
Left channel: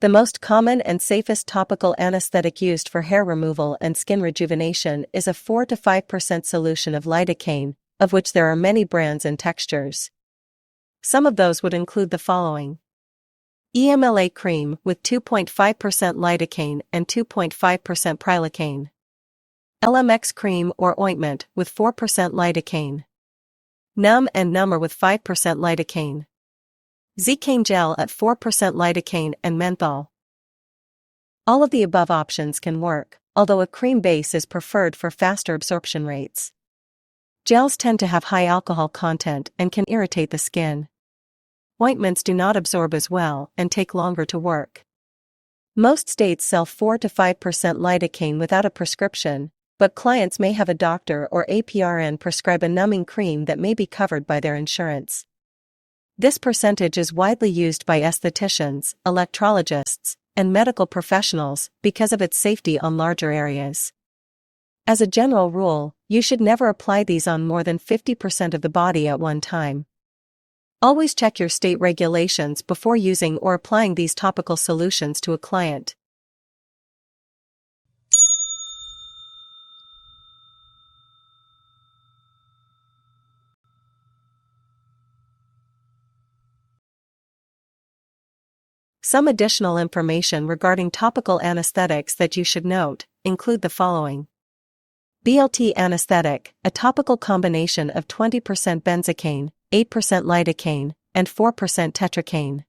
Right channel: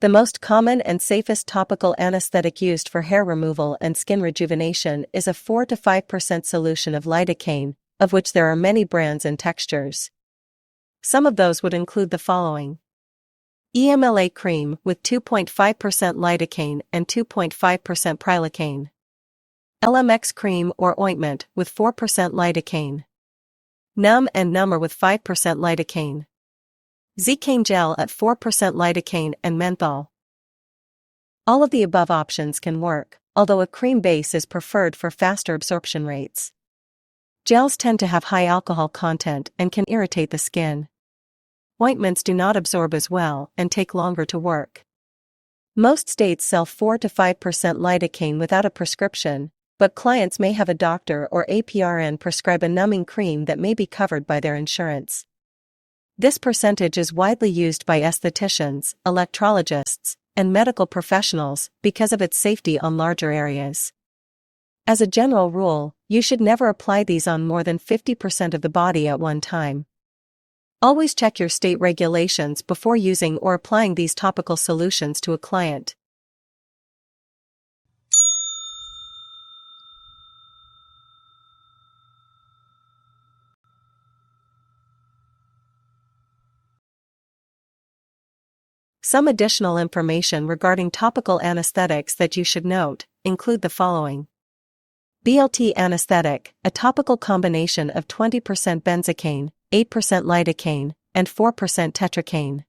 The most common and safest topical anesthetic used for hair removal and skin rejuvenation is a 4 to 5% solution of lidocaine, of which there are many brands and textures. Some of those would include the following: EMLA cream with 2.5% lidocaine and 2.5% prilocaine. LMX cream or ointment with 4% lidocaine. Numb and Number with 5% lidocaine. Zcaine gel at 4% lidocaine and menthol. All of the above options can work, although a cream base is preferred for faster absorption rates. Gels tend to have high alcohol content and can irritate the skin. Ointments do not absorb as well and take longer to work. Most states sell 4 to 5% lidocaine without a prescription, but clients may have a doctor or APRN prescribe a numbing cream that may be covered by their insurance. This percentage is widely used by estheticians, electrologists, and medical professionals because of its safety on larger areas. As a general rule, you should never apply these on more than 50% of the body at one time. Always check your state regulations before using or applying these topical solutions to a client. Some additional information regarding topical anesthetics that you should note include the following: BLT anesthetic, a topical combination of 20% benzocaine, 8% lidocaine, and 4% tetracaine.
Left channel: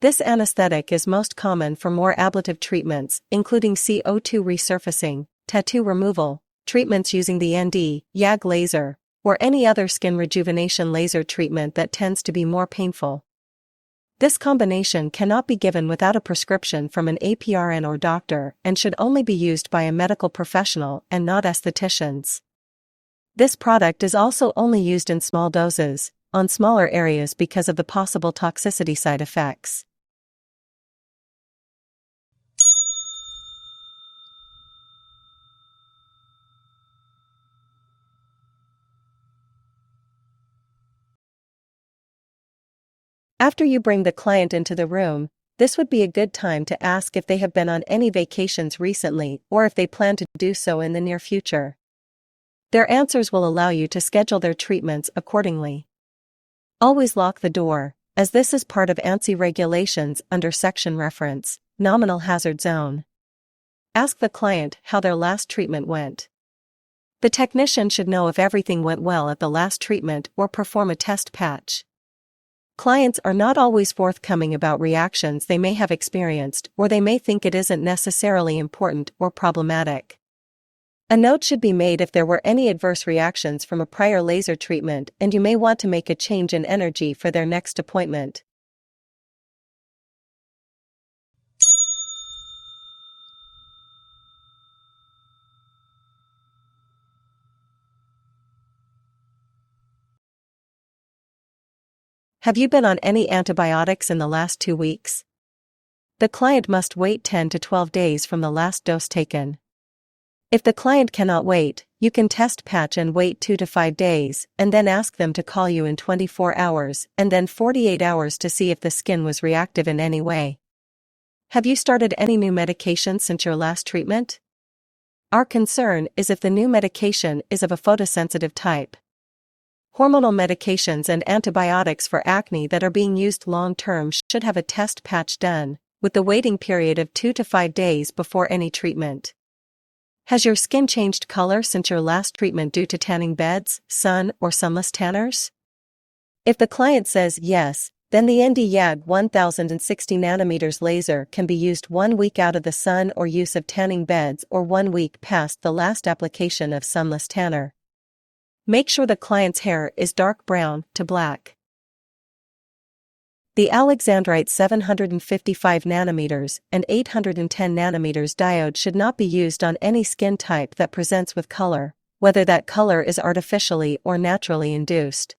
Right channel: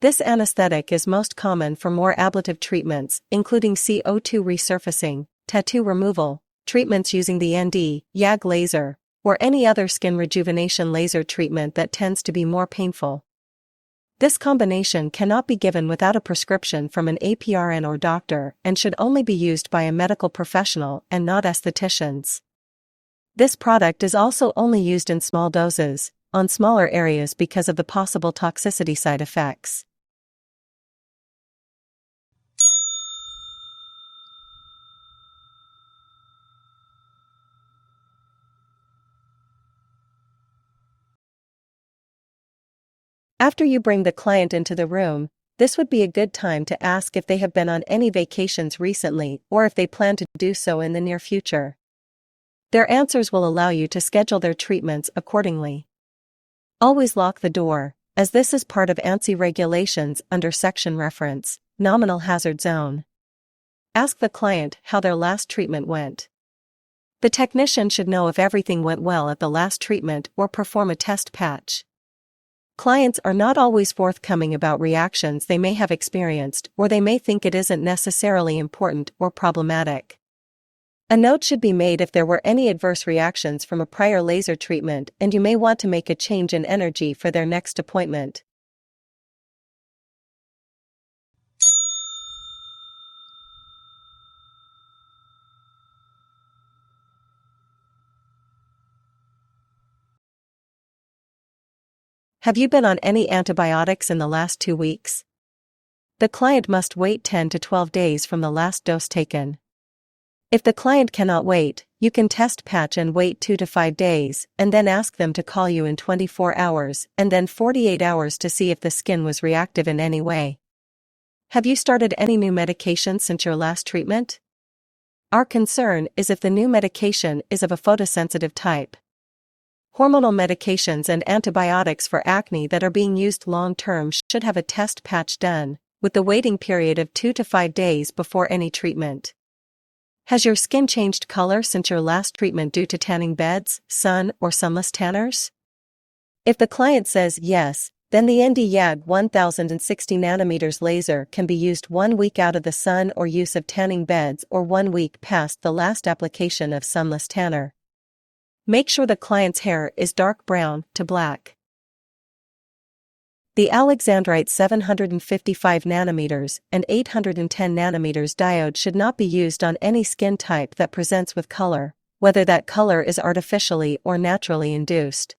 This anesthetic is most common for more ablative treatments, including CO2 resurfacing, tattoo removal, treatments using the ND/YAG laser, or any other skin rejuvenation laser treatment that tends to be more painful. This combination cannot be given without a prescription from an APRN or doctor and should only be used by a medical professional and not estheticians. This product is also only used in small doses, on smaller areas because of the possible toxicity side effects. After you bring the client into the room, this would be a good time to ask if they have been on any vacations recently or if they plan to do so in the near future. Their answers will allow you to schedule their treatments accordingly. Always lock the door, as this is part of ANSI regulations under section reference, Nominal Hazard Zone. Ask the client how their last treatment went. The technician should know if everything went well at the last treatment or perform a test patch. Clients are not always forthcoming about reactions they may have experienced, or they may think it isn't necessarily important or problematic. A note should be made if there were any adverse reactions from a prior laser treatment and you may want to make a change in energy for their next appointment. Have you been on any antibiotics in the last 2 weeks? The client must wait 10 to 12 days from the last dose taken. If the client cannot wait, you can test patch and wait 2 to 5 days, and then ask them to call you in 24 hours and then 48 hours to see if the skin was reactive in any way. Have you started any new medication since your last treatment? Our concern is if the new medication is of a photosensitive type. Hormonal medications and antibiotics for acne that are being used long-term should have a test patch done, with the waiting period of 2 to 5 days before any treatment. Has your skin changed color since your last treatment due to tanning beds, sun, or sunless tanners? If the client says yes, then the ND-YAG 1060 nanometers laser can be used 1 week out of the sun or use of tanning beds or 1 week past the last application of sunless tanner. Make sure the client's hair is dark brown to black. The Alexandrite 755 nanometers and 810 nanometers diode should not be used on any skin type that presents with color, whether that color is artificially or naturally induced.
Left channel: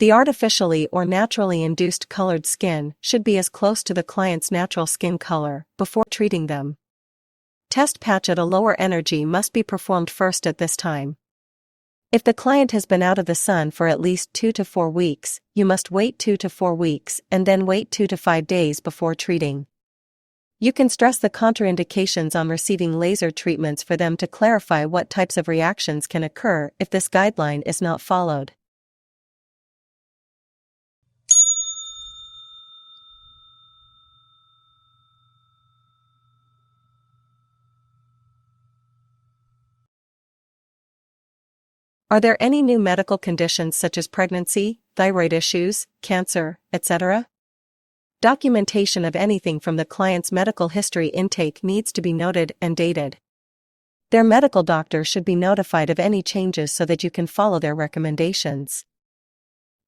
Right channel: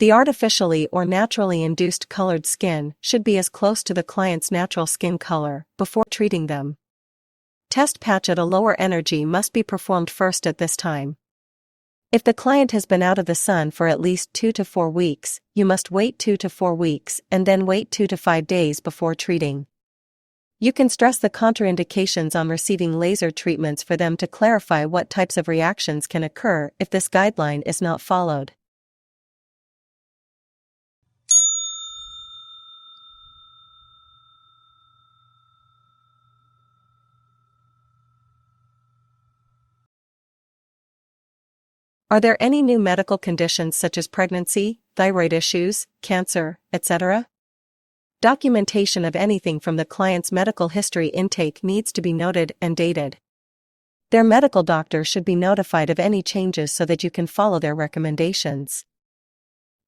The artificially or naturally induced colored skin should be as close to the client's natural skin color before treating them. Test patch at a lower energy must be performed first at this time. If the client has been out of the sun for at least 2 to 4 weeks, you must wait 2 to 4 weeks and then wait 2 to 5 days before treating. You can stress the contraindications on receiving laser treatments for them to clarify what types of reactions can occur if this guideline is not followed. Are there any new medical conditions such as pregnancy, thyroid issues, cancer, etc.? Documentation of anything from the client's medical history intake needs to be noted and dated. Their medical doctor should be notified of any changes so that you can follow their recommendations.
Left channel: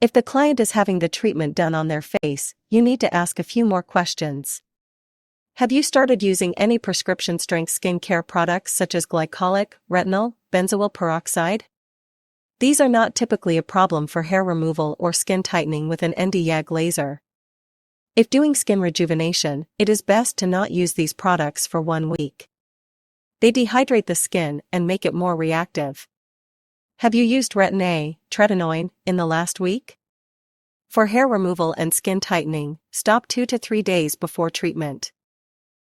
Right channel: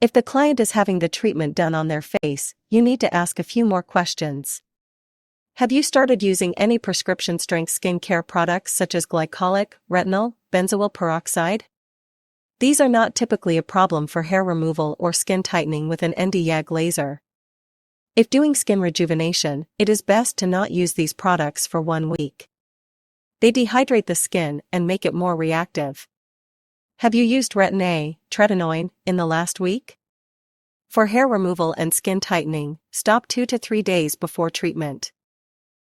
If the client is having the treatment done on their face, you need to ask a few more questions. Have you started using any prescription-strength skincare products such as glycolic, retinol, benzoyl peroxide? These are not typically a problem for hair removal or skin tightening with an ND-YAG laser. If doing skin rejuvenation, it is best to not use these products for 1 week. They dehydrate the skin and make it more reactive. Have you used Retin-A, tretinoin, in the last week? For hair removal and skin tightening, stop 2 to 3 days before treatment.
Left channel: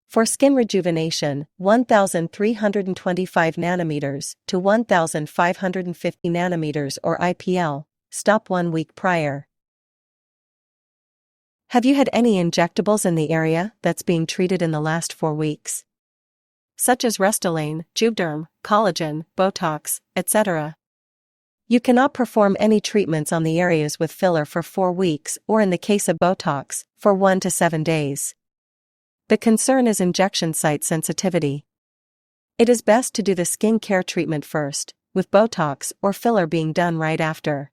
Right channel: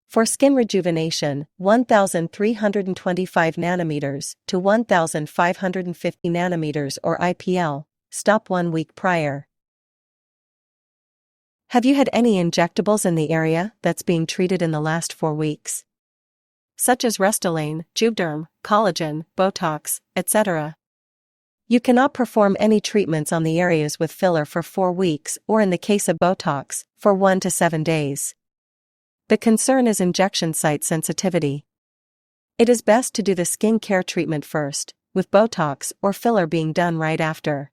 For skin rejuvenation, 1,325 nanometers to 1,550 nanometers or IPL, stop 1 week prior. Have you had any injectables in the area that's being treated in the last 4 weeks? Such as Restylane, Juvederm, collagen, Botox, etc. You cannot perform any treatments on the areas with filler for 4 weeks or in the case of Botox, for 1 to 7 days. The concern is injection site sensitivity. It is best to do the skin care treatment first, with Botox or filler being done right after.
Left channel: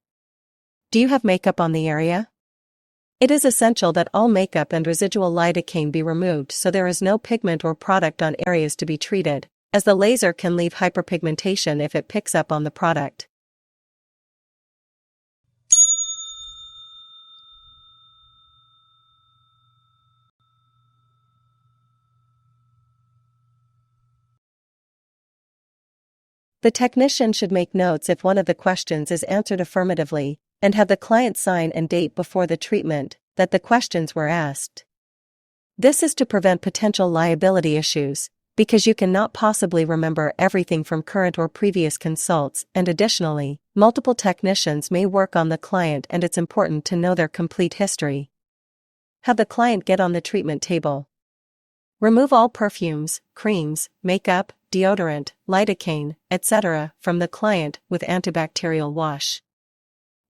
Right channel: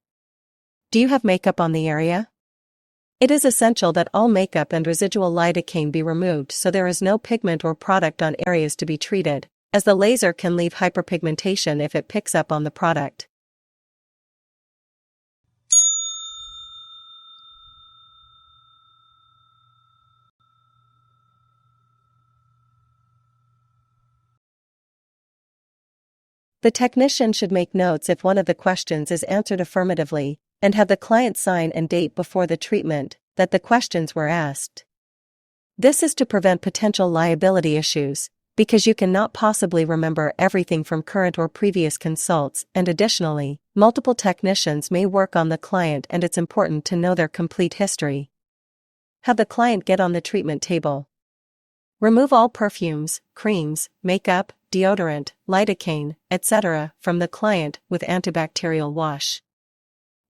Do you have makeup on the area? It is essential that all makeup and residual lidocaine be removed so there is no pigment or product on areas to be treated, as the laser can leave hyperpigmentation if it picks up on the product. The technician should make notes if one of the questions is answered affirmatively, and have the client sign and date before the treatment that the questions were asked. This is to prevent potential liability issues, because you cannot possibly remember everything from current or previous consults, and additionally, multiple technicians may work on the client and it's important to know their complete history. Have the client get on the treatment table. Remove all perfumes, creams, makeup, deodorant, lidocaine, etc. from the client with antibacterial wash.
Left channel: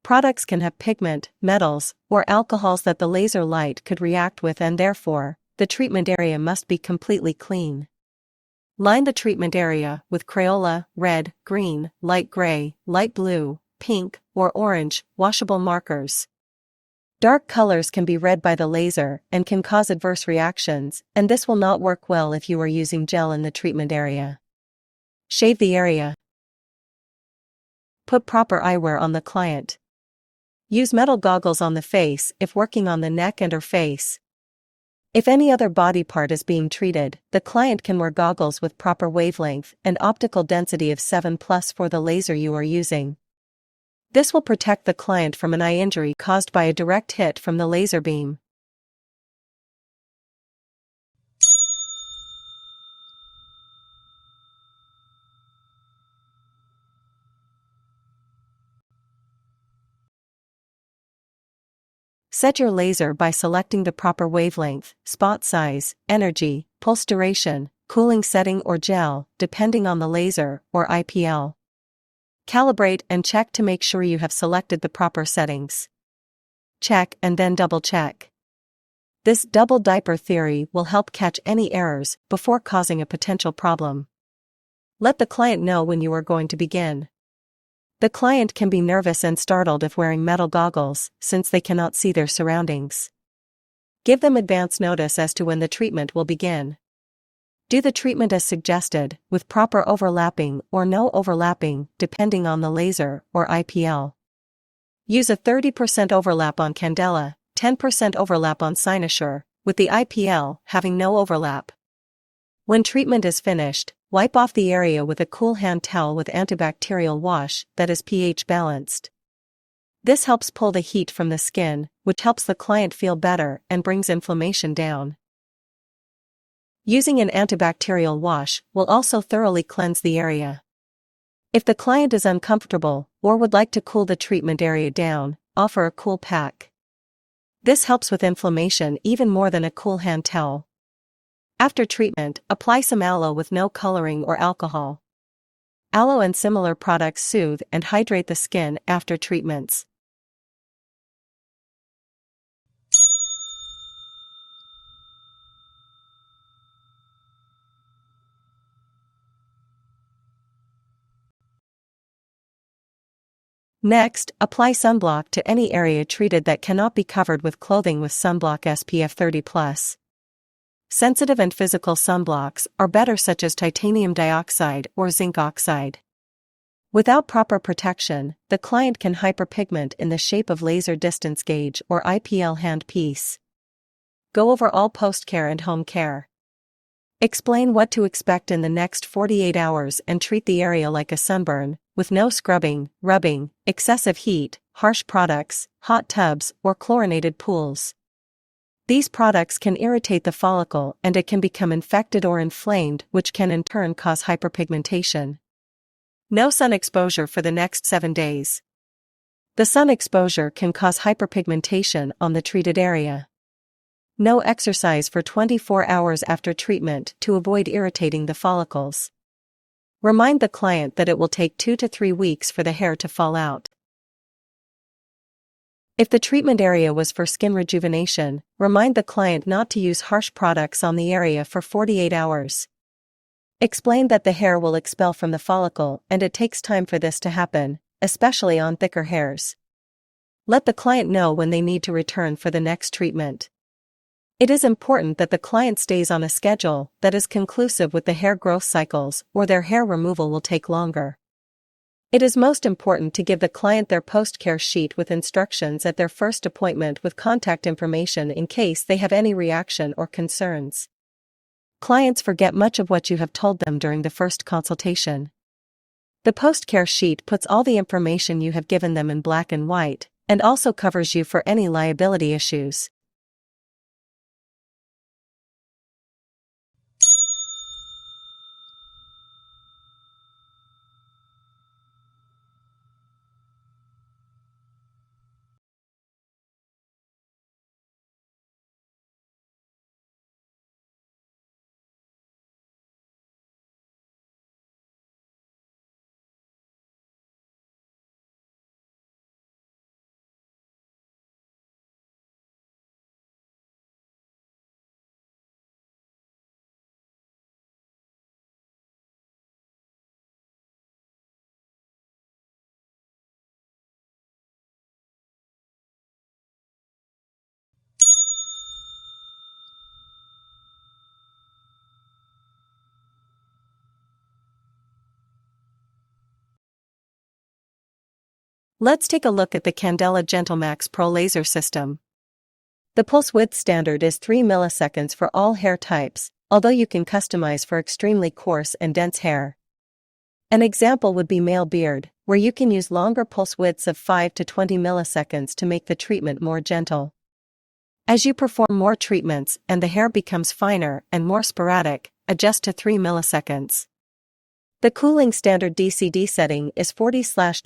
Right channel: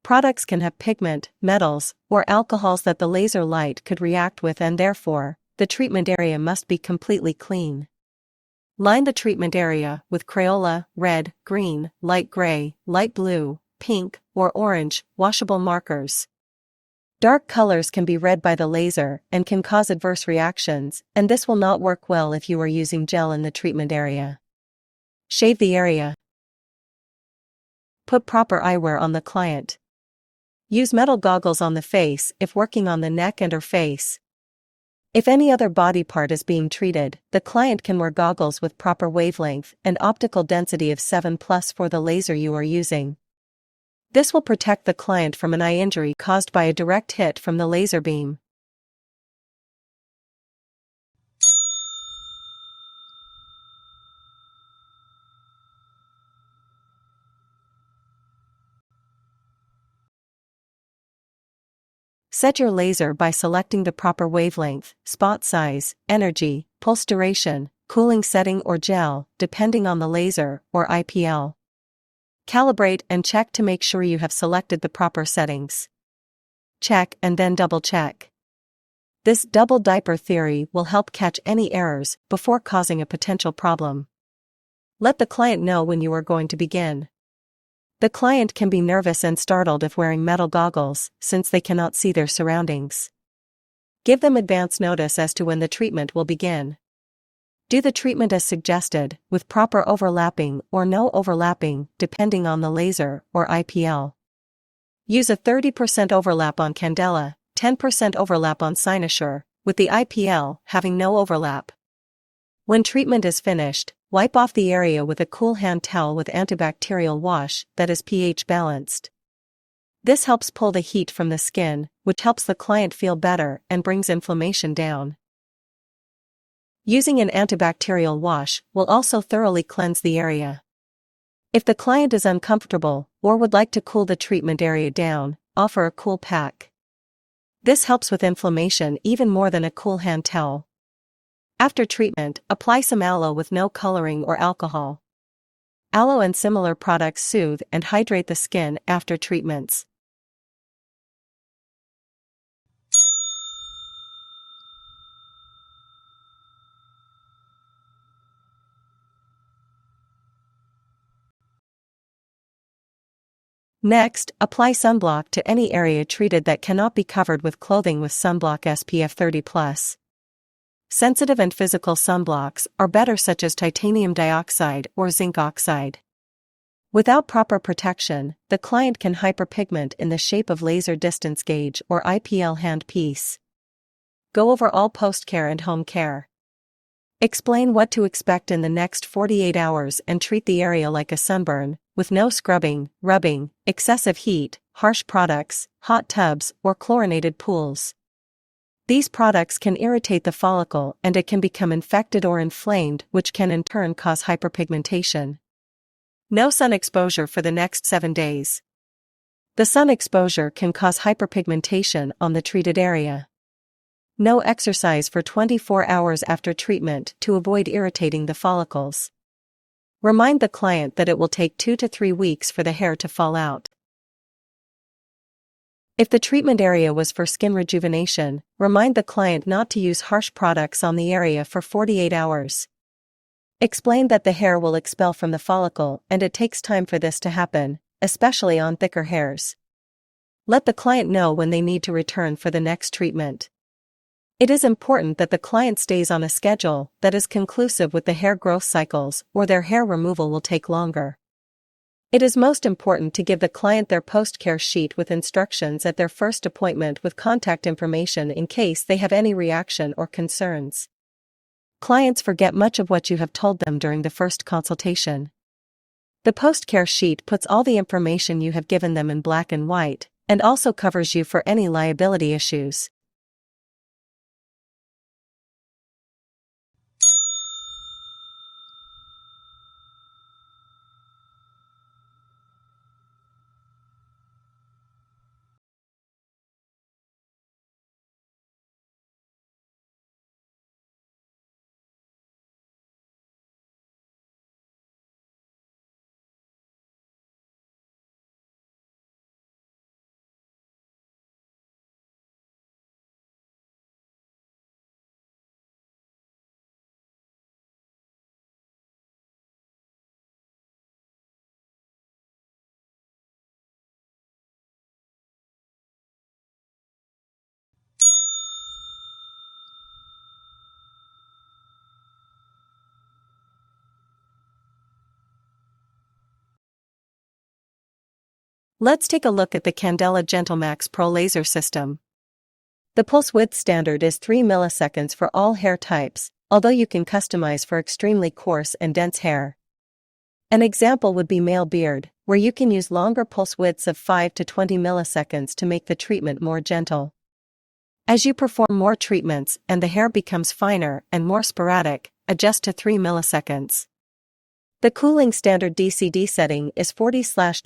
Products can have pigment, metals, or alcohols that the laser light could react with, and therefore, the treatment area must be completely clean. Line the treatment area with Crayola, red, green, light gray, light blue, pink, or orange, washable markers. Dark colors can be read by the laser and can cause adverse reactions, and this will not work well if you are using gel in the treatment area. Shave the area. Put proper eyewear on the client. Use metal goggles on the face if working on the neck and/or face. If any other body part is being treated, the client can wear goggles with proper wavelength and optical density of 7+ for the laser you are using. This will protect the client from an eye injury caused by a direct hit from the laser beam. Set your laser by selecting the proper wavelength, spot size, energy, pulse duration, cooling setting or gel, depending on the laser, or IPL. Calibrate and check to make sure you have selected the proper settings. Check and then double check. This double diaper theory will help catch any errors before causing a potential problem. Let the client know when you are going to begin. The client can be nervous and startled if wearing metal goggles, since they cannot see their surroundings. Give them advance notice as to when the treatment will begin. Do the treatment as suggested, with proper overlapping or no overlapping, depending on the laser or IPL. Use a 30% overlap on Candela, 10% overlap on Cynosure, with the IPL having no overlap. When treatment is finished, wipe off the area with a cool hand towel with antibacterial wash that is pH balanced. This helps pull the heat from the skin, which helps the client feel better and brings inflammation down. Using an antibacterial wash will also thoroughly cleanse the area. If the client is uncomfortable or would like to cool the treatment area down, offer a cool pack. This helps with inflammation even more than a cool hand towel. After treatment, apply some aloe with no coloring or alcohol. Aloe and similar products soothe and hydrate the skin after treatments. Next, apply sunblock to any area treated that cannot be covered with clothing with sunblock SPF 30+. Sensitive and physical sunblocks are better, such as titanium dioxide or zinc oxide. Without proper protection, the client can hyperpigment in the shape of laser distance gauge or IPL handpiece. Go over all post-care and home care. Explain what to expect in the next 48 hours and treat the area like a sunburn, with no scrubbing, rubbing, excessive heat, harsh products, hot tubs, or chlorinated pools. These products can irritate the follicle and it can become infected or inflamed, which can in turn cause hyperpigmentation. No sun exposure for the next 7 days. The sun exposure can cause hyperpigmentation on the treated area. No exercise for 24 hours after treatment to avoid irritating the follicles. Remind the client that it will take 2 to 3 weeks for the hair to fall out. If the treatment area was for skin rejuvenation, remind the client not to use harsh products on the area for 48 hours. Explain that the hair will expel from the follicle and it takes time for this to happen, especially on thicker hairs. Let the client know when they need to return for the next treatment. It is important that the client stays on a schedule that is conclusive with the hair growth cycles, or their hair removal will take longer. It is most important to give the client their post-care sheet with instructions at their first appointment with contact information in case they have any reaction or concerns. Clients forget much of what you have told them during the first consultation. The post-care sheet puts all the information you have given them in black and white, and also covers you for any liability issues. Let's take a look at the Candela GentleMax Pro Laser System. The pulse width standard is 3 milliseconds for all hair types, although you can customize for extremely coarse and dense hair. An example would be male beard, where you can use longer pulse widths of 5 to 20 milliseconds to make the treatment more gentle. As you perform more treatments and the hair becomes finer and more sporadic, adjust to 3 milliseconds. The cooling standard DCD setting is 40/20/0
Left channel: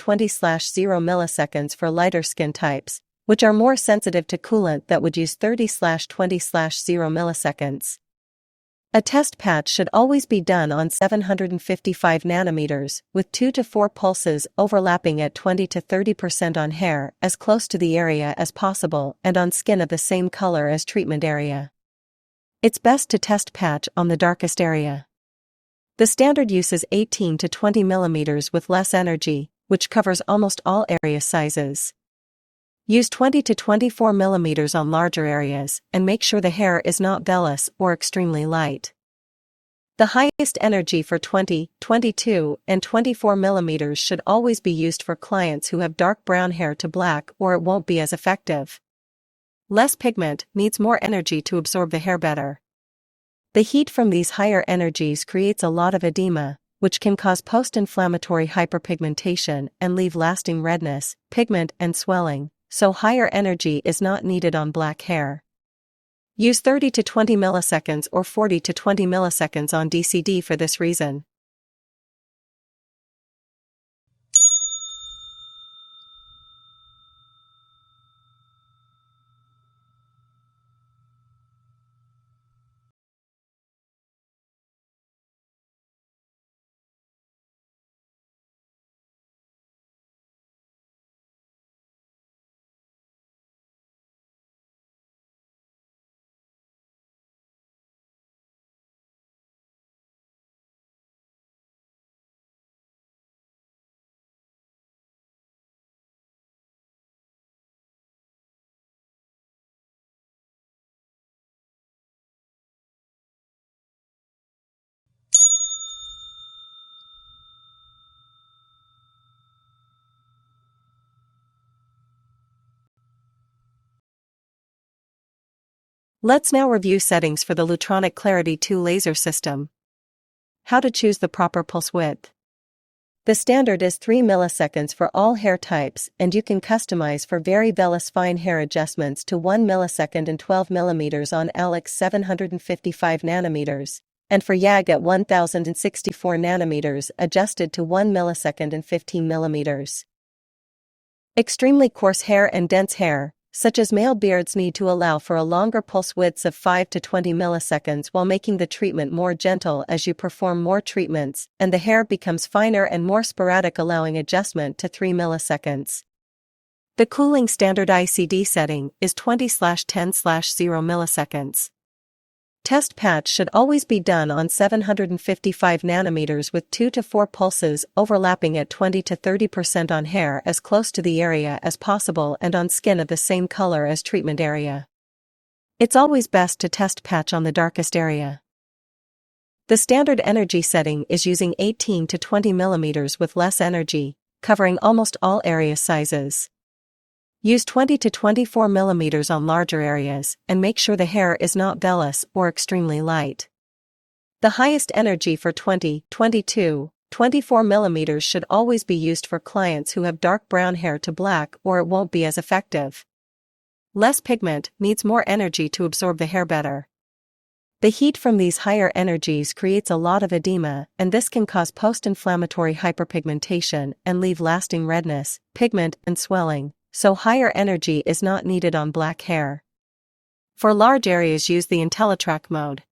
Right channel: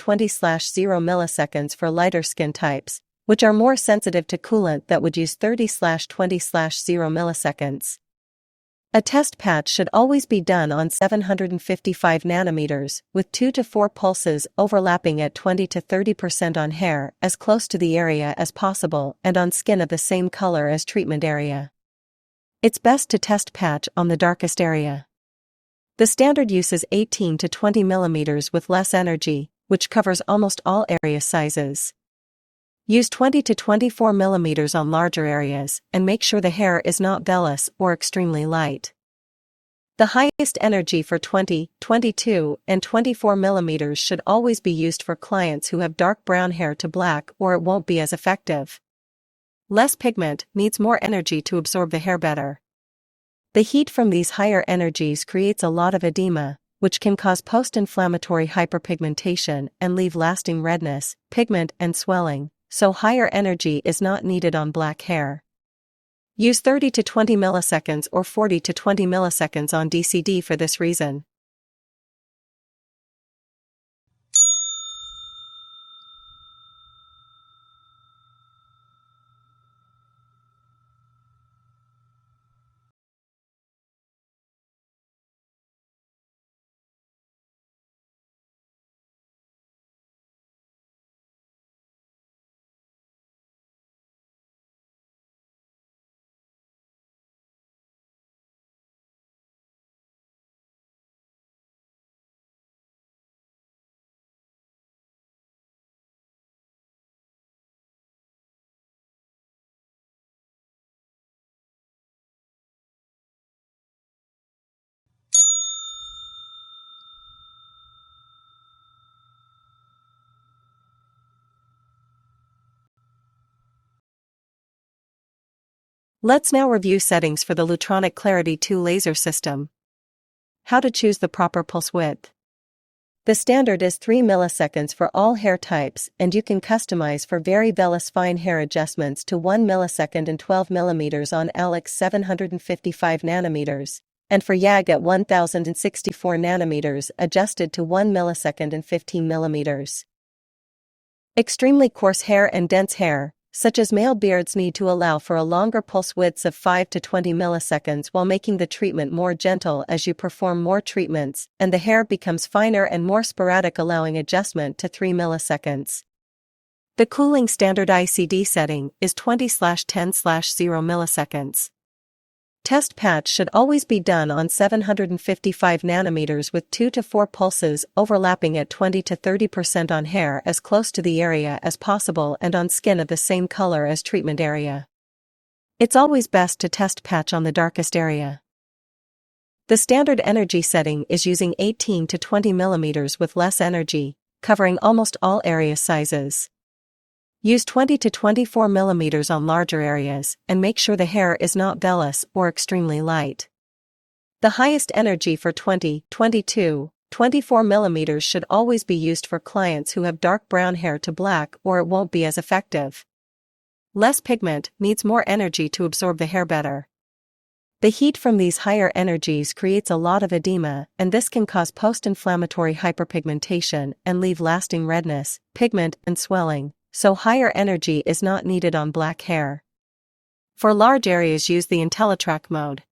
milliseconds for lighter skin types, which are more sensitive to coolant that would use 30/20/0 milliseconds. A test patch should always be done on 755 nanometers, with 2 to 4 pulses overlapping at 20 to 30% on hair as close to the area as possible and on skin of the same color as treatment area. It's best to test patch on the darkest area. The standard uses 18 to 20 millimeters with less energy, which covers almost all area sizes. Use 20 to 24 millimeters on larger areas and make sure the hair is not vellus or extremely light. The highest energy for 20, 22, and 24 millimeters should always be used for clients who have dark brown hair to black, or it won't be as effective. Less pigment needs more energy to absorb the hair better. The heat from these higher energies creates a lot of edema, which can cause post-inflammatory hyperpigmentation and leave lasting redness, pigment, and swelling, so higher energy is not needed on black hair. Use 30 to 20 milliseconds or 40 to 20 milliseconds on DCD for this reason. Let's now review settings for the Lutronic Clarity 2 laser system. How to choose the proper pulse width. The standard is 3 milliseconds for all hair types, and you can customize for very vellus fine hair adjustments to 1 millisecond and 12 millimeters on Alex 755 nanometers, and for YAG at 1064 nanometers adjusted to 1 millisecond and 15 millimeters. Extremely coarse hair and dense hair, such as male beards, need to allow for a longer pulse widths of 5 to 20 milliseconds while making the treatment more gentle as you perform more treatments, and the hair becomes finer and more sporadic, allowing adjustment to 3 milliseconds. The cooling standard ICD setting is 20/10/0 milliseconds. Test patch should always be done on 755 nanometers with 2 to 4 pulses overlapping at 20 to 30% on hair as close to the area as possible and on skin of the same color as treatment area. It's always best to test patch on the darkest area. The standard energy setting is using 18 to 20 millimeters with less energy, covering almost all area sizes. Use 20 to 24 millimeters on larger areas and make sure the hair is not vellus or extremely light. The highest energy for 20, 22, 24 millimeters should always be used for clients who have dark brown hair to black, or it won't be as effective. Less pigment needs more energy to absorb the hair better. The heat from these higher energies creates a lot of edema, and this can cause post-inflammatory hyperpigmentation and leave lasting redness, pigment, and swelling. So higher energy is not needed on black hair. For large areas, use the IntelliTrack mode.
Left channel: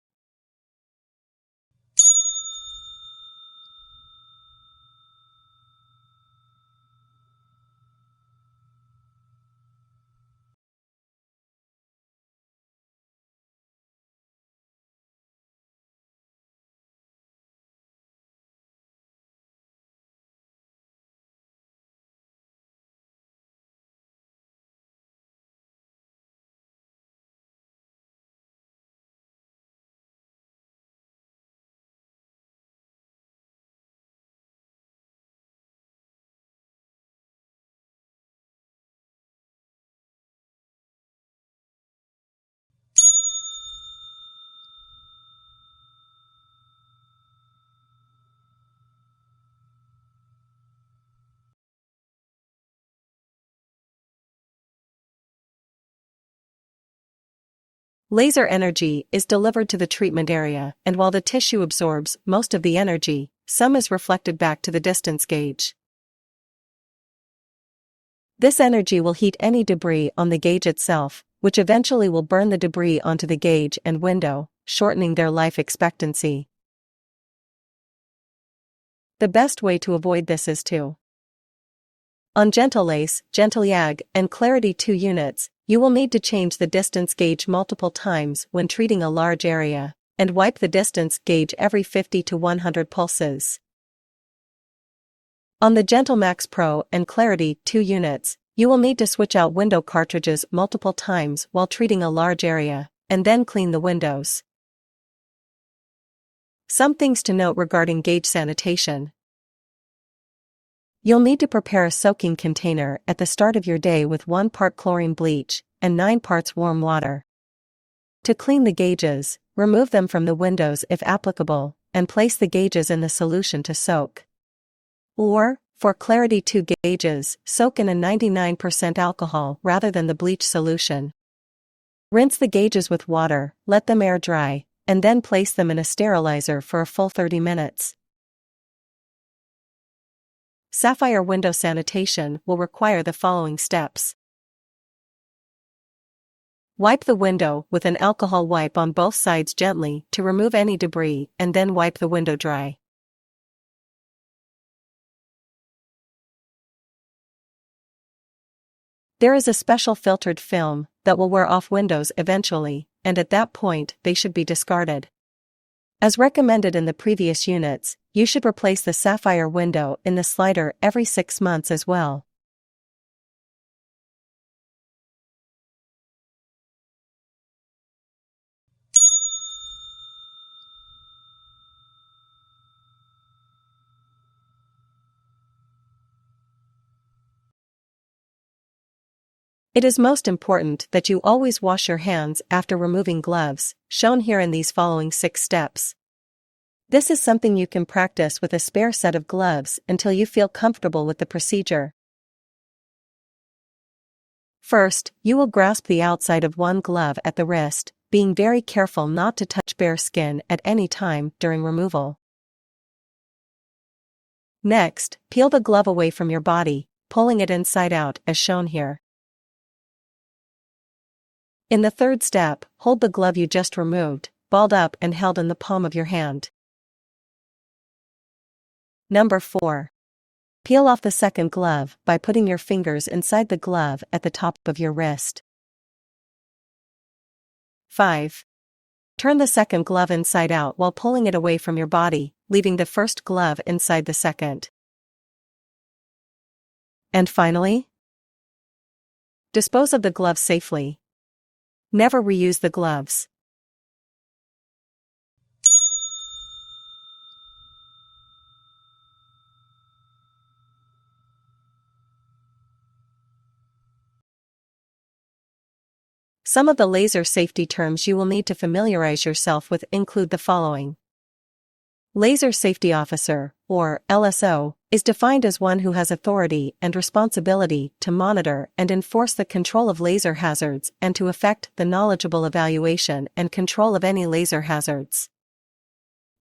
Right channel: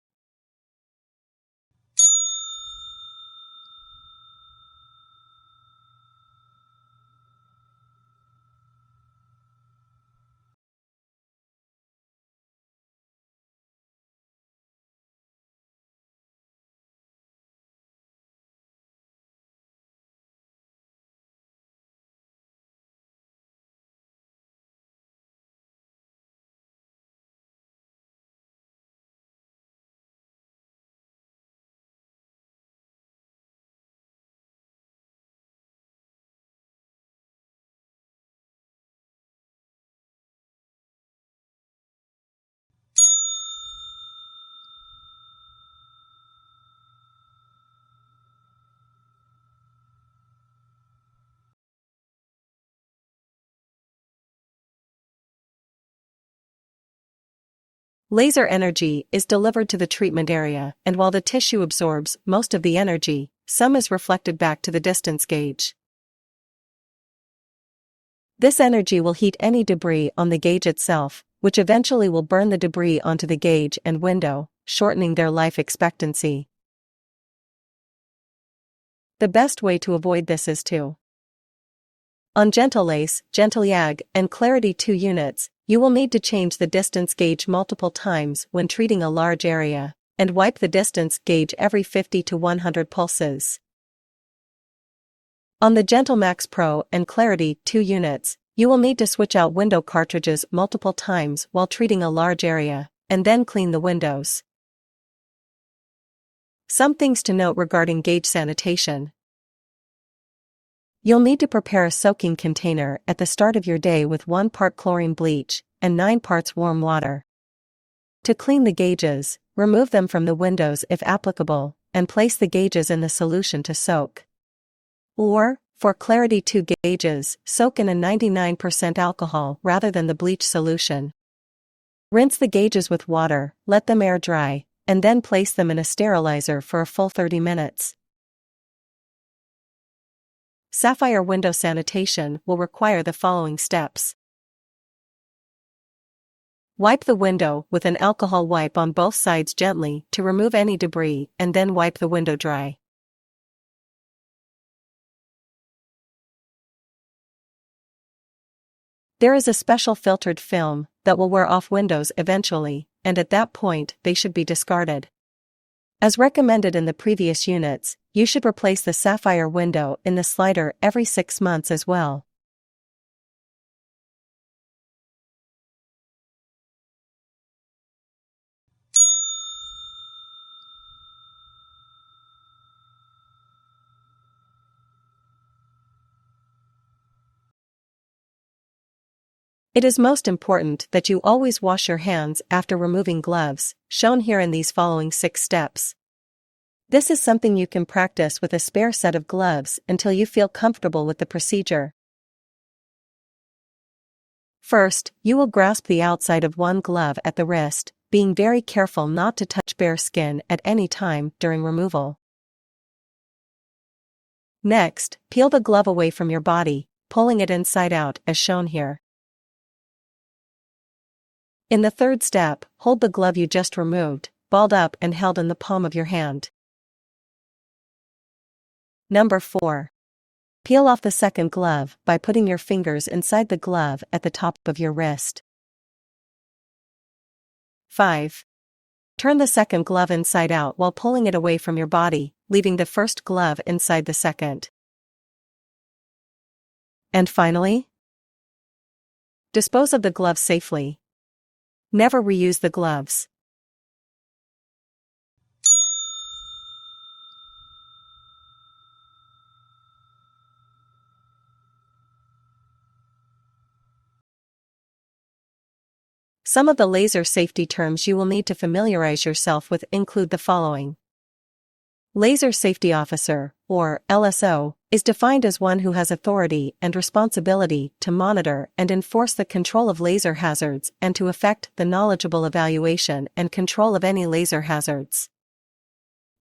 Laser energy is delivered to the treatment area, and while the tissue absorbs most of the energy, some is reflected back to the distance gauge. This energy will heat any debris on the gauge itself, which eventually will burn the debris onto the gauge and window, shortening their life expectancy. The best way to avoid this is to on Gentle Lace, Gentle YAG, and Clarity 2 units, you will need to change the distance gauge multiple times when treating a large area, and wipe the distance gauge every 50 to 100 pulses. On the Gentle Max Pro and Clarity 2 units, you will need to switch out window cartridges multiple times while treating a large area, and then clean the windows. Some things to note regarding gauge sanitation. You'll need to prepare a soaking container at the start of your day with 1 part chlorine bleach and 9 parts warm water. To clean the gauges, remove them from the windows if applicable, and place the gauges in the solution to soak. Or, for Clarity 2 gauges, soak in a 99% alcohol rather than the bleach solution. Rinse the gauges with water, let them air dry, and then place them in a sterilizer for a full 30 minutes. Sapphire window sanitation will require the following steps. Wipe the window with an alcohol wipe on both sides gently to remove any debris and then wipe the window dry. There is a special filtered film that will wear off windows eventually, and at that point they should be discarded. As recommended in the previous units, you should replace the sapphire window in the slider every 6 months as well. It is most important that you always wash your hands after removing gloves, shown here in these following 6 steps. This is something you can practice with a spare set of gloves until you feel comfortable with the procedure. First, you will grasp the outside of one glove at the wrist, being very careful not to touch bare skin at any time during removal. Next, peel the glove away from your body, pulling it inside out as shown here. In the third step, hold the glove you just removed, balled up and held in the palm of your hand. Number 4. Peel off the second glove by putting your fingers inside the glove at the top of your wrist. 5. Turn the second glove inside out while pulling it away from your body, leaving the first glove inside the second. And finally, dispose of the gloves safely. Never reuse the gloves. Some of the laser safety terms you will need to familiarize yourself with include the following. Laser Safety Officer, or LSO, is defined as one who has authority and responsibility to monitor and enforce the control of laser hazards and to effect the knowledgeable evaluation and control of any laser hazards.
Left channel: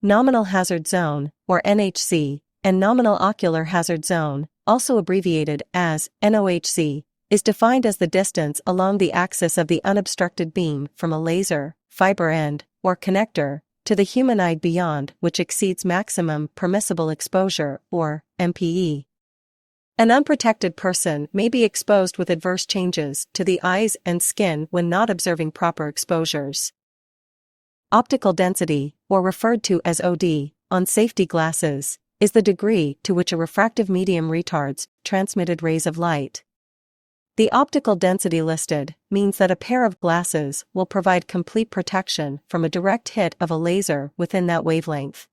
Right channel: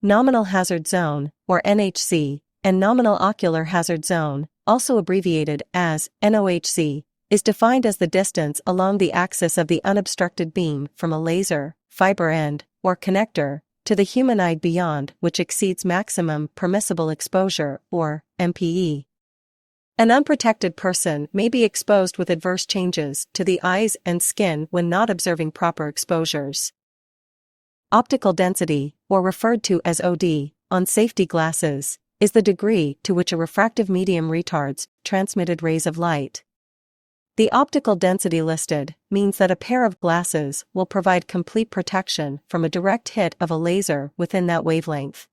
Nominal Hazard Zone, or NHZ, and Nominal Ocular Hazard Zone, also abbreviated as NOHZ, is defined as the distance along the axis of the unobstructed beam from a laser, fiber end, or connector, to the human eye beyond which exceeds maximum permissible exposure, or MPE. An unprotected person may be exposed with adverse changes to the eyes and skin when not observing proper exposures. Optical density, or referred to as OD, on safety glasses, is the degree to which a refractive medium retards transmitted rays of light. The optical density listed means that a pair of glasses will provide complete protection from a direct hit of a laser within that wavelength.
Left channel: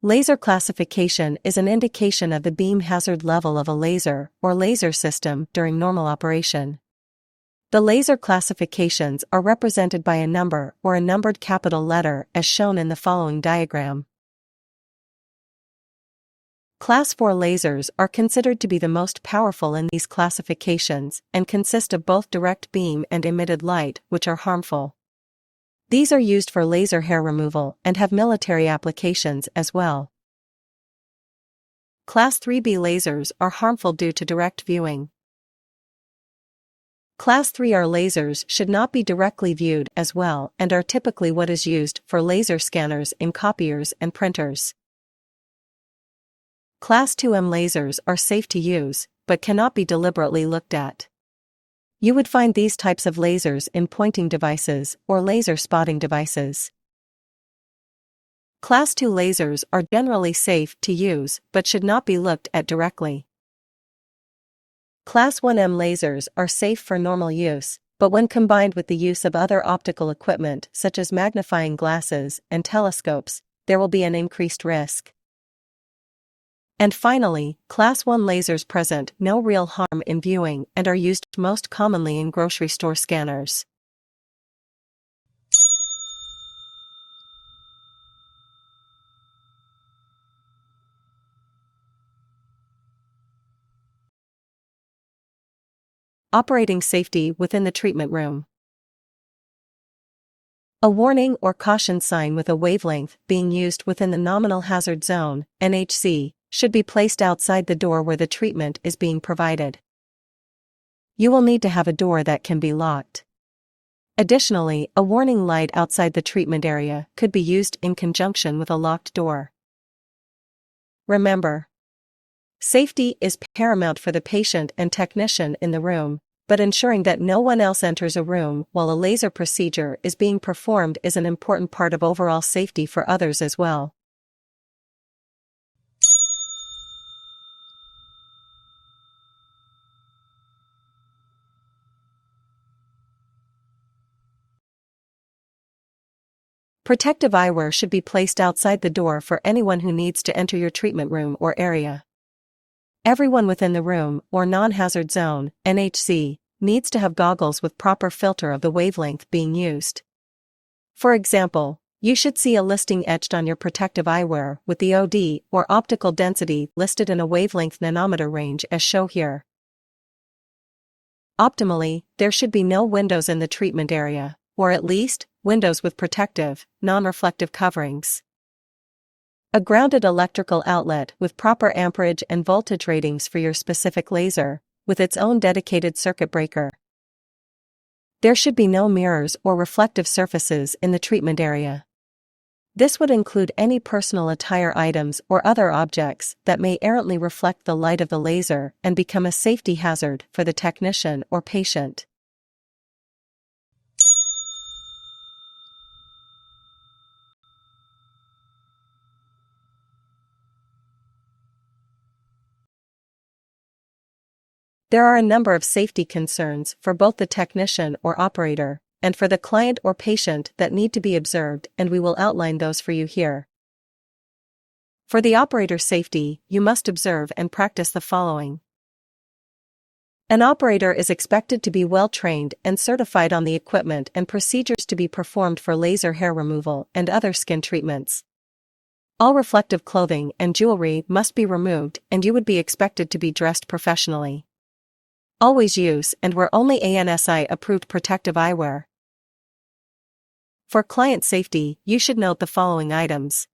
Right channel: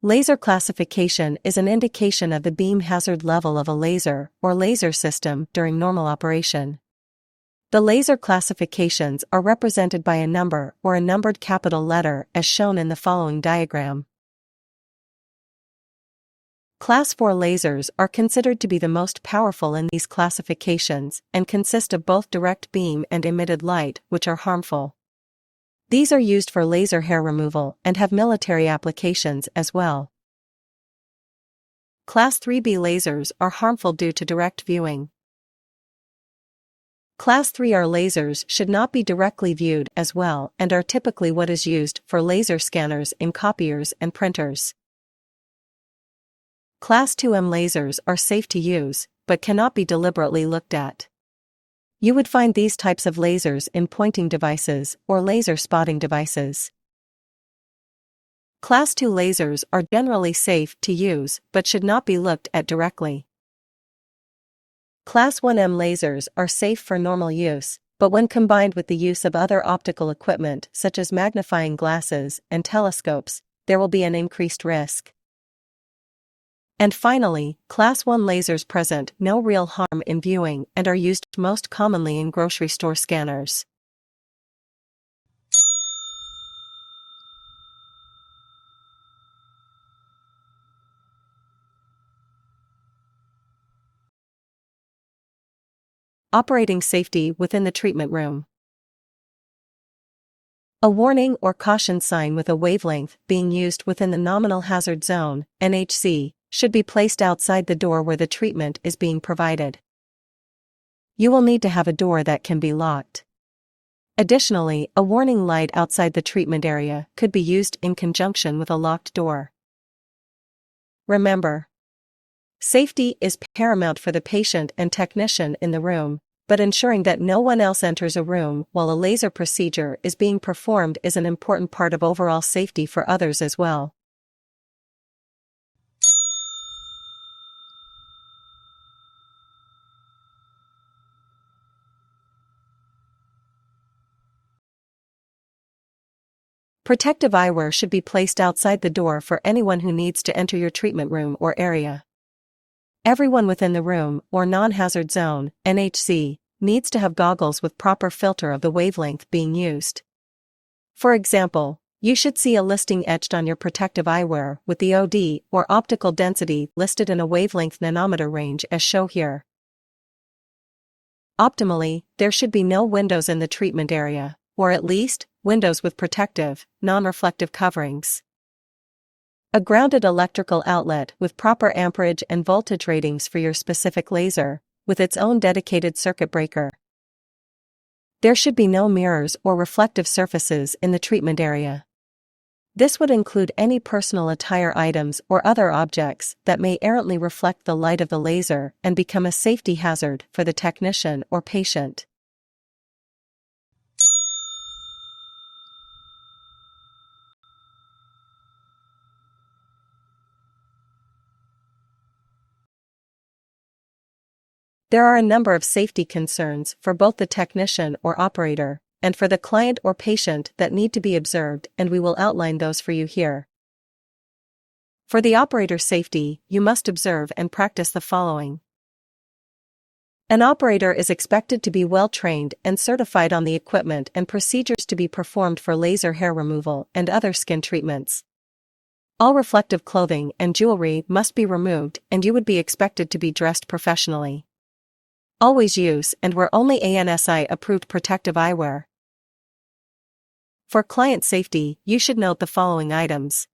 Laser classification is an indication of the beam hazard level of a laser or laser system during normal operation. The laser classifications are represented by a number or a numbered capital letter as shown in the following diagram. Class 4 lasers are considered to be the most powerful in these classifications and consist of both direct beam and emitted light, which are harmful. These are used for laser hair removal and have military applications as well. Class 3B lasers are harmful due to direct viewing. Class 3R lasers should not be directly viewed as well and are typically what is used for laser scanners in copiers and printers. Class 2M lasers are safe to use, but cannot be deliberately looked at. You would find these types of lasers in pointing devices or laser spotting devices. Class 2 lasers are generally safe to use but should not be looked at directly. Class 1M lasers are safe for normal use, but when combined with the use of other optical equipment such as magnifying glasses and telescopes, there will be an increased risk. And finally, Class 1 lasers present no real harm in viewing and are used most commonly in grocery store scanners. Operating safety within the treatment room. A warning or caution sign with a wavelength being used within the nominal hazard zone, NHZ, should be placed outside the door where the treatment is being provided. You will need to have a door that can be locked. Additionally, a warning light outside the treatment area could be used in conjunction with a locked door. Remember, safety is paramount for the patient and technician in the room, but ensuring that no one else enters a room while a laser procedure is being performed is an important part of overall safety for others as well. Protective eyewear should be placed outside the door for anyone who needs to enter your treatment room or area. Everyone within the room or non-hazard zone, NHZ, needs to have goggles with proper filter of the wavelength being used. For example, you should see a listing etched on your protective eyewear with the OD or optical density listed in a wavelength nanometer range as shown here. Optimally, there should be no windows in the treatment area, or at least, windows with protective, non-reflective coverings. A grounded electrical outlet with proper amperage and voltage ratings for your specific laser, with its own dedicated circuit breaker. There should be no mirrors or reflective surfaces in the treatment area. This would include any personal attire items or other objects that may errantly reflect the light of the laser and become a safety hazard for the technician or patient. There are a number of safety concerns for both the technician or operator, and for the client or patient that need to be observed, and we will outline those for you here. For the operator's safety, you must observe and practice the following. An operator is expected to be well trained and certified on the equipment and procedures to be performed for laser hair removal and other skin treatments. All reflective clothing and jewelry must be removed, and you would be expected to be dressed professionally. Always use and wear only ANSI-approved protective eyewear. For client safety, you should note the following items.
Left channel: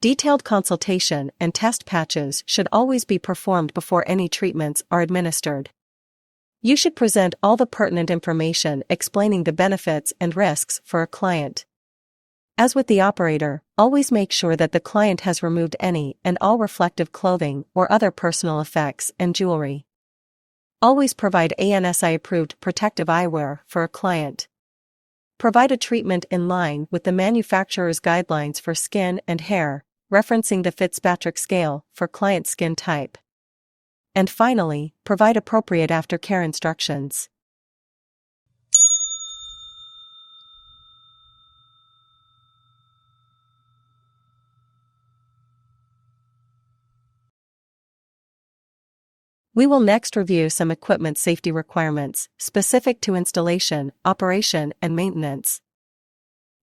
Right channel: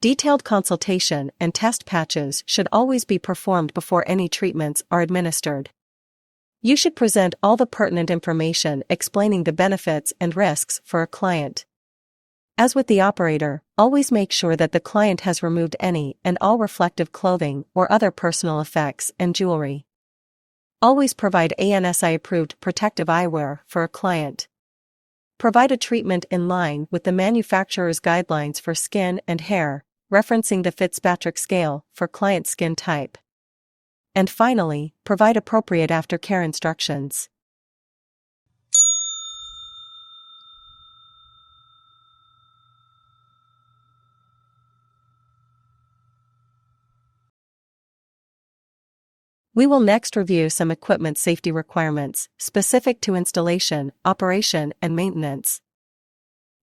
Detailed consultation and test patches should always be performed before any treatments are administered. You should present all the pertinent information explaining the benefits and risks for a client. As with the operator, always make sure that the client has removed any and all reflective clothing or other personal effects and jewelry. Always provide ANSI-approved protective eyewear for a client. Provide a treatment in line with the manufacturer's guidelines for skin and hair, referencing the Fitzpatrick scale for client skin type. And finally, provide appropriate aftercare instructions. We will next review some equipment safety requirements specific to installation, operation, and maintenance.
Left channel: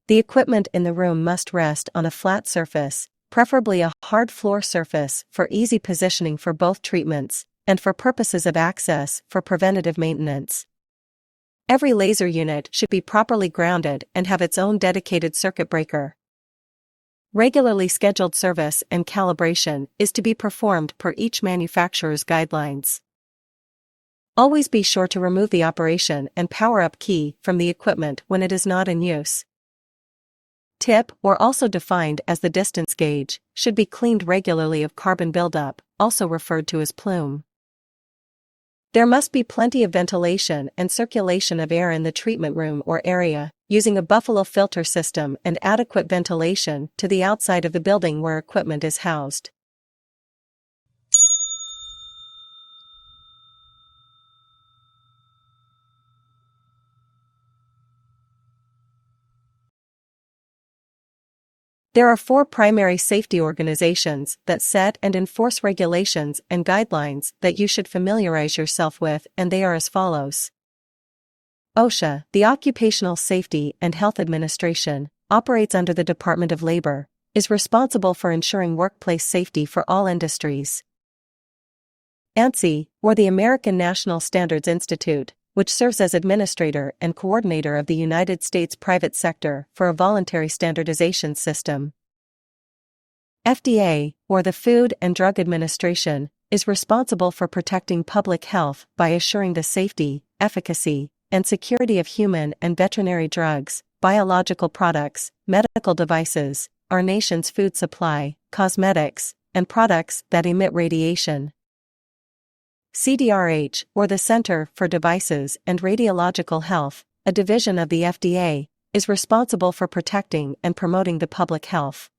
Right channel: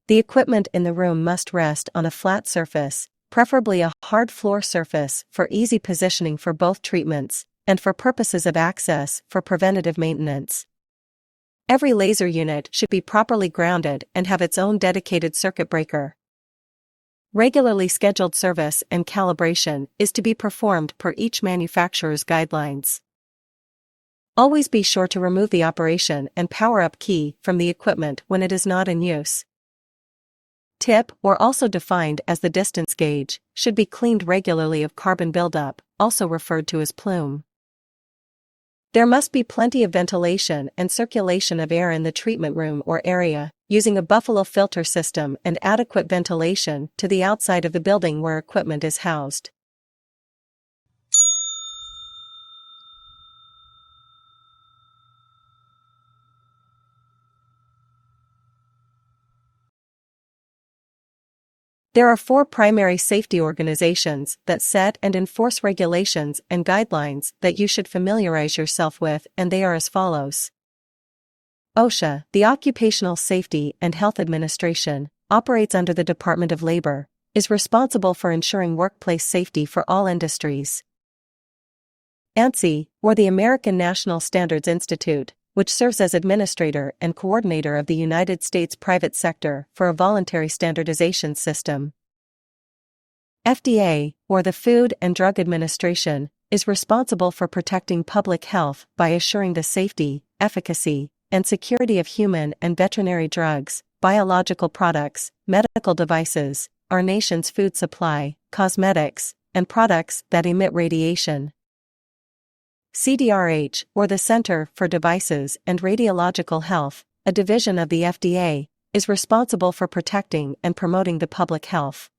The equipment in the room must rest on a flat surface, preferably a hard floor surface for easy positioning for both treatments, and for purposes of access for preventative maintenance. Every laser unit should be properly grounded and have its own dedicated circuit breaker. Regularly scheduled service and calibration is to be performed per each manufacturer's guidelines. Always be sure to remove the operation and power-up key from the equipment when it is not in use. Tip, or also defined as the distance gauge, should be cleaned regularly of carbon buildup, also referred to as plume. There must be plenty of ventilation and circulation of air in the treatment room or area, using a buffalo filter system and adequate ventilation to the outside of the building where equipment is housed. There are 4 primary safety organizations that set and enforce regulations and guidelines that you should familiarize yourself with, and they are as follows. OSHA, the Occupational Safety and Health Administration, operates under the Department of Labor, is responsible for ensuring workplace safety for all industries. ANSI, or the American National Standards Institute, which serves as administrator and coordinator of the United States private sector for a voluntary standardization system. FDA, or the Food and Drug Administration, is responsible for protecting public health by assuring the safety, efficacy, and security of human and veterinary drugs, biological products, medical devices, our nation's food supply, cosmetics, and products that emit radiation. CDRH, or the Center for Devices and Radiological Health, a division of the FDA, is responsible for protecting and promoting the public health.